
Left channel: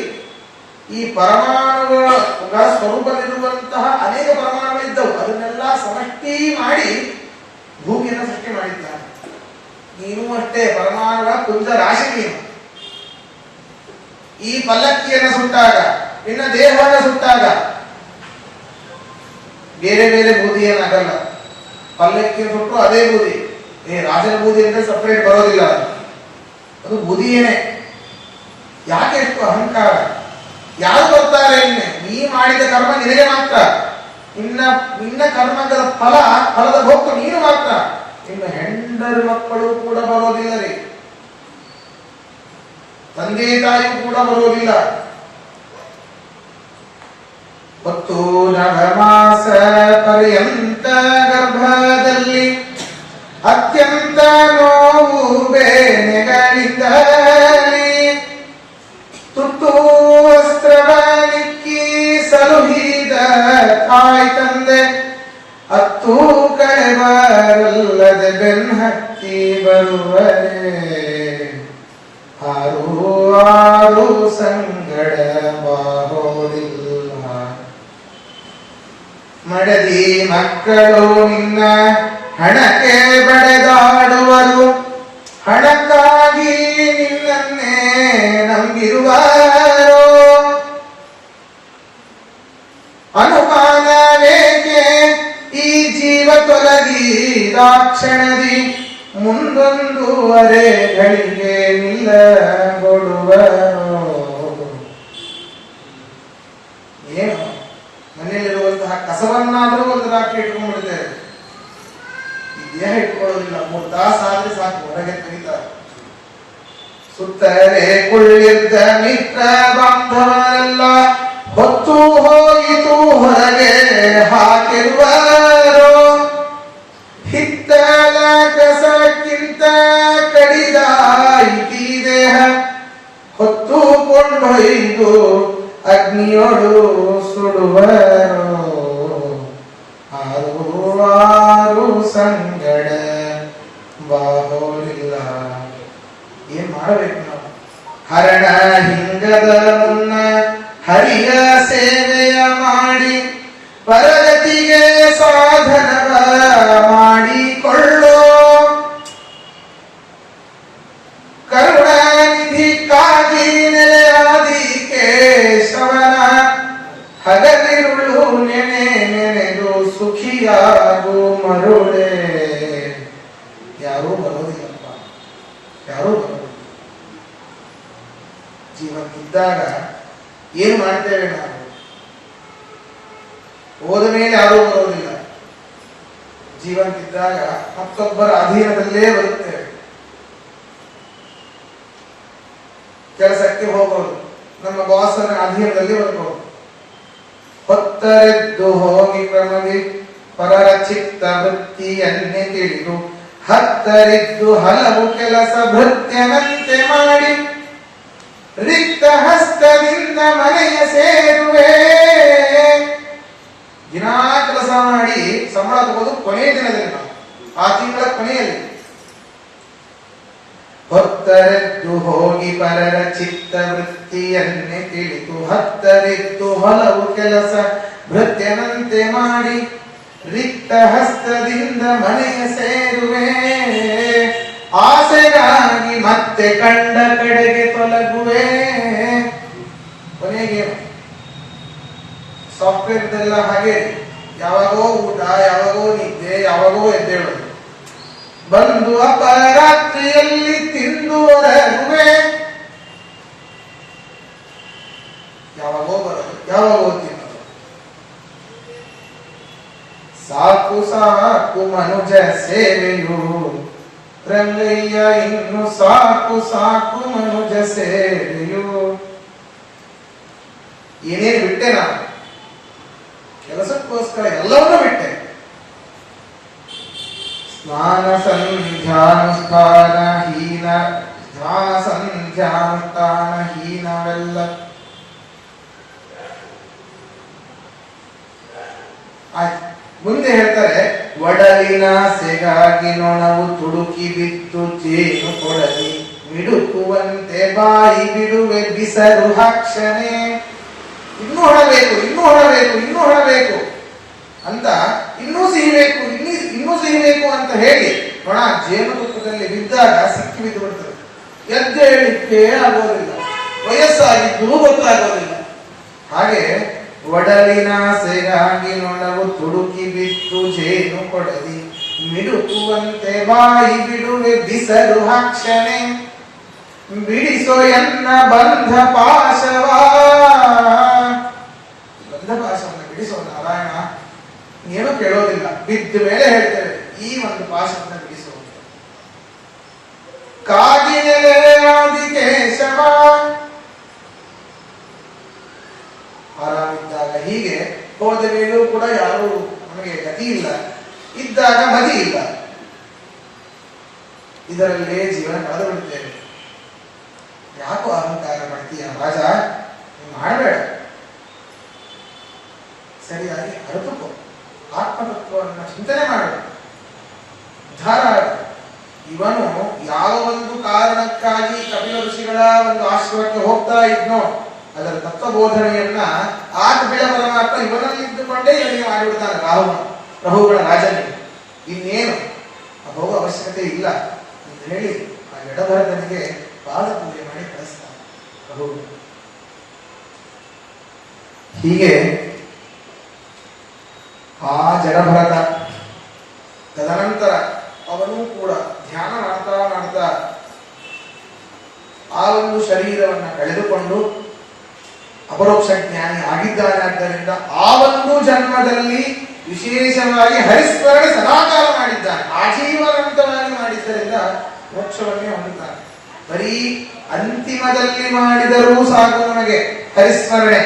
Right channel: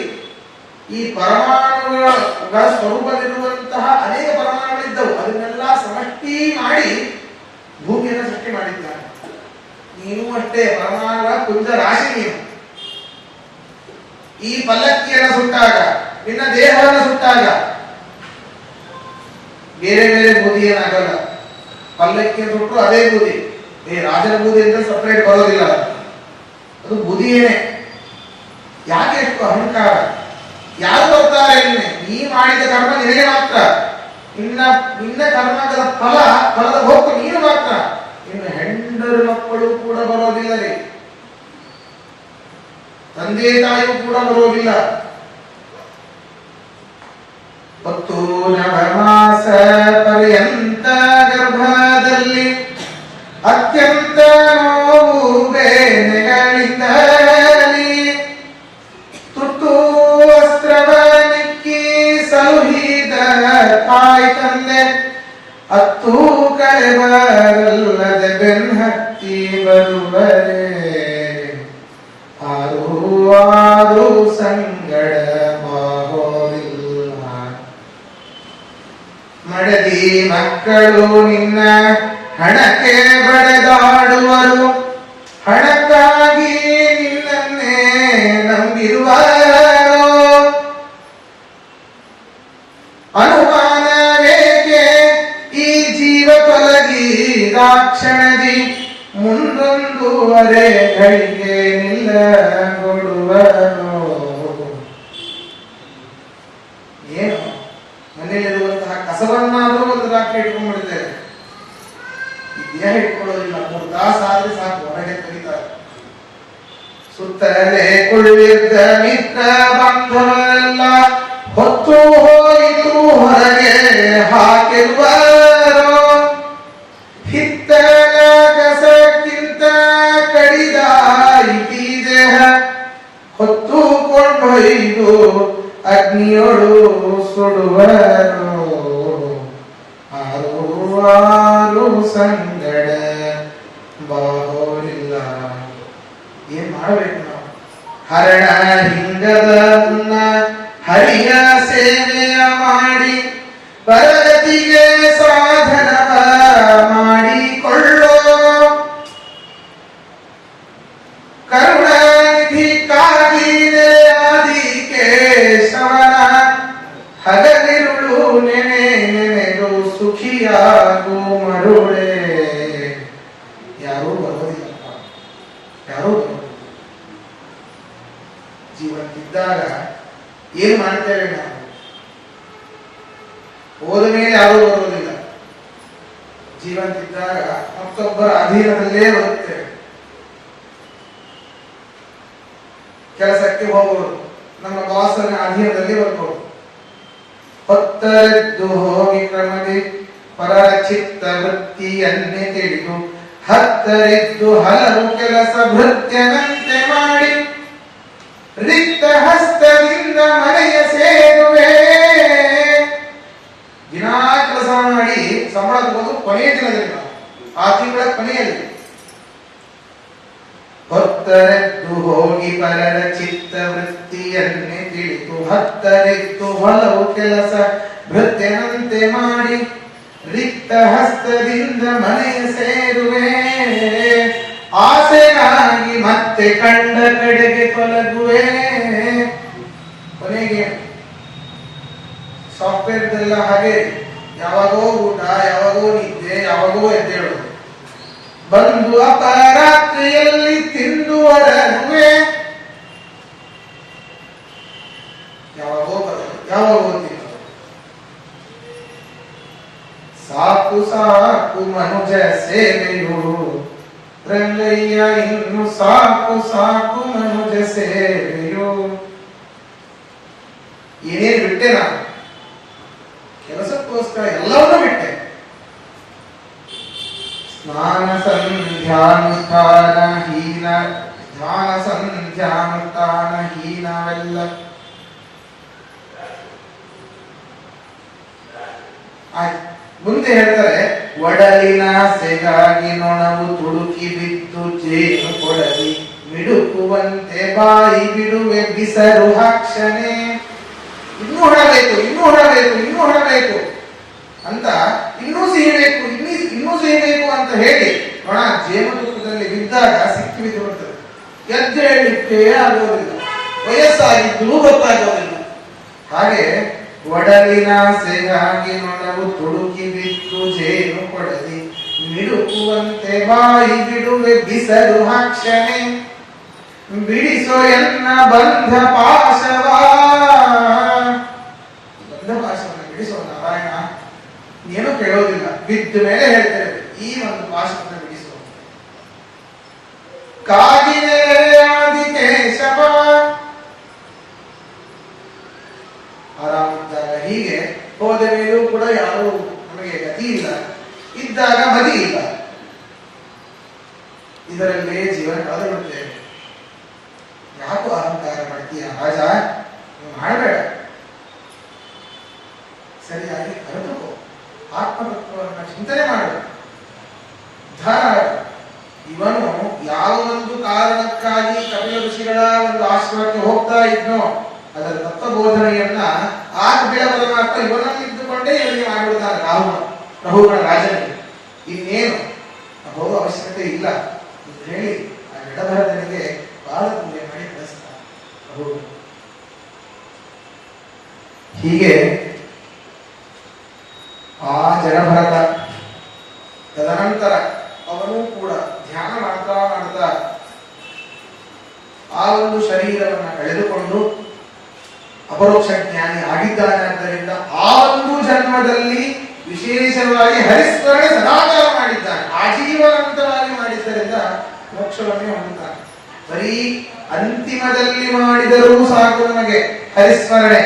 ಈ ಪರಮಾಣುಗಳ ಸ್ವರೂಪದಲ್ಲಿರುವಂತಹ ಅನೇಕ ಪರಮಾಣುಗಳಿದ್ದವು. ಅದನ್ನೆಲ್ಲ ಸಮಷ್ಟಿ ಮಾಡಿ ಭೂಮಿಯನ್ನು ಸೃಷ್ಟಿ ಮಾಡಿದ್ದಾನೆ. ನೀನು ಅಷ್ಟೇ ಪರಮಾಣುಗಳ ಪುಂಜ ರಾಶಿ ನೀನು. ಈ ಪಲ್ಲಕ್ಕಿಯನ್ನು ಸುಟ್ಟಾಗ, ನಿನ್ನ ದೇಹವನ್ನು ಸುಟ್ಟಾಗ ಬೇರೆ ಬೇರೆ ಬೂದಿ ಏನಾಗಲ್ಲ. ಪಲ್ಲಕ್ಕಿಯನ್ನು ಸುಟ್ಟರು ಅದೇ ಬೂದಿ. ರಾಜನ ಬೂದಿ ಅಂದ್ರೆ ಸಪರೇಟ್ ಬರೋದಿಲ್ಲ, ಅದು ಬೂದಿಯೇನೆ. ಯಾಕೆ ಎಷ್ಟು ಅಹಂಕಾರ? ಯಾರು ಬರ್ತಾರೆ? ನೀ ಮಾಡಿದ ಕರ್ಮ ನಿನಗೆ ಮಾತ್ರ. ನಿನ್ನ ಕರ್ಮದ ಫಲದ ಭೋಕ್ತ ನೀನು ಮಾತ್ರ. ಇನ್ನು ಹೆಂಡರು ಮಕ್ಕಳು ಕೂಡ ಬರೋದಿಲ್ಲ ರೀ, ತಂದೆ ತಾಯಿಯೂ ಕೂಡ ಬರೋದಿಲ್ಲ. 10 ನವಮಾಸ ಪರ್ಯಂತ ಗರ್ಭದಲ್ಲಿ ಅತ್ಯಂತ ನೋವು ಬೇನೆಗಳಿಂದಲಿ ತುತ್ತು ವಸ್ತ್ರವನಿಕ್ಕಿ ಸಲುಹಿದ ತಾಯಿ ತಂದೆ ಅತ್ತು ಕಳೆವರಲ್ಲದ ಬೆನ್ಹತ್ತಿ ಬರುವರೆ ಆರು ಸಂಗಡ ಬಾಗೋದಿಲ್ಲ. ಮಡದಿ ಮಕ್ಕಳು ನಿನ್ನ ಹಣಕ್ಕೆ ಬಡೆದಾಡುವರು, ಹಣಕ್ಕಾಗಿ ನಿನ್ನನ್ನೇ ನಂಬಿರುವರು. ಅನುಮಾನವೇಕೆ ಈ ಜೀವ ತೊಲಗಿ ರಾಕ್ಷಣದಿ ಮುಂದೊಂದುವರೆ ಗಳಿಗೆ ನಿಲ್ಲಗೊಡುವರು. ಏನು ಮನೆಯಲ್ಲಿರುವಂತಹ ಕಸವನ್ನಾದರೂ ಒಂದು ರಾತ್ರಿ ಇಟ್ಕೊಂಡ್ಬಿಡ್ತೇವೆ, ಈ ದೇಹ ಇಟ್ಕೊಳ್ಳೋದಿಲ್ಲ. 3 ತಾಸು ಆದ್ರೆ ಸಾಕು, ಹೊರಗೆ ತೆಗಿತಾರೆ. ಸುತ್ತಲೇ ಕುಳ್ಳಿದ್ದ ಮಿತ್ರ ಬಾಂಧವರೆಲ್ಲ ಹೊತ್ತು ಹೋಯಿತು ಹೊರಗೆ ಹಾಕಿರುವರು. ಹಿತ್ತಲ ಕಸಕ್ಕಿಂತ ಕಡಿದಾಯಿತಿ ದೇಹ ಹೊತ್ತು ಕೊಂಡೊಯ್ದು ಅಗ್ನಿಯೊಳು ಸುಡುವರು. ಆರು ಸಂಗಡ ಬಾಹೋಲಿಲ್ಲ. ಏನ್ ಮಾಡಬೇಕು ನಾವು? ಹರಣ ಹಿಂಗದ ಹರಿಯ ಸೇವೆಯ ಮಾಡಿ ಪರಗತಿಗೆ ಸಾಧನವ ಮಾಡಿಕೊಳ್ಳೋ. ಕರುಣಾನಿಧಿಕ್ಕಾಗಿ ನೆಲೆಯಾದಿ ಕೇಶವನ ಹಗಲಿರುಳು ನೆನೆದು ಸುಖಿಯಾಗು ಮರುಳೆ. ಯಾರೂ ಬರೋದಿಲ್ಲ, ಯಾರೂ ಬರೋದಿಲ್ಲ. ಜೀವಂತಿದ್ದಾಗ ಏನ್ ಮಾಡ್ತೇವೆ ನಾವು? ಹೋದ ಮೇಲೆ ಯಾರೂ ಬರೋದಿಲ್ಲ. ಜೀವಂತಿದ್ದಾಗ ಮತ್ತೊಬ್ಬರ ಅಧೀನದಲ್ಲೇ ಬರುತ್ತೇವೆ. ಕೆಲಸಕ್ಕೆ ಹೋಗೋದು, ನಮ್ಮ ಬಾಸನ ಅಧೀನದಲ್ಲಿ ಬರ್ಬೋದು. ಹೊತ್ತರೆದ್ದು ಹೋಗಿ ಕ್ರಮದಿ ಪರರ ಚಿತ್ತ ವೃತ್ತಿಯನ್ನೇ ತಿಳಿದು ಹತ್ತರಿದ್ದು ಹಲವು ಕೆಲಸ ಭೃತ್ಯನಂತೆ ಮಾಡಿ ರಿಕ್ತ ಹಸ್ತದಿಂದ ಮನೆಯ ಸೇರುವೆ. ದಿನಾ ಕೆಲಸ ಮಾಡಿ ಸಂಬಳ ತಗೋದು ಕೊನೆಯ ದಿನದಲ್ಲಿ, ಆ ತಿಂಗಳ ಕೊನೆಯಲ್ಲಿ. ಹೊತ್ತರೆದ್ದು ಹೋಗಿ ಪರರ ಚಿತ್ತ ವೃತ್ತಿಯನ್ನೇ ತಿಳಿದು ಹತ್ತರಿದ್ದು ಹಲವು ಕೆಲಸ ಭೃತ್ಯನಂತೆ ಮಾಡಿ ರಿಕ್ತ ಹಸ್ತದಿಂದ ಮನೆಯ ಸೇರುವೆ. ಆಸೆಗಾಗಿ ಮತ್ತೆ ಕಂಡ ಕಡೆಗೆ ತೊಲಗುವೆ. ಕೊನೆಗೆ ಸಾಫ್ಟ್ವೇರ್ದೆಲ್ಲ ಹಾಗೆ, ಯಾವಾಗೋ ಊಟ, ಯಾವಾಗೋ ನಿದ್ದೆ, ಯಾವಾಗೋ ಎದ್ದೇಳೋದು. ಬಂದು ಅಪರಾತ್ರಿಯಲ್ಲಿ ತಿಂದು ಹೊರಗುವೆ. ಯಾವಾಗೋ ಬರೋದು, ಯಾವಾಗೋ ತಿನ್ನೋದು. ಸಾಕು ಸಾಕು ಮನುಜ ಸೇವೆಯು ರಂಗಯ್ಯ, ಇನ್ನು ಸಾಕು ಸಾಕು ಮನುಜ ಸೇವೆಯು. ಏನೇನು ಬಿಟ್ಟೆ ನಾನು? ಕೆಲಸಕ್ಕೋಸ್ಕರ ಎಲ್ಲವನ್ನೂ ಬಿಟ್ಟೆ. ಸ್ನಾನ ಸಂಧ್ಯಾನುಷ್ಠಾನ ಹೀನ, ಧ್ಯಾನ ಸಂಧ್ಯಾನುಷ್ಠಾನ ಹೀನವೆಲ್ಲ. ಆಯ್ತು. ಮುಂದೆ ಹೇಳ್ತಾರೆ, ಒಡಲಿನ ಸೆಗಾಗಿ ನೊಣವು ತುಳುಕಿ ಬಿದ್ದು ಜೇನು ಕೊಡಲಿ ಮಿಡುಕುವಂತೆ ಬಾಯಿ ಬಿಡುವೆ ಬಿಸರು ಹಾಕ್ಷಣೆ. ಇನ್ನೂ ಹೊರಬೇಕು, ಇನ್ನೂ ಹೊರಬೇಕು, ಇನ್ನೂ ಹೊರಬೇಕು ಅಂತ, ಇನ್ನೂ ಸಿಹಿಬೇಕು, ಇನ್ನೂ ಸಿಹಿಬೇಕು ಅಂತ ಹೇಳಿ ನೊಣ ಜೇನುತುಪ್ಪದಲ್ಲಿ ಬಿದ್ದಾಗ ಸಿಕ್ಕಿ ಬಿದ್ದು ಬಿಡ್ತದೆ. ಎದ್ದೇಳಿಕ್ಕೆ ಆಗೋದಿಲ್ಲ, ವಯಸ್ಸಾಗಿದ್ದು ಗೊತ್ತಾಗೋದಿಲ್ಲ. ಹಾಗೆ ಒಡಲಿನ ಸೆಗಾಗಿ ನೊಣವು ತುಳುಕಿ ಬಿದ್ದು ಜೇನು ಕೊಡಲಿ ಮಿಡುಕುವಂತೆ ಬಾಯಿ ಬಿಡುವೆ ಬಿಸರು ಹಾಕ್ಷಣೆ. ಬಿಡಿಸೋ ಎನ್ನ ಬಂಧ ಪಾಶವ, ಬಂಧ ಪಾಶವನ್ನು ಬಿಡಿಸೋ ನಾರಾಯಣ. ಏನೂ ಕೇಳೋದಿಲ್ಲ, ಬಿದ್ದ ಮೇಲೆ ಹೇಳ್ತೇವೆ ಈ ಒಂದು ಪಾಶವನ್ನು ಬಿಡಿಸೋ. ಕಾಗಿನೆಲೆ ಆದಿಕೇಶವ, ಆರಾಮಿದ್ದಾಗ ಹೀಗೆ ಹೋದ ಮೇಲೂ ಕೂಡ ಯಾರೂ ನಮಗೆ ಗತಿ ಇಲ್ಲ, ಇದ್ದಾಗ ಮದಿ ಇಲ್ಲ, ಇದರಲ್ಲೇ ಜೀವನ ಕಳೆದು ಬಿಡುತ್ತೇವೆ. ಯಾಕೋ ಅಹಂಕಾರ ಮಾಡ್ತೀಯ ರಾಜ, ನೀವು ಮಾಡಬೇಡ, ಸರಿಯಾಗಿ ಅರಿತುಕೋ, ಆತ್ಮತತ್ವವನ್ನು ಚಿಂತನೆ ಮಾಡು, ಉದ್ಧಾರ. ಇವನು ಯಾವ ಒಂದು ಕಾರಣಕ್ಕಾಗಿ ಕಪಿಲ ಋಷಿಗಳ ಒಂದು ಆಶ್ರಮಕ್ಕೆ ಹೋಗ್ತಾ ಇದ್ನೋ ಅದರ ತತ್ವಬೋಧನೆಯನ್ನ ಆ ಕಪಿಲ ಪರಮಾತ್ಮ ಇವನಲ್ಲಿ ಇದ್ದುಕೊಂಡೇ ಇವನಿಗೆ ಮಾಡಿಬಿಡ್ತಾನೆ. ರಹುಗಳ ರಾಜನಿಗೆ ಇನ್ನೇನು ಹೋಗುವ ಅವಶ್ಯಕತೆ ಇಲ್ಲ ಅಂತ ಹೇಳಿ ಆ ಎಡಭರತನಿಗೆ ಬಾಲ ಪೂಜೆ ಮಾಡಿ ಕಳಿಸ್ತಾನೆ ರಹು. ಹೀಗೆ ಆ ಜಡಭರತ ತದನಂತರ ಅವನು ಕೂಡ ಧ್ಯಾನ ಮಾಡ್ತಾ ಮಾಡ್ತಾ ಆ ಒಂದು ಶರೀರವನ್ನು ಕಳೆದುಕೊಂಡು ಅಪರೋಕ್ಷ ಜ್ಞಾನಿ ಆಗಿದ್ದಾನೆ. ಆದ್ದರಿಂದ ಆ ಒಂದು ಜನ್ಮದಲ್ಲಿ ವಿಶೇಷವಾಗಿ ಹರಿಸ್ಮರಣೆ ಸದಾಚಾರ ಮಾಡಿದ್ದಾನೆ, ಆಜೀವನಾಂತವಾಗಿ ಮಾಡಿದ್ದರಿಂದ ಮೋಕ್ಷವನ್ನೇ ಹೊಂದುತ್ತಾನೆ. ಬರೀ ಅಂತಿಮದಲ್ಲಿ ಮಾಡಿದರೂ ಸಾಕು ನಮಗೆ ಹರಿಸ್ಮರಣೆ,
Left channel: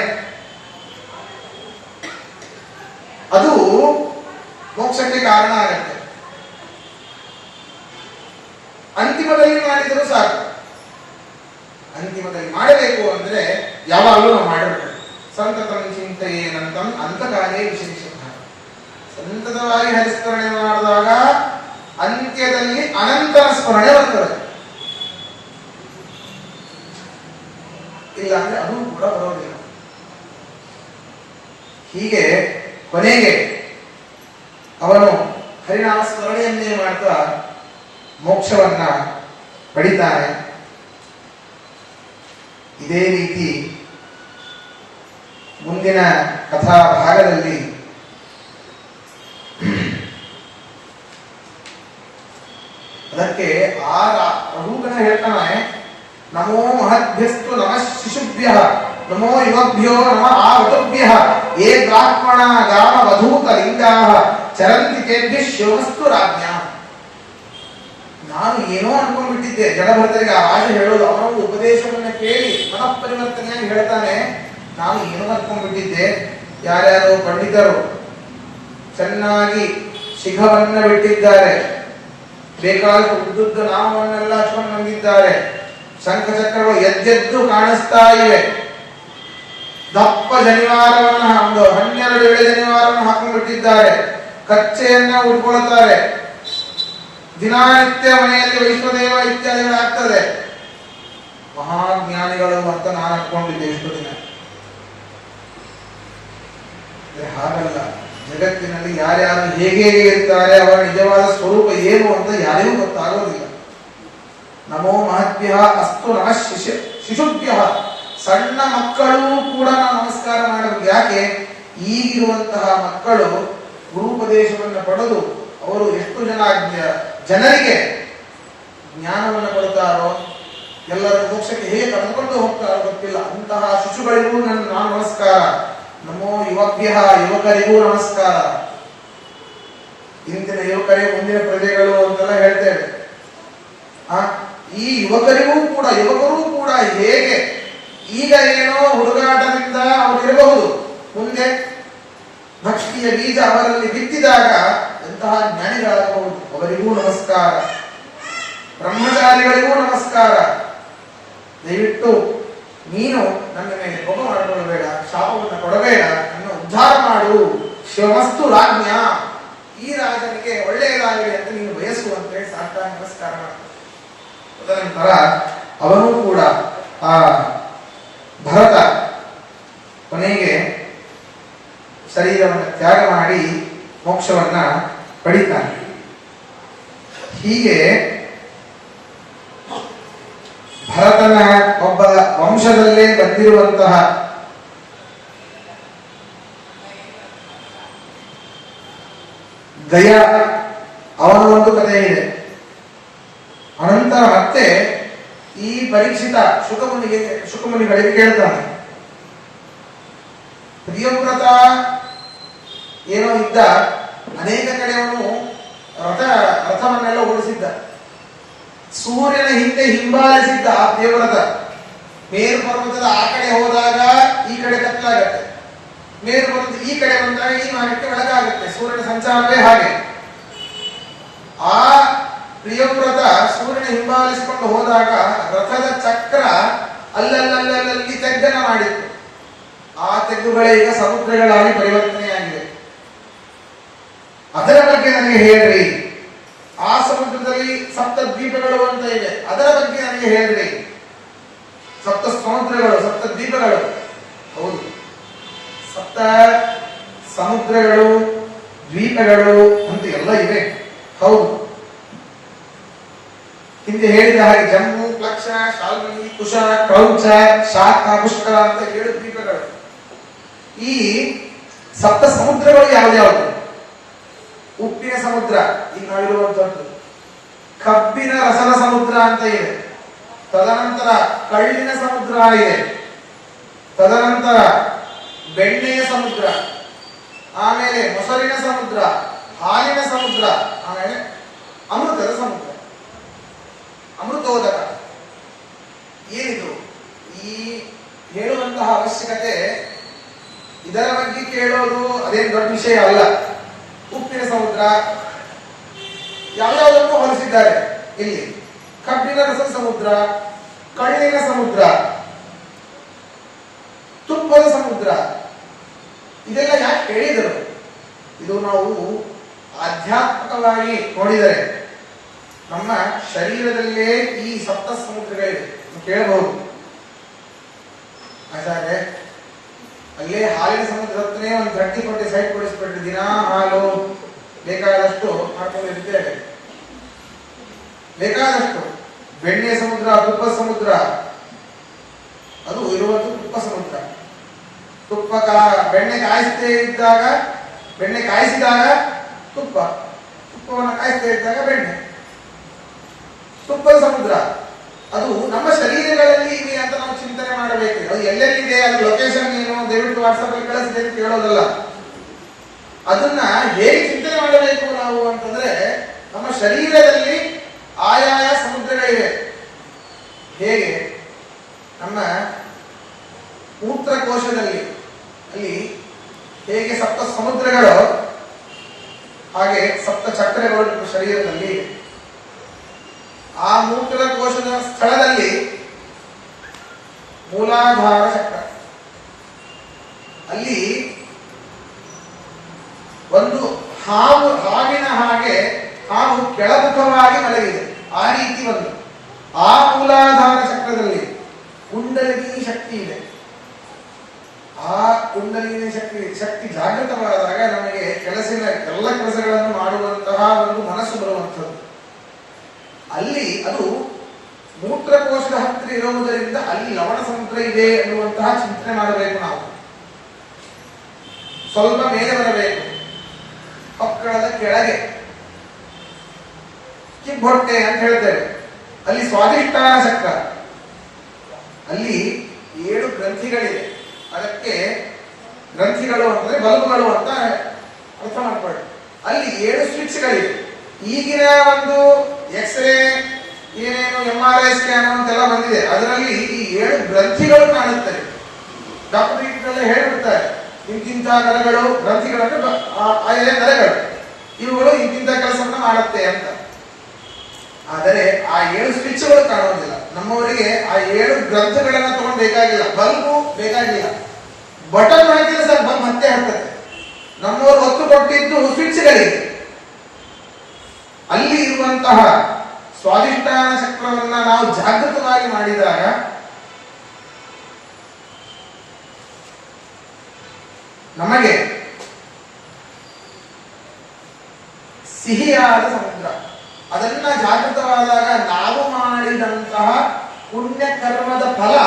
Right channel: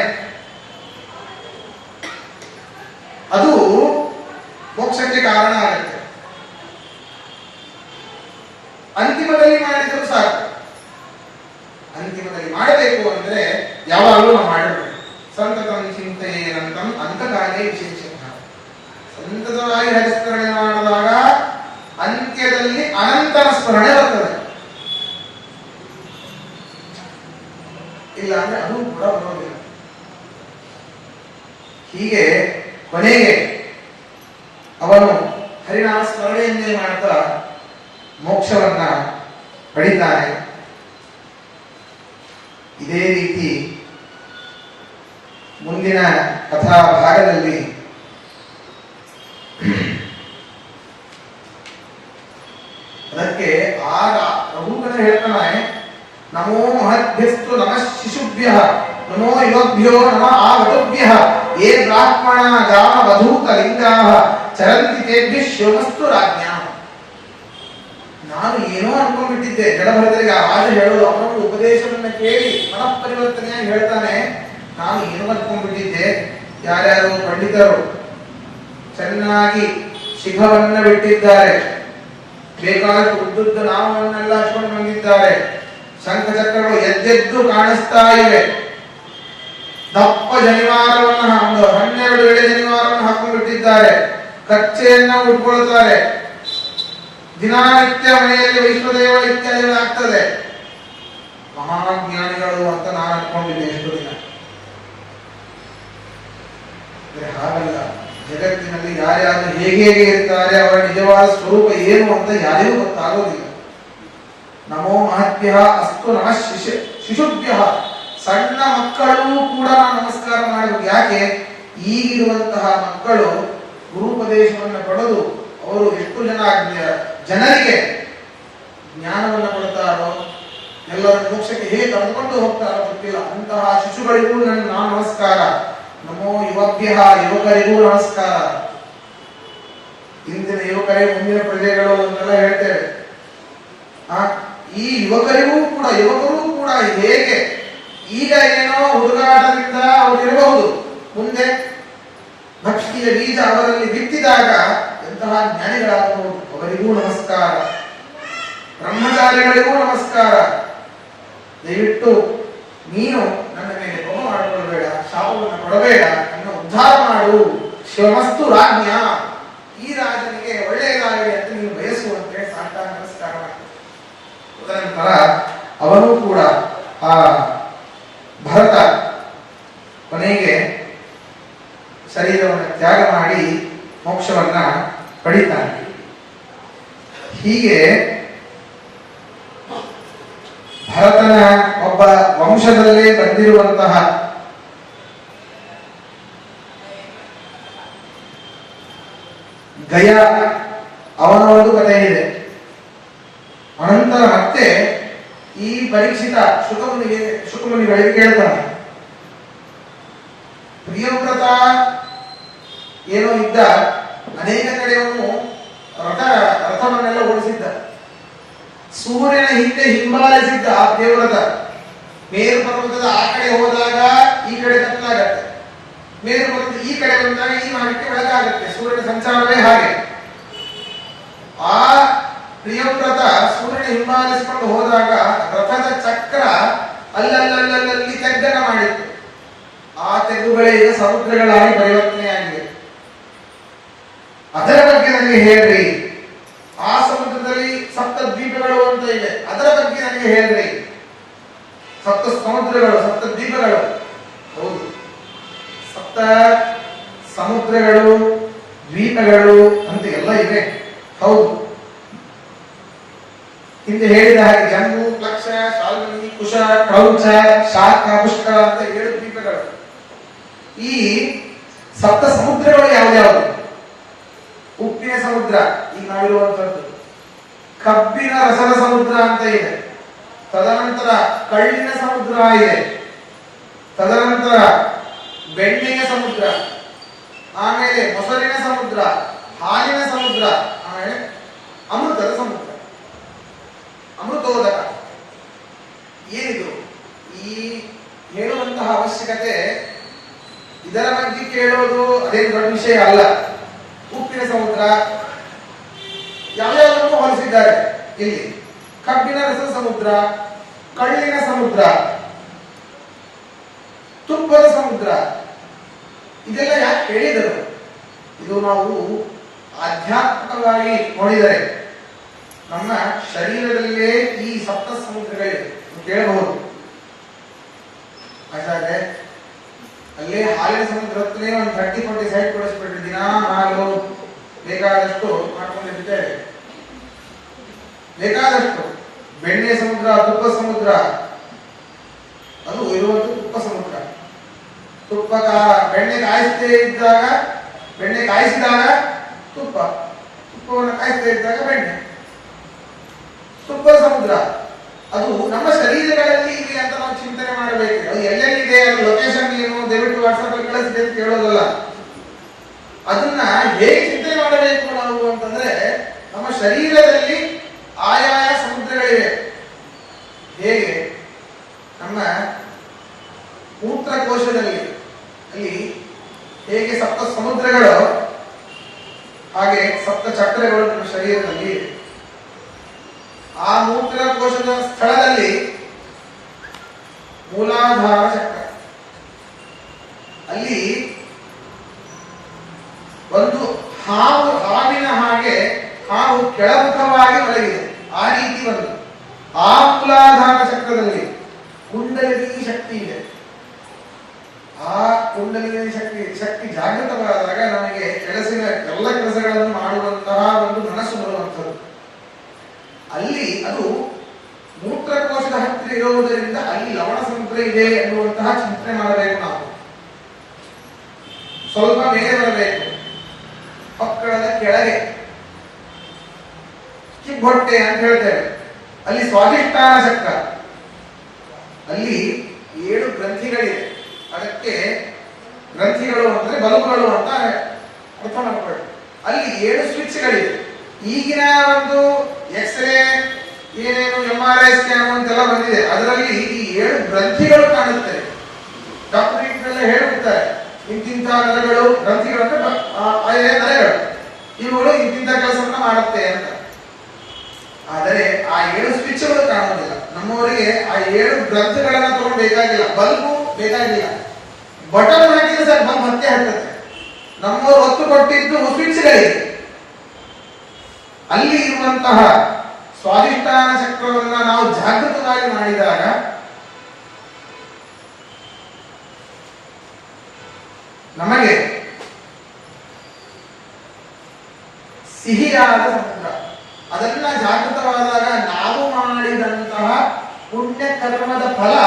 ಅದು ಮೋಕ್ಷಕ್ಕೆ ಕಾರಣ ಆಗುತ್ತೆ. ಅಂತಿಮದಲ್ಲಿ ಮಾಡಿದರೂ ಸಾಕು. ಅಂತಿಮದಲ್ಲಿ ಮಾಡಬೇಕು ಅಂದ್ರೆ ಯಾವಾಗಲೂ ನಾವು ಮಾಡಬೇಕು. ಸಂತತಂ ಚಿಂತೆಯೇನಂತಂ ಅಂತಕಾಲೇ ವಿಶೇಷ. ಸಂತತವಾಗಿ ಹರಿಸ್ಮರಣೆ ಮಾಡಿದಾಗ ಅಂತ್ಯದಲ್ಲಿ ಅನಂತರ ಸ್ಮರಣೆ ಬರ್ತದೆ, ಇಲ್ಲ ಅಂದ್ರೆ ಅದು ಕೂಡ ಬರೋದಿಲ್ಲ. ಹೀಗೆ ಕೊನೆಗೆ ಅವನು ಹರಿನಾಮ ಸ್ಮರಣೆಯನ್ನೇ ಮಾಡ್ತಾ ಮೋಕ್ಷವನ್ನ ಪಡಿತಾನೆ. ಇದೇ ರೀತಿ ಮುಂದಿನ ಕಥಾ ಭಾಗದಲ್ಲಿ ಅದಕ್ಕೆ ಆಗ ರಘುಗಣ ಹೇಳ್ತಾನೆ, ನಮೋ ಮಹದ್ಭ್ಯಸ್ತು ನಮಃ ಶಿಶುಭ್ಯಃ ನಮೋ ಯುವಭ್ಯೋ ನಮಃ ಆಹುತಭ್ಯಃ ಯೇ ಬ್ರಾಹ್ಮಣ ಗಾಮ ವಧೂತ ಲಿಂಗಾಃ ಚರಂತಿ ತೇಭ್ಯಃ ಶಿವಮಸ್ತು ರಾಜ್ಞಾ. ನಾನು ಏನೋ ಅನ್ಕೊಂಡ್ಬಿಟ್ಟಿದ್ದೆ, ಜಡಭರತರಿಗೆ ಆ ರಾಜ ಹೇಳೋದು, ಅವನು ಉಪದೇಶವನ್ನ ಕೇಳಿ ಮನಃ ಪರಿವರ್ತನೆಯಾಗಿ ಹೇಳ್ತಾನೆ. ನಾನು ಏನೋ ಅನ್ಕೊಂಡ್ಬಿಟ್ಟಿದ್ದೆ, ಯಾರ್ಯಾರು ಪಂಡಿತರು ಚೆನ್ನಾಗಿ ಶಿಖವನ್ನ ಬಿಟ್ಟಿದ್ದಾರೆ, ಬೇಕಾದ ಉದ್ದುದ್ದ ನಾಮವನ್ನೆಲ್ಲ ಹಚ್ಕೊಂಡು ಬಂದಿದ್ದಾರೆ, ಶಂಖಚಕ್ರಗಳು ಎದ್ದೆದ್ದು ಕಾಣಿಸ್ತಾ ಇವೆ, ದಪ್ಪ ಜನಿವಾರವನ್ನು ಒಂದು 12 ಎಳೆ ಜನಿವಾರವನ್ನು ಹಾಕೊಂಡ್ಬಿಟ್ಟಿದ್ದಾರೆ, ಕಚ್ಚೆಯನ್ನ ಉಟ್ಕೊಳ್ತಾರೆ, ದಿನನಿತ್ಯ ಮನೆಯಲ್ಲಿ ವೈಶ್ವದೇವ ಇತ್ಯಾದಿಗಳಾಗ್ತದೆ. ಮಹಾಜ್ಞಾನಿಗಳು ಅಂತ ನಾನು ಅನ್ಕೊಂಡಿದ್ದೆ ಎಷ್ಟು ದಿನ. ಹಾಗಲ್ಲ, ಜಗತ್ತಿನಲ್ಲಿ ಯಾರ್ಯಾರು ಹೇಗೆ ಇರ್ತಾರೆ, ಅವರ ನಿಜವಾದ ಸ್ವರೂಪ ಏನು ಅಂತ ಯಾರಿಗೂ ಗೊತ್ತಾಗೋದಿಲ್ಲ. ನಮೋ ಮಹತ್ಯ ಅಸ್ತು ನಮಃ ಶಿಶುಭ್ಯ. ಸಣ್ಣ ಮಕ್ಕಳು ಕೂಡ ನಮಸ್ಕಾರ ಮಾಡಬೇಕು. ಯಾಕೆ? ಈಗಿರುವಂತಹ ಮಕ್ಕಳು ಗುರುಪದೇಶವನ್ನು ಪಡೆದು ಅವರು ಎಷ್ಟು ಜನರಿಗೆ ಜ್ಞಾನವನ್ನು ಕೊಡ್ತಾರೋ, ಎಲ್ಲರೂ ಮೋಕ್ಷಕ್ಕೆ ಹೇಗೆ ಕರೆದುಕೊಂಡು ಹೋಗ್ತಾರೋ ಗೊತ್ತಿಲ್ಲ. ಅಂತಹ ಶಿಶುಗಳಿಗೂ ನಾನು ನಮಸ್ಕಾರ. ನಮೋ ಯುವಭ್ಯ, ಯುವಕರಿಗೂ ನಮಸ್ಕಾರ. ಇಂದಿನ ಯುವಕರೇ ಮುಂದಿನ ಪ್ರಜೆಗಳು ಅಂತೆಲ್ಲ ಹೇಳ್ತೇವೆ. ಈ ಯುವಕರು ಕೂಡ ಹೇಗೆ ಈಗ ಏನೋ ಹುಡುಗಾಟದಿಂದ ಅವರಿರಬಹುದು, ಮುಂದೆ ಭಕ್ತಿಯ ಬೀಜ ಅವರಲ್ಲಿ ಬಿತ್ತಿದಾಗ ಎಂತಹ ಜ್ಞಾನಿಗಳಾಗಬಹುದು. ಅವರಿಗೂ ನಮಸ್ಕಾರ. ಬ್ರಹ್ಮಚಾರಿಗಳಿಗೂ ನಮಸ್ಕಾರ. ದಯವಿಟ್ಟು ನೀನು ನನ್ನ ಮೇಲೆ ಕೋಪ ಮಾಡಿಕೊಳ್ಳಬೇಡ, ಶಾಪವನ್ನು ಕೊಡಬೇಡ, ನನ್ನ ಉದ್ಧಾರ ಮಾಡು. ಶಿವಮಸ್ತು ರಾಜ್ಞ. ಈ ರಾಜನಿಗೆ ತದನಂತರ ಅವನು ಕೂಡ ಆ ಭರತ ಕೊನೆಗೆ ಶರೀರವನ್ನು ತ್ಯಾಗ ಮಾಡಿ ಮೋಕ್ಷವನ್ನ ಪಡಿತಾನೆ. ಹೀಗೆ ಭರತನ ಒಬ್ಬ ವಂಶದಲ್ಲೇ ಬಂದಿರುವಂತಹ ಗಯ ಅವನ ಒಂದು ಕಥೆ ಇದೆ. ಅನಂತರ ಮತ್ತೆ ಈ ಪರೀಕ್ಷಿತ ಶುಕಮುನಿಗಳಿಗೆ ಕೇಳ್ತಾನೆ, ಪ್ರಿಯವ್ರತ ಏನೋ ಇದ್ದ, ಅನೇಕ ಕಡೆ ಅವನು ರಥವನ್ನೆಲ್ಲ ಓಡಿಸಿದ್ದ, ಸೂರ್ಯನ ಹಿಂದೆ ಹಿಂಬಾಲಿಸಿದ್ದ ಆ ಪ್ರಿಯವ್ರತ. ಮೇರು ಪರ್ವತದ ಆ ಕಡೆ ಹೋದಾಗ ಈ ಕಡೆ ಕತ್ತಲಾಗತ್ತೆ, ಮೇರು ಪರ್ವತ ಈ ಕಡೆ ಬಂದಾಗ ಈ ಭಾಗಕ್ಕೆ ಬೆಳಗಾಗತ್ತೆ, ಸೂರ್ಯನ ಸಂಚಾರವೇ ಹಾಗೆ. ಆ ಪ್ರಿಯವ್ರತ ಸೂರ್ಯನ ಹಿಂಬಾಲಿಸಿಕೊಂಡು ಹೋದಾಗ ರಥದ ಚಕ್ರ ಅಲ್ಲಲ್ಲಿ ತೆಗ್ಗನ ಮಾಡಿತ್ತು. ಆ ತೆಗ್ಗುಗಳೇ ಈಗ ಸಮುದ್ರಗಳಾಗಿ ಪರಿವರ್ತನೆಯಾಗಿವೆ. ಅದರ ಬಗ್ಗೆ ನನಗೆ ಹೇಳ್ರಿ. ಆ ಸಮುದ್ರದಲ್ಲಿ ಸಪ್ತ ದ್ವೀಪಗಳು ಅಂತ ಇದೆ, ಅದರ ಬಗ್ಗೆ ನನಗೆ ಹೇಳ್ರಿ. ಸಪ್ತ ಸಮುದ್ರಗಳು, ಸಪ್ತ ದ್ವೀಪಗಳು, ಹೌದು, ಸಪ್ತ ಸಮುದ್ರಗಳು, ದ್ವೀಪಗಳು ಅಂತ ಎಲ್ಲ ಇವೆ, ಹೌದು. ಹಿಂದೆ ಹೇಳಿದ ಹಾಗೆ ಜಮ್ಮು, ಪ್ಲಕ್ಷ, ಶಾಲ್ಮಲಿ, ಕುಶ, ಕ್ರೌಚ, ಶಾಖ, ಪುಷ್ಕರ ಅಂತ 7 ದ್ವೀಪಗಳು. ಈ ಸಪ್ತ ಸಮುದ್ರಗಳು ಯಾವ್ಯಾವುದು? ಉಪ್ಪಿನ ಸಮುದ್ರ ಈಗ ನಾವಿರುವಂತದ್ದು, ಕಬ್ಬಿನ ರಸದ ಸಮುದ್ರ ಅಂತ ಇದೆ, ತದನಂತರ ಕಳ್ಳಿನ ಸಮುದ್ರ ಇದೆ, ತದನಂತರ ಬೆಣ್ಣೆಯ ಸಮುದ್ರ, ಆಮೇಲೆ ಮೊಸರಿನ ಸಮುದ್ರ, ಹಾಲಿನ ಸಮುದ್ರ, ಆಮೇಲೆ ಅಮೃತದ ಸಮುದ್ರ, ಅಮೃತೋದಕ. ಏನಿದು ಈ ಹೇಳುವಂತಹ ಅವಶ್ಯಕತೆ? ಇದರ ಬಗ್ಗೆ ಕೇಳೋದು ಅದೇನು ದೊಡ್ಡ ವಿಷಯ ಅಲ್ಲ. ಉಪ್ಪಿನ ಸಮುದ್ರ ಯಾವ್ಯಾವುದನ್ನು ಹೋಲಿಸಿದ್ದಾರೆ ಇಲ್ಲಿ. ಕಬ್ಬಿನ ರಸದ ಸಮುದ್ರ, ಕಳ್ಳಿನ ಸಮುದ್ರ, ತುಪ್ಪದ ಸಮುದ್ರ, ಇದೆಲ್ಲ ಯಾಕೆ ಹೇಳಿದರು? ಇದು ನಾವು ಆಧ್ಯಾತ್ಮಿಕವಾಗಿ ನೋಡಿದರೆ ನಮ್ಮ ಶರೀರದಲ್ಲೇ ಈ ಸಪ್ತ ಸಮುದ್ರಗಳಿವೆ. ಕೇಳಬಹುದು, ಆಚಾರ್ಯ ಅಲ್ಲೇ ಹಾಲಿನ ಸಮುದ್ರ ಹತ್ತನೇ ಒಂದು 30 ಸೈಟ್ ಕೊಡಿಸ್ಬಿಟ್ರಿ, ದಿನ ಹಾಲು ಬೇಕಾದಷ್ಟು ಮಾಡ್ಕೊಂಡಿದ್ದೇವೆ, ಬೇಕಾದಷ್ಟು. ಬೆಣ್ಣೆ ಸಮುದ್ರ, ತುಪ್ಪ ಸಮುದ್ರ, ಅದು ಇರುವುದು ತುಪ್ಪ ಸಮುದ್ರ. ಬೆಣ್ಣೆ ಕಾಯಿಸದೇ ಇದ್ದಾಗ, ಬೆಣ್ಣೆ ಕಾಯಿಸಿದಾಗ ತುಪ್ಪ, ತುಪ್ಪವನ್ನು ಕಾಯಿಸದೇ ಇದ್ದಾಗ ಬೆಣ್ಣೆ, ತುಪ್ಪದ ಸಮುದ್ರ. ಅದು ನಮ್ಮ ಶರೀರಗಳಲ್ಲಿ ಇದೆ ಅಂತ ನಾವು ಚಿಂತನೆ ಮಾಡಬೇಕು. ಅದು ಎಲ್ಲೆಲ್ಲಿದೆ, ಅದು ಲೊಕೇಶನ್ ಏನು, ದಯವಿಟ್ಟು ವಾಟ್ಸ್ಆಪ್ ಅಲ್ಲಿ ಕಳಿಸಿದೆ ಅಂತ ಕೇಳೋದಲ್ಲ. ಅದನ್ನ ಹೇಗೆ ಚಿಂತನೆ ಮಾಡಬೇಕು ನಾವು ಅಂತಂದ್ರೆ, ನಮ್ಮ ಶರೀರದಲ್ಲಿ ಆಯಾಯ ಸಮುದ್ರಗಳಿವೆ. ಹೇಗೆ ನಮ್ಮ ಮೂತ್ರಕೋಶದಲ್ಲಿ ಅಲ್ಲಿ ಹೇಗೆ ಸಪ್ತ ಸಮುದ್ರಗಳು, ಹಾಗೆ ಸಪ್ತ ಚಕ್ರಗಳು ನಮ್ಮ ಶರೀರದಲ್ಲಿ. ಆ ಮೂತ್ರಕೋಶದ ಸ್ಥಳದಲ್ಲಿ ಮೂಲಾಧಾರ ಚಕ್ರ, ಅಲ್ಲಿ ಒಂದು ಹಾವಿನ ಹಾಗೆ ಹಾವು ಕೆಳಮುಖವಾಗಿ ಮಲಗಿದೆ, ಆ ರೀತಿ ಒಂದು. ಆ ಮೂಲಾಧಾರ ಚಕ್ರದಲ್ಲಿ ಕುಂಡಲಿನಿ ಶಕ್ತಿ ಇದೆ. ಆ ಕುಂಡಲಿನಿ ಶಕ್ತಿ ಜಾಗೃತವಾದಾಗ ನಮಗೆ ಎಲ್ಲ ಕೆಲಸಗಳನ್ನು ಮಾಡುವಂತಹ ಒಂದು ಮನಸ್ಸು ಬರುವಂಥದ್ದು. ಅಲ್ಲಿ ಅದು ಮೂತ್ರಕೋಶದ ಹತ್ತಿರ ಇರುವುದರಿಂದ ಅಲ್ಲಿ ಲವಣ ಸಮುದ್ರ ಇದೆ ಎನ್ನುವಂತಹ ಚಿಂತನೆ ಮಾಡಬೇಕು ನಾವು. ಸ್ವಲ್ಪ ಮೇಲೆ ಬರಬೇಕು, ಹೊಕ್ಕಳದ ಕೆಳಗೆ ಕಿಬ್ಬೊಟ್ಟೆ ಅಂತ ಹೇಳ್ತೇವೆ, ಅಲ್ಲಿ ಸ್ವಾಧಿಷ್ಠಾನ ಚಕ್ರ, ಅಲ್ಲಿ 7 ಗ್ರಂಥಿಗಳಿವೆ. ಅದಕ್ಕೆ ಗ್ರಂಥಿಗಳು ಅಂತಂದ್ರೆ ಬಲ್ಬುಗಳು ಅಂತ ಅರ್ಥ ಮಾಡ್ಕೊಳ್ಳಿ. ಅಲ್ಲಿ 7 ಸ್ವಿಚ್ಗಳಿವೆ. ಈಗಿನ ಒಂದು ಎಕ್ಸ್ರೇ ಏನೇನು MRI ಸ್ಕ್ಯಾನ್ ಅಂತೆಲ್ಲ ಬಂದಿದೆ, ಅದರಲ್ಲಿ ಈ 7 ಗ್ರಂಥಿಗಳು ಕಾಣುತ್ತವೆ. ಡಾಕ್ಟರ್ ಹೇಳ್ಬಿಡ್ತಾರೆ, ಇಂತಿಂತ ನರಗಳು, ಗ್ರಂಥಿಗಳು ಅಂದ್ರೆ ನರಗಳು, ಇವುಗಳು ಇಂತಿಂತ ಕೆಲಸವನ್ನ ಮಾಡುತ್ತೆ ಅಂತ. ಆದರೆ ಆ 7 ಸ್ವಿಚ್ಗಳು ಕಾಣುವುದಿಲ್ಲ. ನಮ್ಮವರಿಗೆ ಆ 7 ಗ್ರಂಥಿಗಳನ್ನ ತಗೊಂಡು ಬೇಕಾಗಿಲ್ಲ, ಬಲ್ಬು ಬೇಕಾಗಿಲ್ಲ, ಬಟನ್ ಹಾಕಿದ್ರೆ ಸರ್ ಬಂದ್ ಮತ್ತೆ ಹಾಕ್ತದೆ. ನಮ್ಮವರು ಒತ್ತು ಕೊಟ್ಟಿದ್ದು ಸ್ವಿಚ್ಗಳಿಗೆ. ಅಲ್ಲಿ ಇರುವಂತಹ ಸ್ವಾಧಿಷ್ಠಾನ ಚಕ್ರವನ್ನ ನಾವು ಜಾಗೃತವಾಗಿ ಮಾಡಿದಾಗ ನಮಗೆ ಸಿಹಿಯಾದ ಸಮುದ್ರ, ಅದನ್ನ ಜಾಗೃತವಾದಾಗ ನಾವು ಮಾಡಿದಂತಹ ಪುಣ್ಯ ಕರ್ಮದ ಫಲ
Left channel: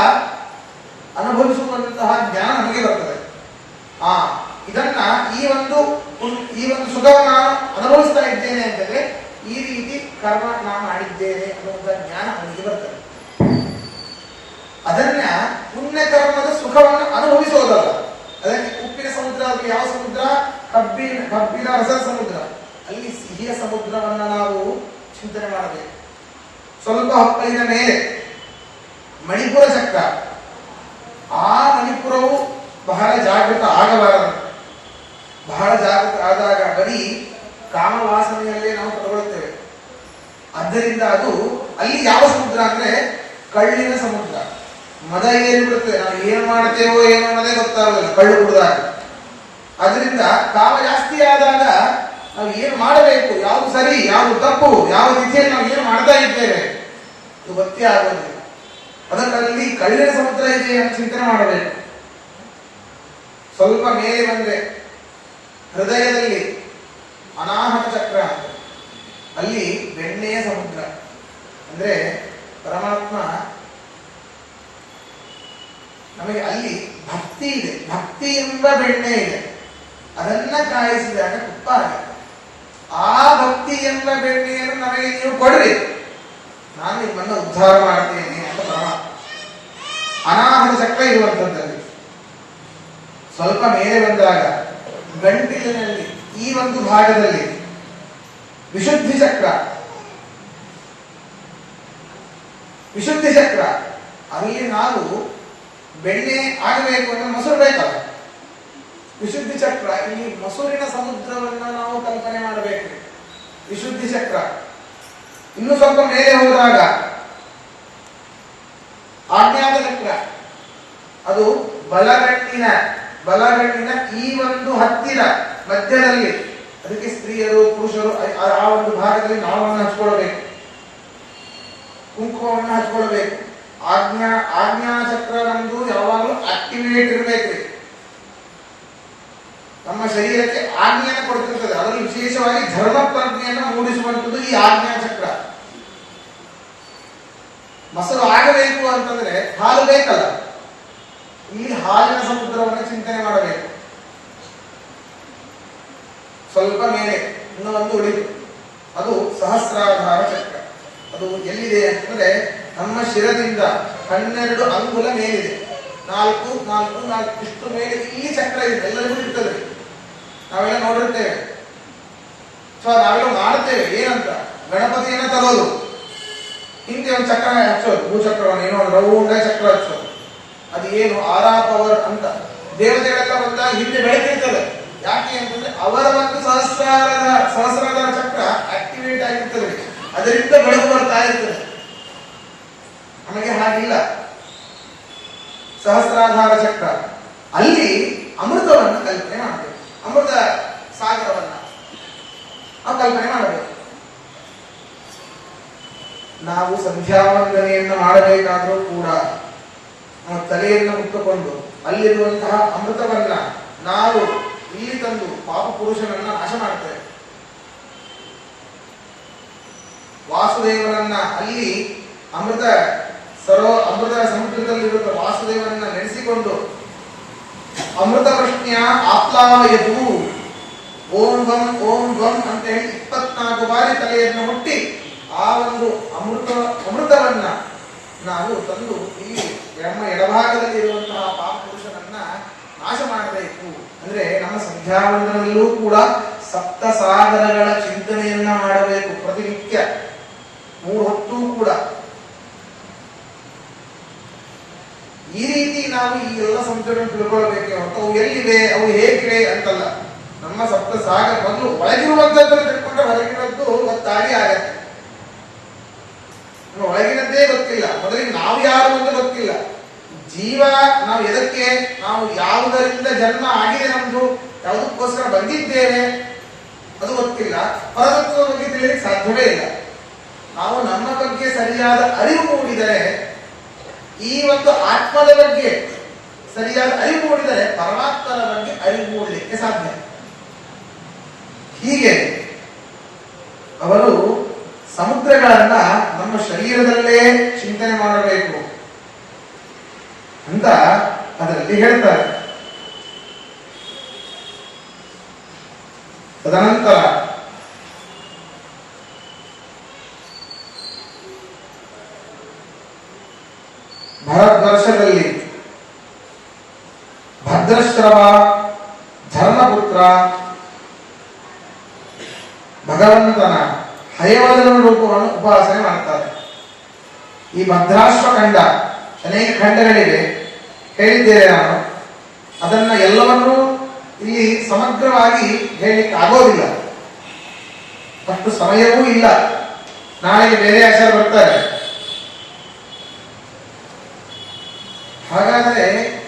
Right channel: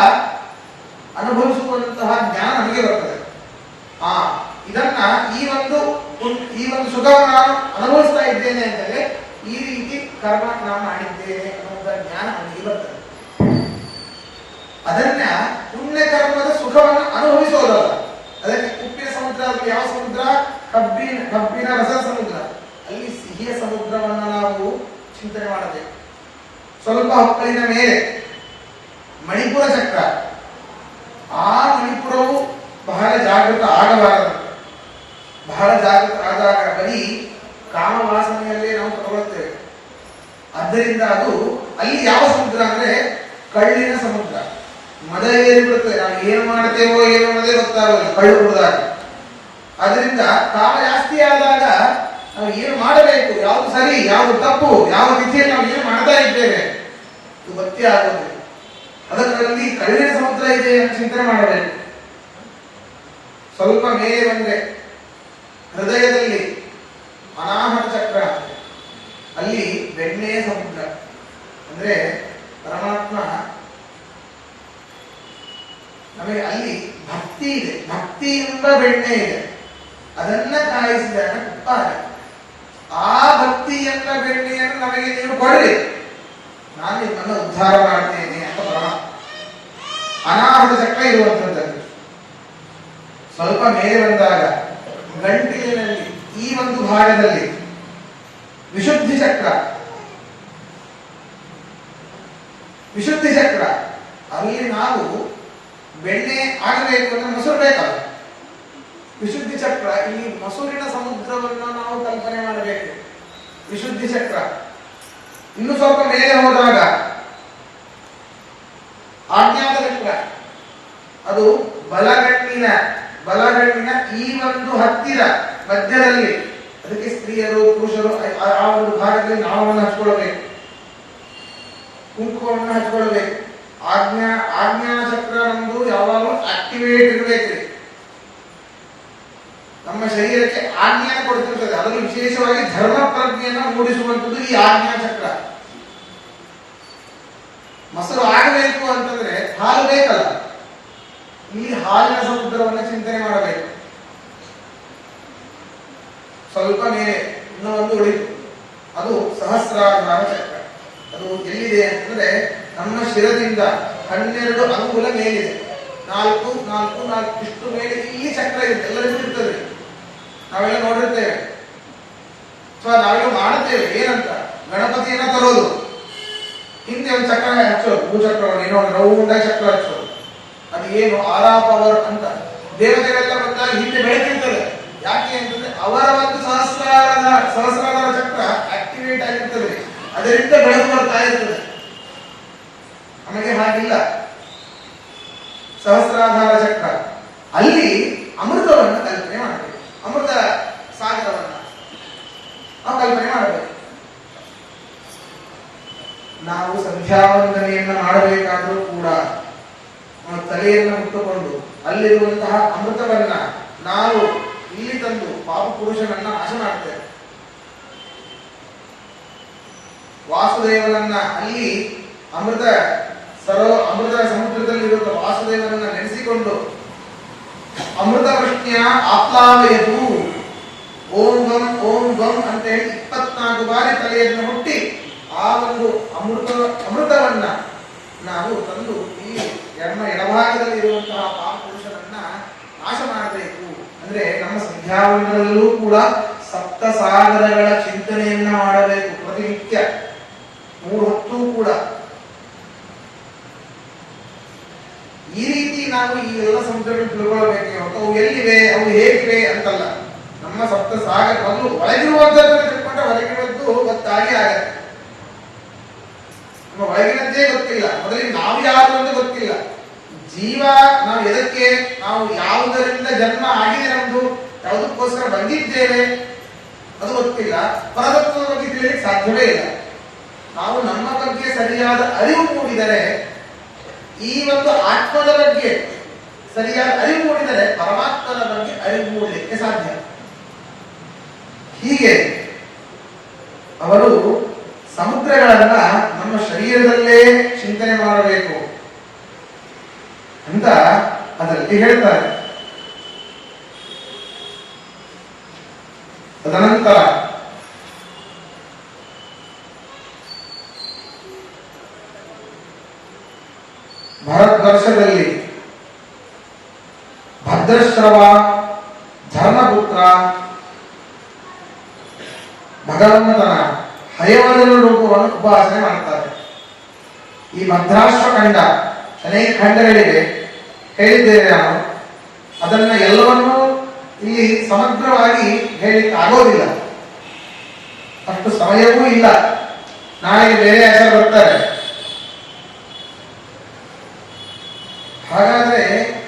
ಅನುಭವಿಸುವಂತಹ ಜ್ಞಾನ ನಮಗೆ ಬರ್ತದೆ. ಇದನ್ನ ಈ ಒಂದು ಸುಖವನ್ನು ನಾನು ಅನುಭವಿಸ್ತಾ ಇದ್ದೇನೆ ಅಂತಂದ್ರೆ ಈ ರೀತಿ ಕರ್ಮ ನಾನು ಮಾಡಿದ್ದೇನೆ ಅನ್ನುವಂತಹ ಜ್ಞಾನ ನಮಗೆ ಬರ್ತದೆ. ಅದನ್ನ ಪುಣ್ಯ ಕರ್ಮದ ಸುಖವನ್ನು ಅನುಭವಿಸೋದಲ್ಲ. ಅದಕ್ಕೆ ಉಪ್ಪಿನ ಸಮುದ್ರ, ಯಾವ ಸಮುದ್ರ? ಕಬ್ಬಿನ ರಸದ ಸಮುದ್ರ. ಅಲ್ಲಿ ಸಿಹಿಯ ಸಮುದ್ರವನ್ನ ನಾವು ಚಿಂತನೆ ಮಾಡಬೇಕು. ಸ್ವಲ್ಪ ಹೊಕ್ಕಳಿನ ಮೇಲೆ ಮಣಿಪುರ ಚಕ್ರ, ಆ ಮಣಿಪುರವು ಬಹಳ ಜಾಗೃತ ಆಗಬಾರದು. ಬಹಳ ಜಾಗೃತ ಆದಾಗ ಬರೀ ಕಾಮವಾಸನೆಯಲ್ಲೇ ನಾವು ತಗೊಳ್ಳುತ್ತೇವೆ. ಆದ್ದರಿಂದ ಅದು ಅಲ್ಲಿ ಯಾವ ಸಮುದ್ರ ಅಂದ್ರೆ ಕಳ್ಳಿನ ಸಮುದ್ರ. ಮದ ಏರಿಬಿಡುತ್ತದೆ. ನಾವು ಏನ್ ಮಾಡ್ತೇವೋ ಏನು ಅನ್ನೋದೇ ಗೊತ್ತಾಗಲ್ಲ ಕಳ್ಳು ಕುಡಿದಾಗ. ಅದರಿಂದ ಕಾಮ ಜಾಸ್ತಿ ಆದಾಗ ನಾವು ಏನು ಮಾಡಬೇಕು, ಯಾವುದು ಸರಿ, ಯಾವುದು ತಪ್ಪು, ಯಾವ ರೀತಿಯಲ್ಲಿ ನಾವು ಏನು ಮಾಡ್ತಾ ಇದ್ದೇವೆ ಅದು ಗೊತ್ತೇ ಆಗೋದಿಲ್ಲ. ಅದರಲ್ಲಿ ಕಳ್ಳಿನ ಸಮುದ್ರ ಇದೆ ಅಂತ ಚಿಂತನೆ ಮಾಡಬೇಕು. ಸ್ವಲ್ಪ ಮೇಲೆ ಬಂದ್ರೆ ಹೃದಯದಲ್ಲಿ ಅನಾಹತ ಚಕ್ರ, ಅಲ್ಲಿ ಬೆಣ್ಣೆಯ ಸಮುದ್ರ. ಅಂದ್ರೆ ಪರಮಾತ್ಮ ನಮಗೆ ಅಲ್ಲಿ ಭಕ್ತಿ ಇದೆ, ಭಕ್ತಿಯಿಂದ ಬೆಣ್ಣೆ ಇದೆ. ಅದನ್ನ ಕಾಯಿಸಿದಾಗ ತುಪ್ಪ ಆಗಿದೆ. ಆ ಭಕ್ತಿ ಎಂಬ ಬೆಣ್ಣೆಯನ್ನು ನಮಗೆ ನೀವು ಕೊಡ್ರಿ, ನಾನು ನಿಮ್ಮನ್ನು ಉದ್ಧಾರ ಮಾಡ್ತೇನೆ ಅಂತ ಪರಮಾತ್ಮ. ಅನಾಹತ ಚಕ್ರ ಇರುವಂತದ್ದು. ಸ್ವಲ್ಪ ಮೇಲೆ ಬಂದಾಗ ಗಂಟಿಲಿನಲ್ಲಿ ಈ ಒಂದು ಭಾಗದಲ್ಲಿ ವಿಶುದ್ಧಿ ಚಕ್ರ, ವಿಶುದ್ಧಿ ಚಕ್ರ. ಅಲ್ಲಿ ನಾವು ಬೆಣ್ಣೆ ಆಗಬೇಕು ಅಂದ್ರೆ ಮೊಸರು ಬೇಕಲ್ಲ. ವಿಶುದ್ಧಿ ಚಕ್ರ, ಇಲ್ಲಿ ಮೊಸರಿನ ಸಮುದ್ರವನ್ನು ನಾವು ಕಲ್ಪನೆ ಮಾಡಬೇಕು. ವಿಶುದ್ಧಿ ಚಕ್ರ. ಇನ್ನು ಸ್ವಲ್ಪ ಮೇಲೆ ಹೋದಾಗ ಆಜ್ಞಾತ ಚಕ್ರ, ಅದು ಬಲಗಣ್ಣಿನ ಈ ಒಂದು ಹತ್ತಿರ ಮಧ್ಯದಲ್ಲಿ. ಅದಕ್ಕೆ ಸ್ತ್ರೀಯರು ಪುರುಷರು ಆ ಒಂದು ಭಾಗದಲ್ಲಿ ನಾಮವನ್ನು ಹಚ್ಕೊಳ್ಬೇಕು, ಕುಂಕುಮವನ್ನು ಹಚ್ಕೊಳ್ಬೇಕು. ಆಜ್ಞಾನ ಚಕ್ರ ನಮ್ದು ಯಾವಾಗಲೂ ಆಕ್ಟಿವೇಟ್ ಇರಬೇಕು. ನಮ್ಮ ಶರೀರಕ್ಕೆ ಆಜ್ಞೆಯನ್ನು ಕೊಡ್ತಿರ್ತದೆ. ಅದರಲ್ಲಿ ವಿಶೇಷವಾಗಿ ಧರ್ಮ ಪ್ರಜ್ಞೆಯನ್ನು ಮೂಡಿಸುವಂಥದ್ದು ಈ ಆಜ್ಞಾ ಚಕ್ರ. ಮೊಸರು ಆಗಬೇಕು ಅಂತಂದ್ರೆ ಹಾಲು ಬೇಕಲ್ಲ, ಈ ಹಾಲಿನ ಸಮುದ್ರವನ್ನು ಚಿಂತನೆ ಮಾಡಬೇಕು. ಸ್ವಲ್ಪ ಮೇಲೆ ಇನ್ನೂ ಒಂದು ಉಳಿದು, ಅದು ಸಹಸ್ರಾಧಾರ ಚಕ್ರ. ಅದು ಎಲ್ಲಿದೆ ಅಂತಂದ್ರೆ ನಮ್ಮ ಶಿರದಿಂದ 12 ಅಂಗುಲ ಮೇಲಿದೆ. 4 4 4 ಇಷ್ಟು ಮೇಲೆ ಇಲ್ಲಿ ಚಕ್ರ ಇದೆ. ಎಲ್ಲರಿಗೂ ಇರ್ತದೆ, ನಾವೆಲ್ಲ ನೋಡಿರ್ತೇವೆ. ನಾವೆಲ್ಲ ಮಾಡುತ್ತೇವೆ. ಏನಂತ ಗಣಪತಿಯನ್ನ ತರೋದು, ಹಿಂದೆ ಒಂದು ಚಕ್ರ ಹಚ್ಚೋದು, ಭೂಚಕ್ರವನ್ನು ಏನೋ ರೌಂಡ ಚಕ್ರ ಹಚ್ಚೋದು. ಅದು ಏನು ಆರಾ ಪವರ್ ಅಂತ. ದೇವತೆಗಳೆಲ್ಲ ಬಂದಾಗ ಹಿಂದೆ ಬೆಳಕಿರ್ತದೆ. ಯಾಕೆ ಅಂತಂದ್ರೆ ಅವರ ಒಂದು ಸಹಸ್ರಾಧಾರ ಚಕ್ರ ಆಕ್ಟಿವೇಟ್ ಆಗಿರ್ತದೆ. ಅದರಿಂದ ಬೆಳಕು ಬರ್ತಾ ಇರ್ತದೆ. ನಮಗೆ ಹಾಗಿಲ್ಲ. ಸಹಸ್ರಾಧಾರ ಚಕ್ರ ಅಲ್ಲಿ ಅಮೃತವನ್ನು ಕಲ್ಪನೆ ಮಾಡಬೇಕು. ಅಮೃತ ಸಾಗರವನ್ನ ನಾವು ಕಲ್ಪನೆ ಮಾಡಬೇಕು. ನಾವು ಸಂಧ್ಯಾವಂದನೆಯನ್ನು ಮಾಡಬೇಕಾದರೂ ಕೂಡ ನಾವು ತಲೆಯನ್ನು ಮುಟ್ಟುಕೊಂಡು ಅಲ್ಲಿರುವಂತಹ ಅಮೃತವನ್ನ ನಾವು ಇಲ್ಲಿ ತಂದು ಪಾಪ ಪುರುಷನನ್ನ ನಾಶ ಮಾಡ್ತೇವೆ. ವಾಸುದೇವನನ್ನ ಅಲ್ಲಿ ಅಮೃತ ಸಮುದ್ರದಲ್ಲಿರುವ ವಾಸುದೇವನನ್ನ ನೆನೆಸಿಕೊಂಡು ಅಮೃತ ಪ್ರಶ್ನೆಯ ಆಪ್ಲಾವಯದು ಓಂ ಗಂ ಅಂತ ಹೇಳಿ 24 ಬಾರಿ ತಲೆಯನ್ನು ಮುಟ್ಟಿ ಆ ಒಂದು ಅಮೃತವನ್ನ ನಾವು ತಂದು ಈ ನಮ್ಮ ಎಡಭಾಗದಲ್ಲಿ ಇರುವಂತಹ ಪಾಪ ಪುರುಷನನ್ನ ನಾಶ ಮಾಡಬೇಕು. ಅಂದ್ರೆ ನಮ್ಮ ಸಂಧ್ಯಾವಂದನಲ್ಲೂ ಕೂಡ ಸಪ್ತ ಸಾಗರಗಳ ಚಿಂತನೆಯನ್ನ ಮಾಡಬೇಕು ಪ್ರತಿನಿತ್ಯ 3 ಹೊತ್ತು ಕೂಡ. ಈ ರೀತಿ ನಾವು ಈ ಎಲ್ಲ ಸಮುದ್ರಗಳನ್ನು ತಿಳ್ಕೊಳ್ಬೇಕು. ಅವು ಎಲ್ಲಿವೆ, ಅವು ಹೇಗಿವೆ ಅಂತಲ್ಲ. ನಮ್ಮ ಸಪ್ತ ಸಾಗರ ಮೊದಲು ಒಳಗಿರುವಂತದ್ದನ್ನು ತಿಳ್ಕೊಂಡ್ರೆ ಹೊರಗಿನದ್ದು ಗೊತ್ತಾಗಿ ಆಗತ್ತೆ. ಒಳಗಿನದ್ದೇ ಗೊತ್ತಿಲ್ಲ, ಮೊದಲಿಗೆ ನಾವು ಯಾರು ಅಂತ ಗೊತ್ತಿಲ್ಲ. ಜೀವ ನಾವು ಎದಕ್ಕೆ, ನಾವು ಯಾವುದರಿಂದ ಜನ್ಮ ಆಗಿದೆ, ನಮ್ದು ಯಾವುದಕ್ಕೋಸ್ಕರ ಬಂದಿದ್ದೇವೆ ಅದು ಗೊತ್ತಿಲ್ಲ. ಪರತತ್ವದ ಬಗ್ಗೆ ತಿಳಿಯಲಿಕ್ಕೆ ಸಾಧ್ಯವೇ ಇಲ್ಲ. ನಾವು ನಮ್ಮ ಬಗ್ಗೆ ಸರಿಯಾದ ಅರಿವು ಮೂಡಿದರೆ, ಈ ಒಂದು ಆತ್ಮದ ಬಗ್ಗೆ ಸರಿಯಾದ ಅರಿವು ಮೂಡಿದರೆ ಪರಮಾತ್ಮನ ಬಗ್ಗೆ ಅರಿವು ಮೂಡಲಿಕ್ಕೆ ಸಾಧ್ಯ. ಹೀಗೆ ಅವರು ಸಮುದ್ರಗಳನ್ನ ನಮ್ಮ ಶರೀರದಲ್ಲೇ ಚಿಂತನೆ ಮಾಡಬೇಕು ಅಂತ ಅದರಲ್ಲಿ ಹೇಳ್ತಾರೆ. ತದನಂತರ ಭರತವರ್ಷದಲ್ಲಿ ಭದ್ರಶ್ರವ ಧರ್ಮಪುತ್ರ ಭಗವಂತನ ಹಯವದನ ರೂಪವನ್ನು ಉಪಾಸನೆ ಮಾಡ್ತಾರೆ. ಈ ಭದ್ರಾಶ್ವಖಂಡ ಅನೇಕ ಖಂಡಗಳಿವೆ, ಹೇಳಿದ್ದೇನೆ ನಾನು. ಅದನ್ನ ಎಲ್ಲವನ್ನೂ ಇಲ್ಲಿ ಸಮಗ್ರವಾಗಿ ಹೇಳಿಕ್ಕಾಗೋದಿಲ್ಲ, ಅಷ್ಟು ಸಮಯವೂ ಇಲ್ಲ. ನಾಳೆ ಬೇರೆ ಆಚಾರ ಬರ್ತಾರೆ. ಹಾಗಾದರೆ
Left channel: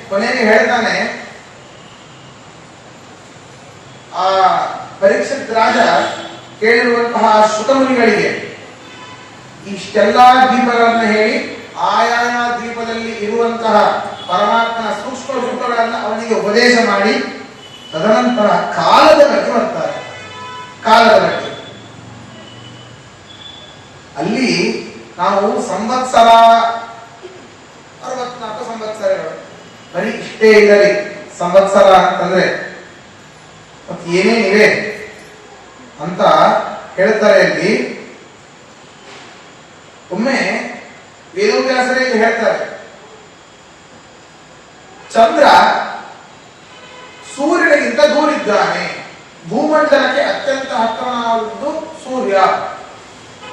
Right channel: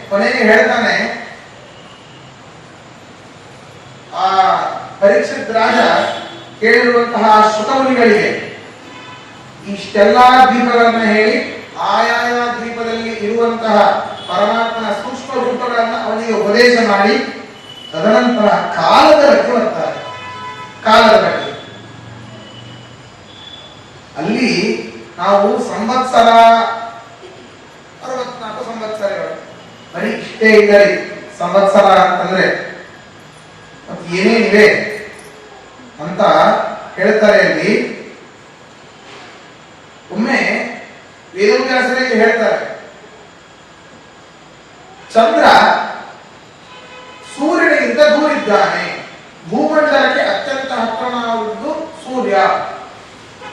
ಕೊನೆಗೆ ಹೇಳ್ತಾನೆ, ಆ ಪರೀಕ್ಷಿತ್ ರಾಜ ಕೇಳಿರುವಂತಹ ಶುಕಮುನಿಗಳಿಗೆ ಇಷ್ಟೆಲ್ಲಾ ದ್ವೀಪಗಳನ್ನು ಹೇಳಿ ಆಯಾಯ ದ್ವೀಪದಲ್ಲಿ ಇರುವಂತಹ ಪರಮಾತ್ಮನ ಸೂಕ್ಷ್ಮ ರೂಪಗಳನ್ನು ಅವನಿಗೆ ಉಪದೇಶ ಮಾಡಿ ತದನಂತರ ಕಾಲದ ಬಗ್ಗೆ ಬರ್ತಾರೆ. ಕಾಲದ ಬಗ್ಗೆ ಅಲ್ಲಿ ನಾವು ಸಂವತ್ಸರ 64 ಸಂವತ್ಸರಗಳು ಬರೀ ಇಷ್ಟೇ ಇರಲಿ. ಸಂವತ್ಸರ ಅಂತಂದ್ರೆ ಮತ್ತೆ ಏನೇನಿವೆ ಅಂತ ಹೇಳ್ತಾರೆ. ಅಲ್ಲಿ ಒಮ್ಮೆ ವೇದವ್ಯಾಸರಲ್ಲಿ ಹೇಳ್ತಾರೆ, ಚಂದ್ರ ಸೂರ್ಯನಿಗಿಂತ ದೂರಿದ್ದಾನೆ, ಭೂಮಂಡಲಕ್ಕೆ ಅತ್ಯಂತ ಹತ್ತಿರನಾಗುವುದು ಸೂರ್ಯ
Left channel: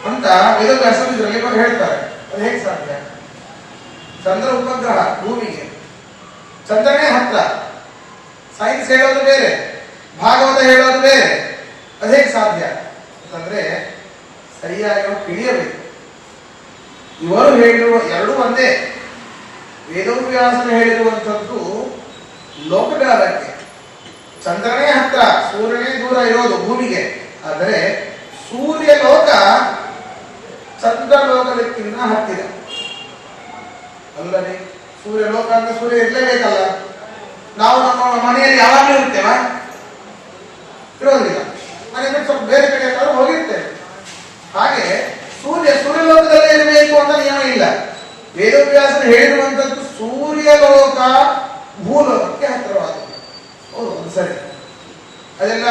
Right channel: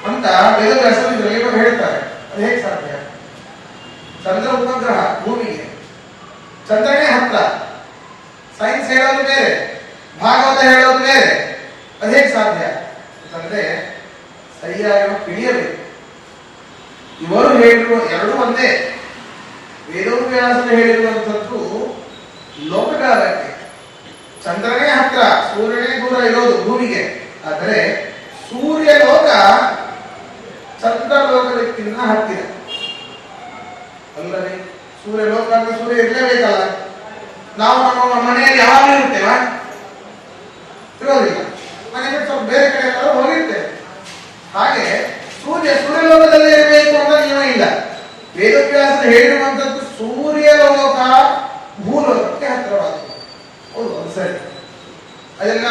ಅಂತ ವೇದವ್ಯಾಸರು ಹೇಳ್ತಾರೆ. ಅದು ಹೇಗೆ ಸಾಧ್ಯ? ಚಂದ್ರ ಉಪಗ್ರಹ ಭೂಮಿಗೆ, ಚಂದ್ರನೇ ಹತ್ರ. ಸೈನ್ಸ್ ಹೇಳೋದು ಬೇರೆ, ಭಾಗವತ ಹೇಳೋದು ಬೇರೆ. ಅದು ಹೇಗೆ ಸಾಧ್ಯ ಅಂತಂದ್ರೆ ಸರಿಯಾಗಿ ತಿಳಿಯಬೇಕು. ಇವರು ಹೇಳಿರುವ ಎರಡೂ ಒಂದೇ. ವೇದವ್ಯಾಸನ ಹೇಳಿರುವಂಥದ್ದು ಲೋಕಗಳ ಬಗ್ಗೆ. ಚಂದ್ರನೇ ಹತ್ರ, ಸೂರ್ಯನೇ ದೂರ ಇರೋದು ಭೂಮಿಗೆ. ಆದರೆ ಸೂರ್ಯ ಲೋಕ ಚಂದ್ರ ಲೋಕದಕ್ಕಿಂತ ಹತ್ತಿರ ಅಲ್ಲದೆ. ಸೂರ್ಯ ಲೋಕ ಅಂತ ಸೂರ್ಯ ಇರಲೇಬೇಕಲ್ಲ. ನಾವು ನಮ್ಮ ಮನೆಯಲ್ಲಿ ಯಾವಾಗಲೂ ಇರ್ತೇವ? ಇರೋದಿಲ್ಲ. ಮನೆ ಬಿಟ್ಟು ಸ್ವಲ್ಪ ಬೇರೆ ಕಡೆ ಹೋಗಿರ್ತೇವೆ. ಹಾಗೆ ಸೂರ್ಯಲೋಕದಲ್ಲೇ ಇರಬೇಕು ಅಂತ ನಿಯಮ ಇಲ್ಲ. ವೇದವ್ಯಾಸರು ಹೇಳಿರುವಂತದ್ದು ಸೂರ್ಯಲೋಕ ಭೂಲೋಕಕ್ಕೆ ಹತ್ತಿರವಾಗಿದೆ. ಹೌದು, ಅದು ಸರಿ. ಅದೆಲ್ಲ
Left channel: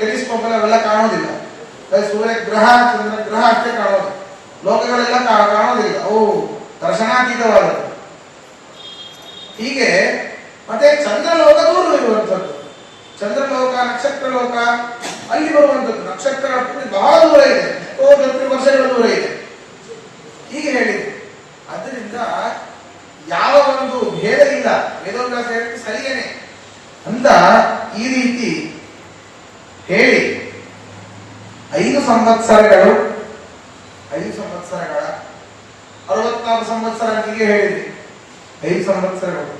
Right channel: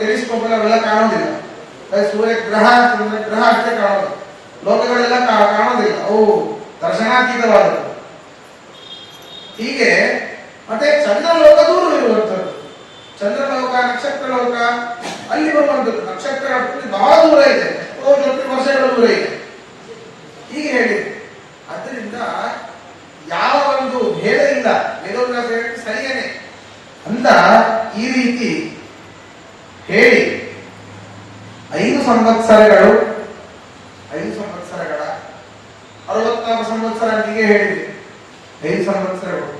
ಟೆಲಿಸ್ಕೋಪ್ ಅವೆಲ್ಲ ಕಾಣೋದಿಲ್ಲ. ಸೂರ್ಯ ಗ್ರಹ ಚಂದ್ರ ಗ್ರಹ ಅಷ್ಟೇ ಕಾಣೋದು, ಲೋಕಗಳೆಲ್ಲ ಕಾಣೋದಿಲ್ಲ. ಅವು ದರ್ಶನಾತೀತವಾದವು. ಹೀಗೆ ಮತ್ತೆ ಚಂದ್ರಲೋಕ ದೂರ ಇರುವಂಥದ್ದು. ಚಂದ್ರಲೋಕ, ನಕ್ಷತ್ರ ಲೋಕ ಅಲ್ಲಿ ಬರುವಂಥದ್ದು. ನಕ್ಷತ್ರ ಬಹಳ ದೂರ ಇದೆ, ವರ್ಷಗಳ ದೂರ ಇದೆ. ಹೀಗೆ ಹೇಳಿದ್ರು. ಅದರಿಂದ ಯಾವ ಒಂದು ಭೇದ ಇಲ್ಲ. ವೇದವ್ಯಾಸ ಹೇಳಿದ್ದು ಸರಿಯೇನೆ ಅಂತ ಈ ರೀತಿ ಹೇಳಿ 5 ಸಂವತ್ಸರಗಳ 64 ಸಂವತ್ಸರ ಹೀಗೆ ಹೇಳಿದ್ವಿ. 5 ಸಂವತ್ಸರಗಳು.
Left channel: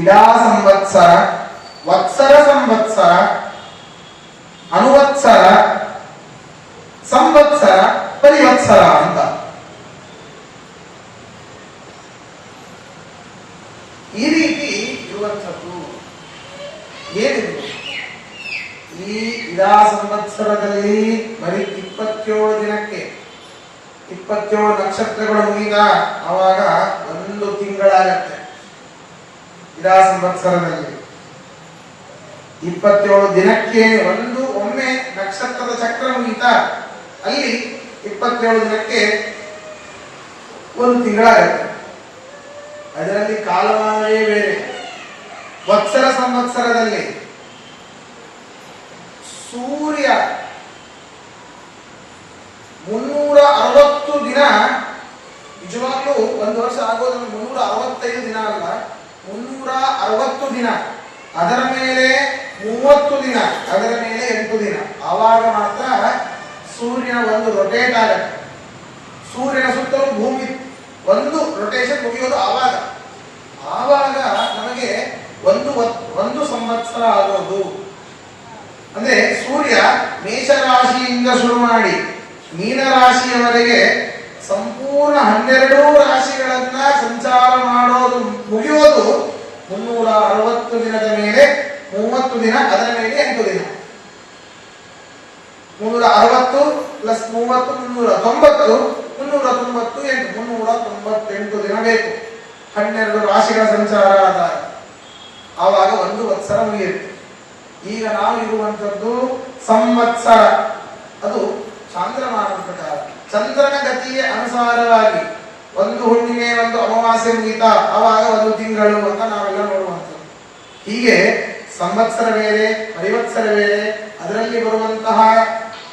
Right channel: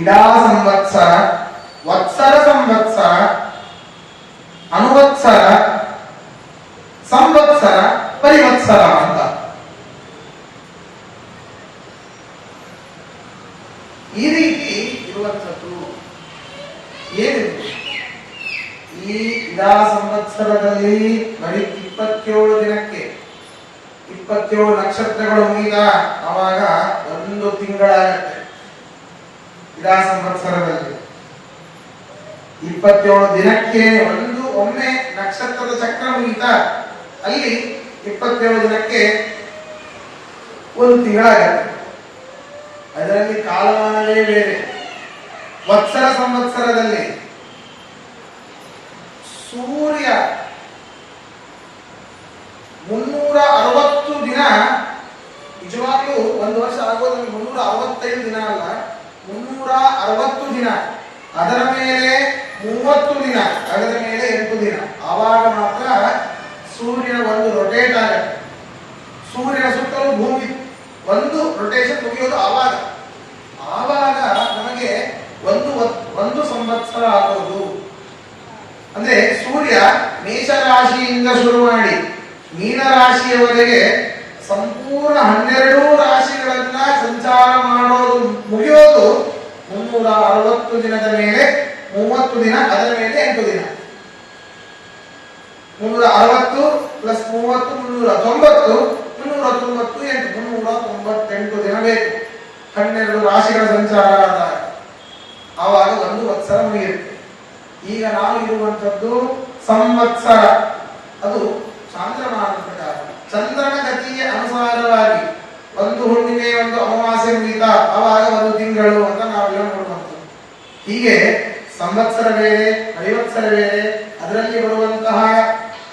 ಇಡಾ ಸಂವತ್ಸರ, ವತ್ಸರ ಸಂವತ್ಸರ, ಅನುವತ್ಸರ, ಸಂವತ್ಸರ, ಪರಿವತ್ಸರ ಅಂತ ಈ ರೀತಿ ಇರುವಂಥದ್ದು. ಏನಿದೆ ಈ ಇಡಾ ಸಂವತ್ಸರದಲ್ಲಿ ಬರೀ 27 ದಿನಕ್ಕೆ 27 ನಕ್ಷತ್ರಗಳು ಮುಗಿದ ಅವಾಗ 1 ತಿಂಗಳಾಗತ್ತೆ. ಇಡಾ ಸಂವತ್ಸರದಲ್ಲಿ 27 ದಿನಕ್ಕೆ ಒಮ್ಮೆ ನಕ್ಷತ್ರದ ಚಕ್ರ ಮುಗಿತ. ಅಲ್ಲಿ 27 ದಿನಕ್ಕೆ 1 ತಿಂಗಳಾಗತ್ತೆ. ಅದರಲ್ಲಿ ಕಾಲಮಾನವೇ ಬೇರೆ. ವತ್ಸರ ಸಂವತ್ಸರದಲ್ಲಿ ಸೂರ್ಯ 360 ದಿನ, ನಿಜವಾಗ್ಲೂ ಒಂದು ವರ್ಷ ಆಗೋದು 365 ದಿನ ಅಲ್ಲ, 360 ದಿನ. ಅದರ ಮೇಲೆ 30 ದಿನ, ಅದರ ಮೇಲೆ 8 ದಿನ. ಆವಾಗ ಮಾತ್ರ ಸೂರ್ಯನ ಒಂದು ರೊಟೇಟ್ ಆಗತ್ತೆ. ಸೂರ್ಯನ ಸುತ್ತಲೂ ಭೂಮಿ ಒಂದು ರೊಟೇಷನ್ ಮುಗಿಯೋದು ಆವಾಗ ನಮಗೆ ಒಂದು ಸಂವತ್ಸರ ಆಗೋದು. ಅಂದ್ರೆ ಸೂರ್ಯ ಮೇಷರಾಶಿಯಿಂದ ಶುರು ಮಾಡಿ ಮೀನರಾಶಿಯವರೆಗೆ ಸಂಪೂರ್ಣ 12 ರಾಶಿಗಳನ್ನ ಸಂಚಾರ ಮಾಡೋದು ಮುಗಿಯೋದು 360 ದಿನದ ಮೇಲೆ 30 ದಿನ, ಅದರ ಮೇಲೆ 8 ದಿನ. 360 ಪ್ಲಸ್ 30 390, 398 ದಿನ ಬೇಕು 12 ರಾಶಿಗಳ ಸಂಚಾರ ಆದಾಗ. ಆವಾಗ 1 ವತ್ಸರ ಮುಗಿಯುತ್ತೆ. ಈಗ ನಾವು ಇರುವಂತದ್ದು ಸಂವತ್ಸರ, ಅದು ಚಾಂದ್ರಮಾನ ಪ್ರಕಾರ ಚಂದ್ರನ ಗತಿಗೆ ಅನುಸಾರವಾಗಿ ಒಂದು ಹುಣ್ಣಿಮೆ ಒಂದು ಅಮಾವಾಸ್ಯೆ ಮುಗಿತಾ ಆವಾಗ 1 ತಿಂಗಳು ಅಂತ ನಾವೆಲ್ಲ ನೋಡುವಂಥದ್ದು. ಹೀಗೆ ಸಂವತ್ಸರ ಬೇರೆ, ಪರಿವತ್ಸರ ಬೇರೆ, ಅದರಲ್ಲಿ ಬರುವಂತಹ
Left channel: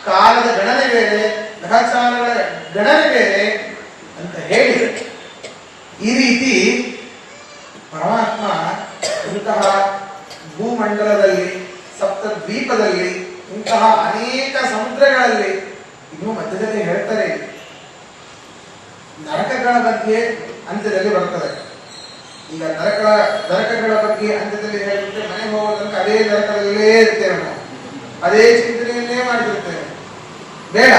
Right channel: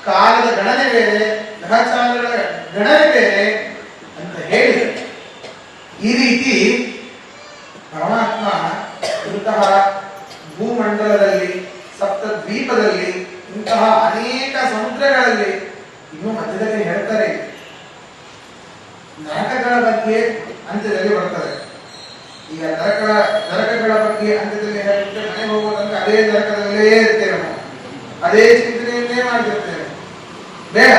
ಕಾಲದ ಗಣನೆ ಬೇರೆ, ಗ್ರಹಚಾರಗಳ ಗಣನೆ ಬೇರೆ ಅಂತ ಹೇಳಿ ಈ ರೀತಿ ಪರಮಾತ್ಮ ಇಂತಹ ಭೂಮಂಡಲದಲ್ಲಿ, ಸಪ್ತ ದ್ವೀಪದಲ್ಲಿ, ಇಂತಹ ಅನೇಕ ಸಮುದ್ರಗಳಲ್ಲಿ ಇನ್ನು ಮಧ್ಯದಲ್ಲಿ ಹೇಳ್ತಾರೆ. ನರಕಗಳ ಬಗ್ಗೆ ಅಂತ್ಯದಲ್ಲಿ ಬರ್ತದೆ. ಈಗ ನರಕಗಳ ಬಗ್ಗೆ ಅಂತ್ಯದಲ್ಲಿ ಹೇಳ್ಬಿಟ್ರೆ ಮನೆ ಹೋಗೋದಂತ ಅದೇ ನರಕದಲ್ಲೇ ಇರ್ತೇವೆ ನಾವು, ಅದೇ ಚಿಂತನೆಯನ್ನೇ ಮಾಡ್ತಿರ್ತೇವೆ. ಬೇಡ,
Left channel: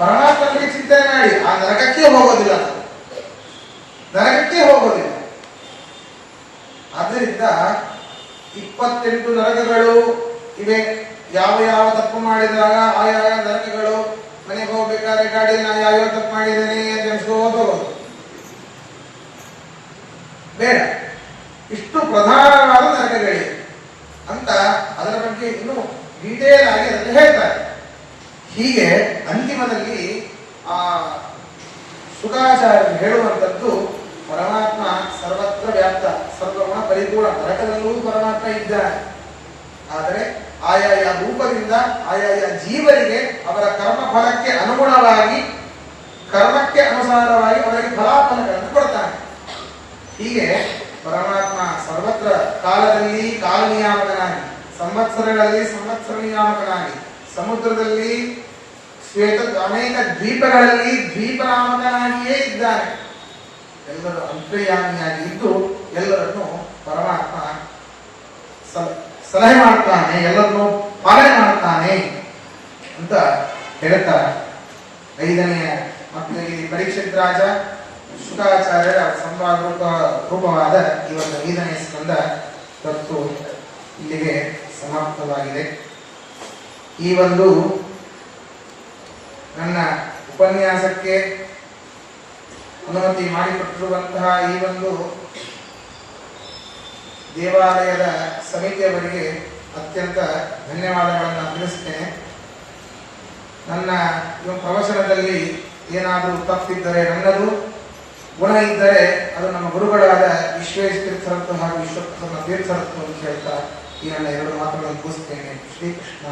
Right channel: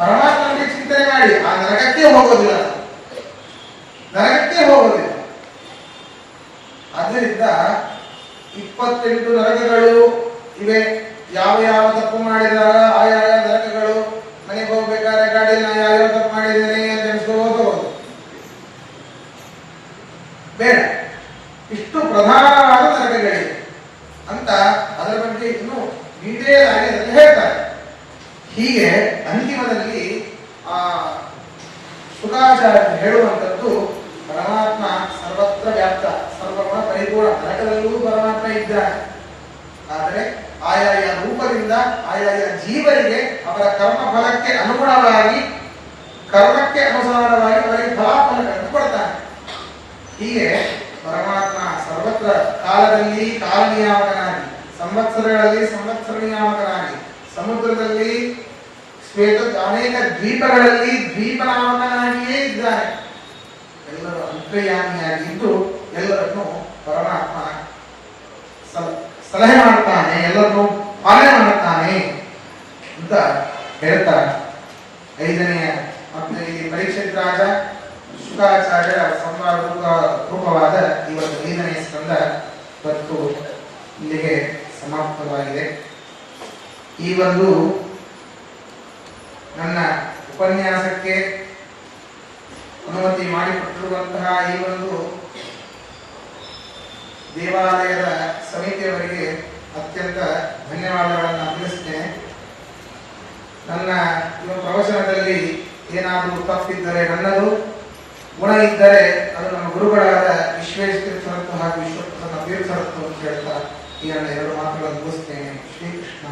ಪರಮಾತ್ಮನಿಗೆ ಚಿಂತನೆ ಮಾಡಿ ಆ ನರಕಕ್ಕೆ ಹೋಗೋದಿಲ್ಲ, ನರಕಕ್ಕೆ ಹೋಗೋದಿಲ್ಲ. ಆದ್ದರಿಂದ 28 ನರಕಗಳು ಇವೆ. ಯಾವ ಯಾವ ತಪ್ಪು ಮಾಡಿದಾಗ ಆಯಾ ನರಕಗಳು, ಮನೆಗೆ ಹೋಗ್ಬೇಕಾದ್ರೆ ಗಾಡಿಯಲ್ಲಿ ನಾ ಯಾವ ತಪ್ಪು ಮಾಡಿದ್ದೇನೆ ಅಂತ ಎಣಿಸ್ಕೋದು ಬೇಡ. ಇಷ್ಟು ಪ್ರಧಾನವಾದ ನರಕಗಳಿವೆ ಅಂತ ಅದರ ಬಗ್ಗೆ ಇನ್ನೂ ಡೀಟೇಲ್ ಆಗಿ ಅದನ್ನು ಹೇಳ್ತಾರೆ. ಹೀಗೆ ಅಂತಿಮದಲ್ಲಿ ಆ ಶುಕಾಚಾರ್ಯ ಹೇಳುವಂಥದ್ದು ಪರಮಾತ್ಮ ಸರ್ವತ್ರ ವ್ಯಾಪ್ತ, ಸರ್ವಗುಣ ಪರಿಪೂರ್ಣ, ನರಕದಲ್ಲೂ ಪರಮಾತ್ಮ ಇದ್ದಾನೆ. ಆದರೆ ಆಯಾಯ ರೂಪದಿಂದ ಆಯಾಯ ಜೀವರಿಗೆ ಅವರ ಕರ್ಮ ಫಲಕ್ಕೆ ಅನುಗುಣವಾಗಿ, ಕರ್ಮಕ್ಕೆ ಅನುಸಾರವಾಗಿ ಅವರಿಗೆ ಫಲಾಫಲಗಳನ್ನು ಕೊಡ್ತಾನೆ. ಹೀಗೆ ಪರಮಾತ್ಮ ಸರ್ವತ್ರ ಕಾಲದಲ್ಲಿ ಕಾಲ ನಿಯಾಮಕನಾಗಿ, ಸಂವತ್ಸರಗಳಲ್ಲಿ ಸಂವತ್ಸರ ನಿಯಾಮಕನಾಗಿ, ಸಮುದ್ರದಲ್ಲಿ ಶ್ವೇತ ಅನೇಕ ದ್ವೀಪಗಳಲ್ಲಿ ದ್ವೀಪನಾಮಕನಾಗಿಯೇ ಇದ್ದಾನೆ. ಎಲ್ಲರೂ ಅಂತರ್ಯಾಮಿಯಾಗಿ ಇದ್ದು ಎಲ್ಲರನ್ನು ಪರಮಾತ್ಮ ಸಲಹೆ ಮಾಡ್ತಾನೆ, ಎಲ್ಲರನ್ನು ಪಾಲನೆ ಮಾಡ್ತಾನೆ ಅಂತ ಹೇಳ್ತಾರೆ. 5ನೇ ಮತ್ತು ಈ ಪರೀಕ್ಷಿತ್ ರಾಜ ಶುಕಾಚಾರ್ಯರ ಸಂವಾದ ರೂಪವಾದ ಈ ಒಂದು 5ನೇ ಸ್ಕಂದ ಇವತ್ತು ಇಲ್ಲಿಗೆ ಸಮಾಪ್ತವಾಗಿದೆ. ಈ ಒಂದು ನನ್ನ ಉಪನ್ಯಾಸಕ್ಕೆ ಅನುಮತಿ ಮಾಡಿಕೊಟ್ಟಿರುವಂತಹ ಈ ಒಂದು ದೇವಾಲಯದ ಸಮಿತಿಯವರಿಗೆ ಅತ್ಯಂತ ಧನ್ಯವಾದಗಳನ್ನು ತಿಳಿಸ್ತೇನೆ. ನನ್ನ ಪ್ರವಚನದಲ್ಲಿ ಏನಾದರೂ ತಪ್ಪಿದ್ದರೆ ನನ್ನದು, ಗುಣ ಇದ್ದರೆ ಅದು ನಮ್ಮ ಗುರುಗಳಾದ ವಿಶ್ವೇಶ ತೀರ್ಥರತ್ನ ಹಾಗೂ ವಿಶ್ವಪ್ರಸನ್ನ ತೀರ್ಥರತ್ನ ಅಂತ ಹೇಳ್ತಾ ಈ ನನ್ನ 2 ಮಾತುಗಳನ್ನು ಮುಗಿಸ್ತೇನೆ. ಶ್ರೀಕೃಷ್ಣ.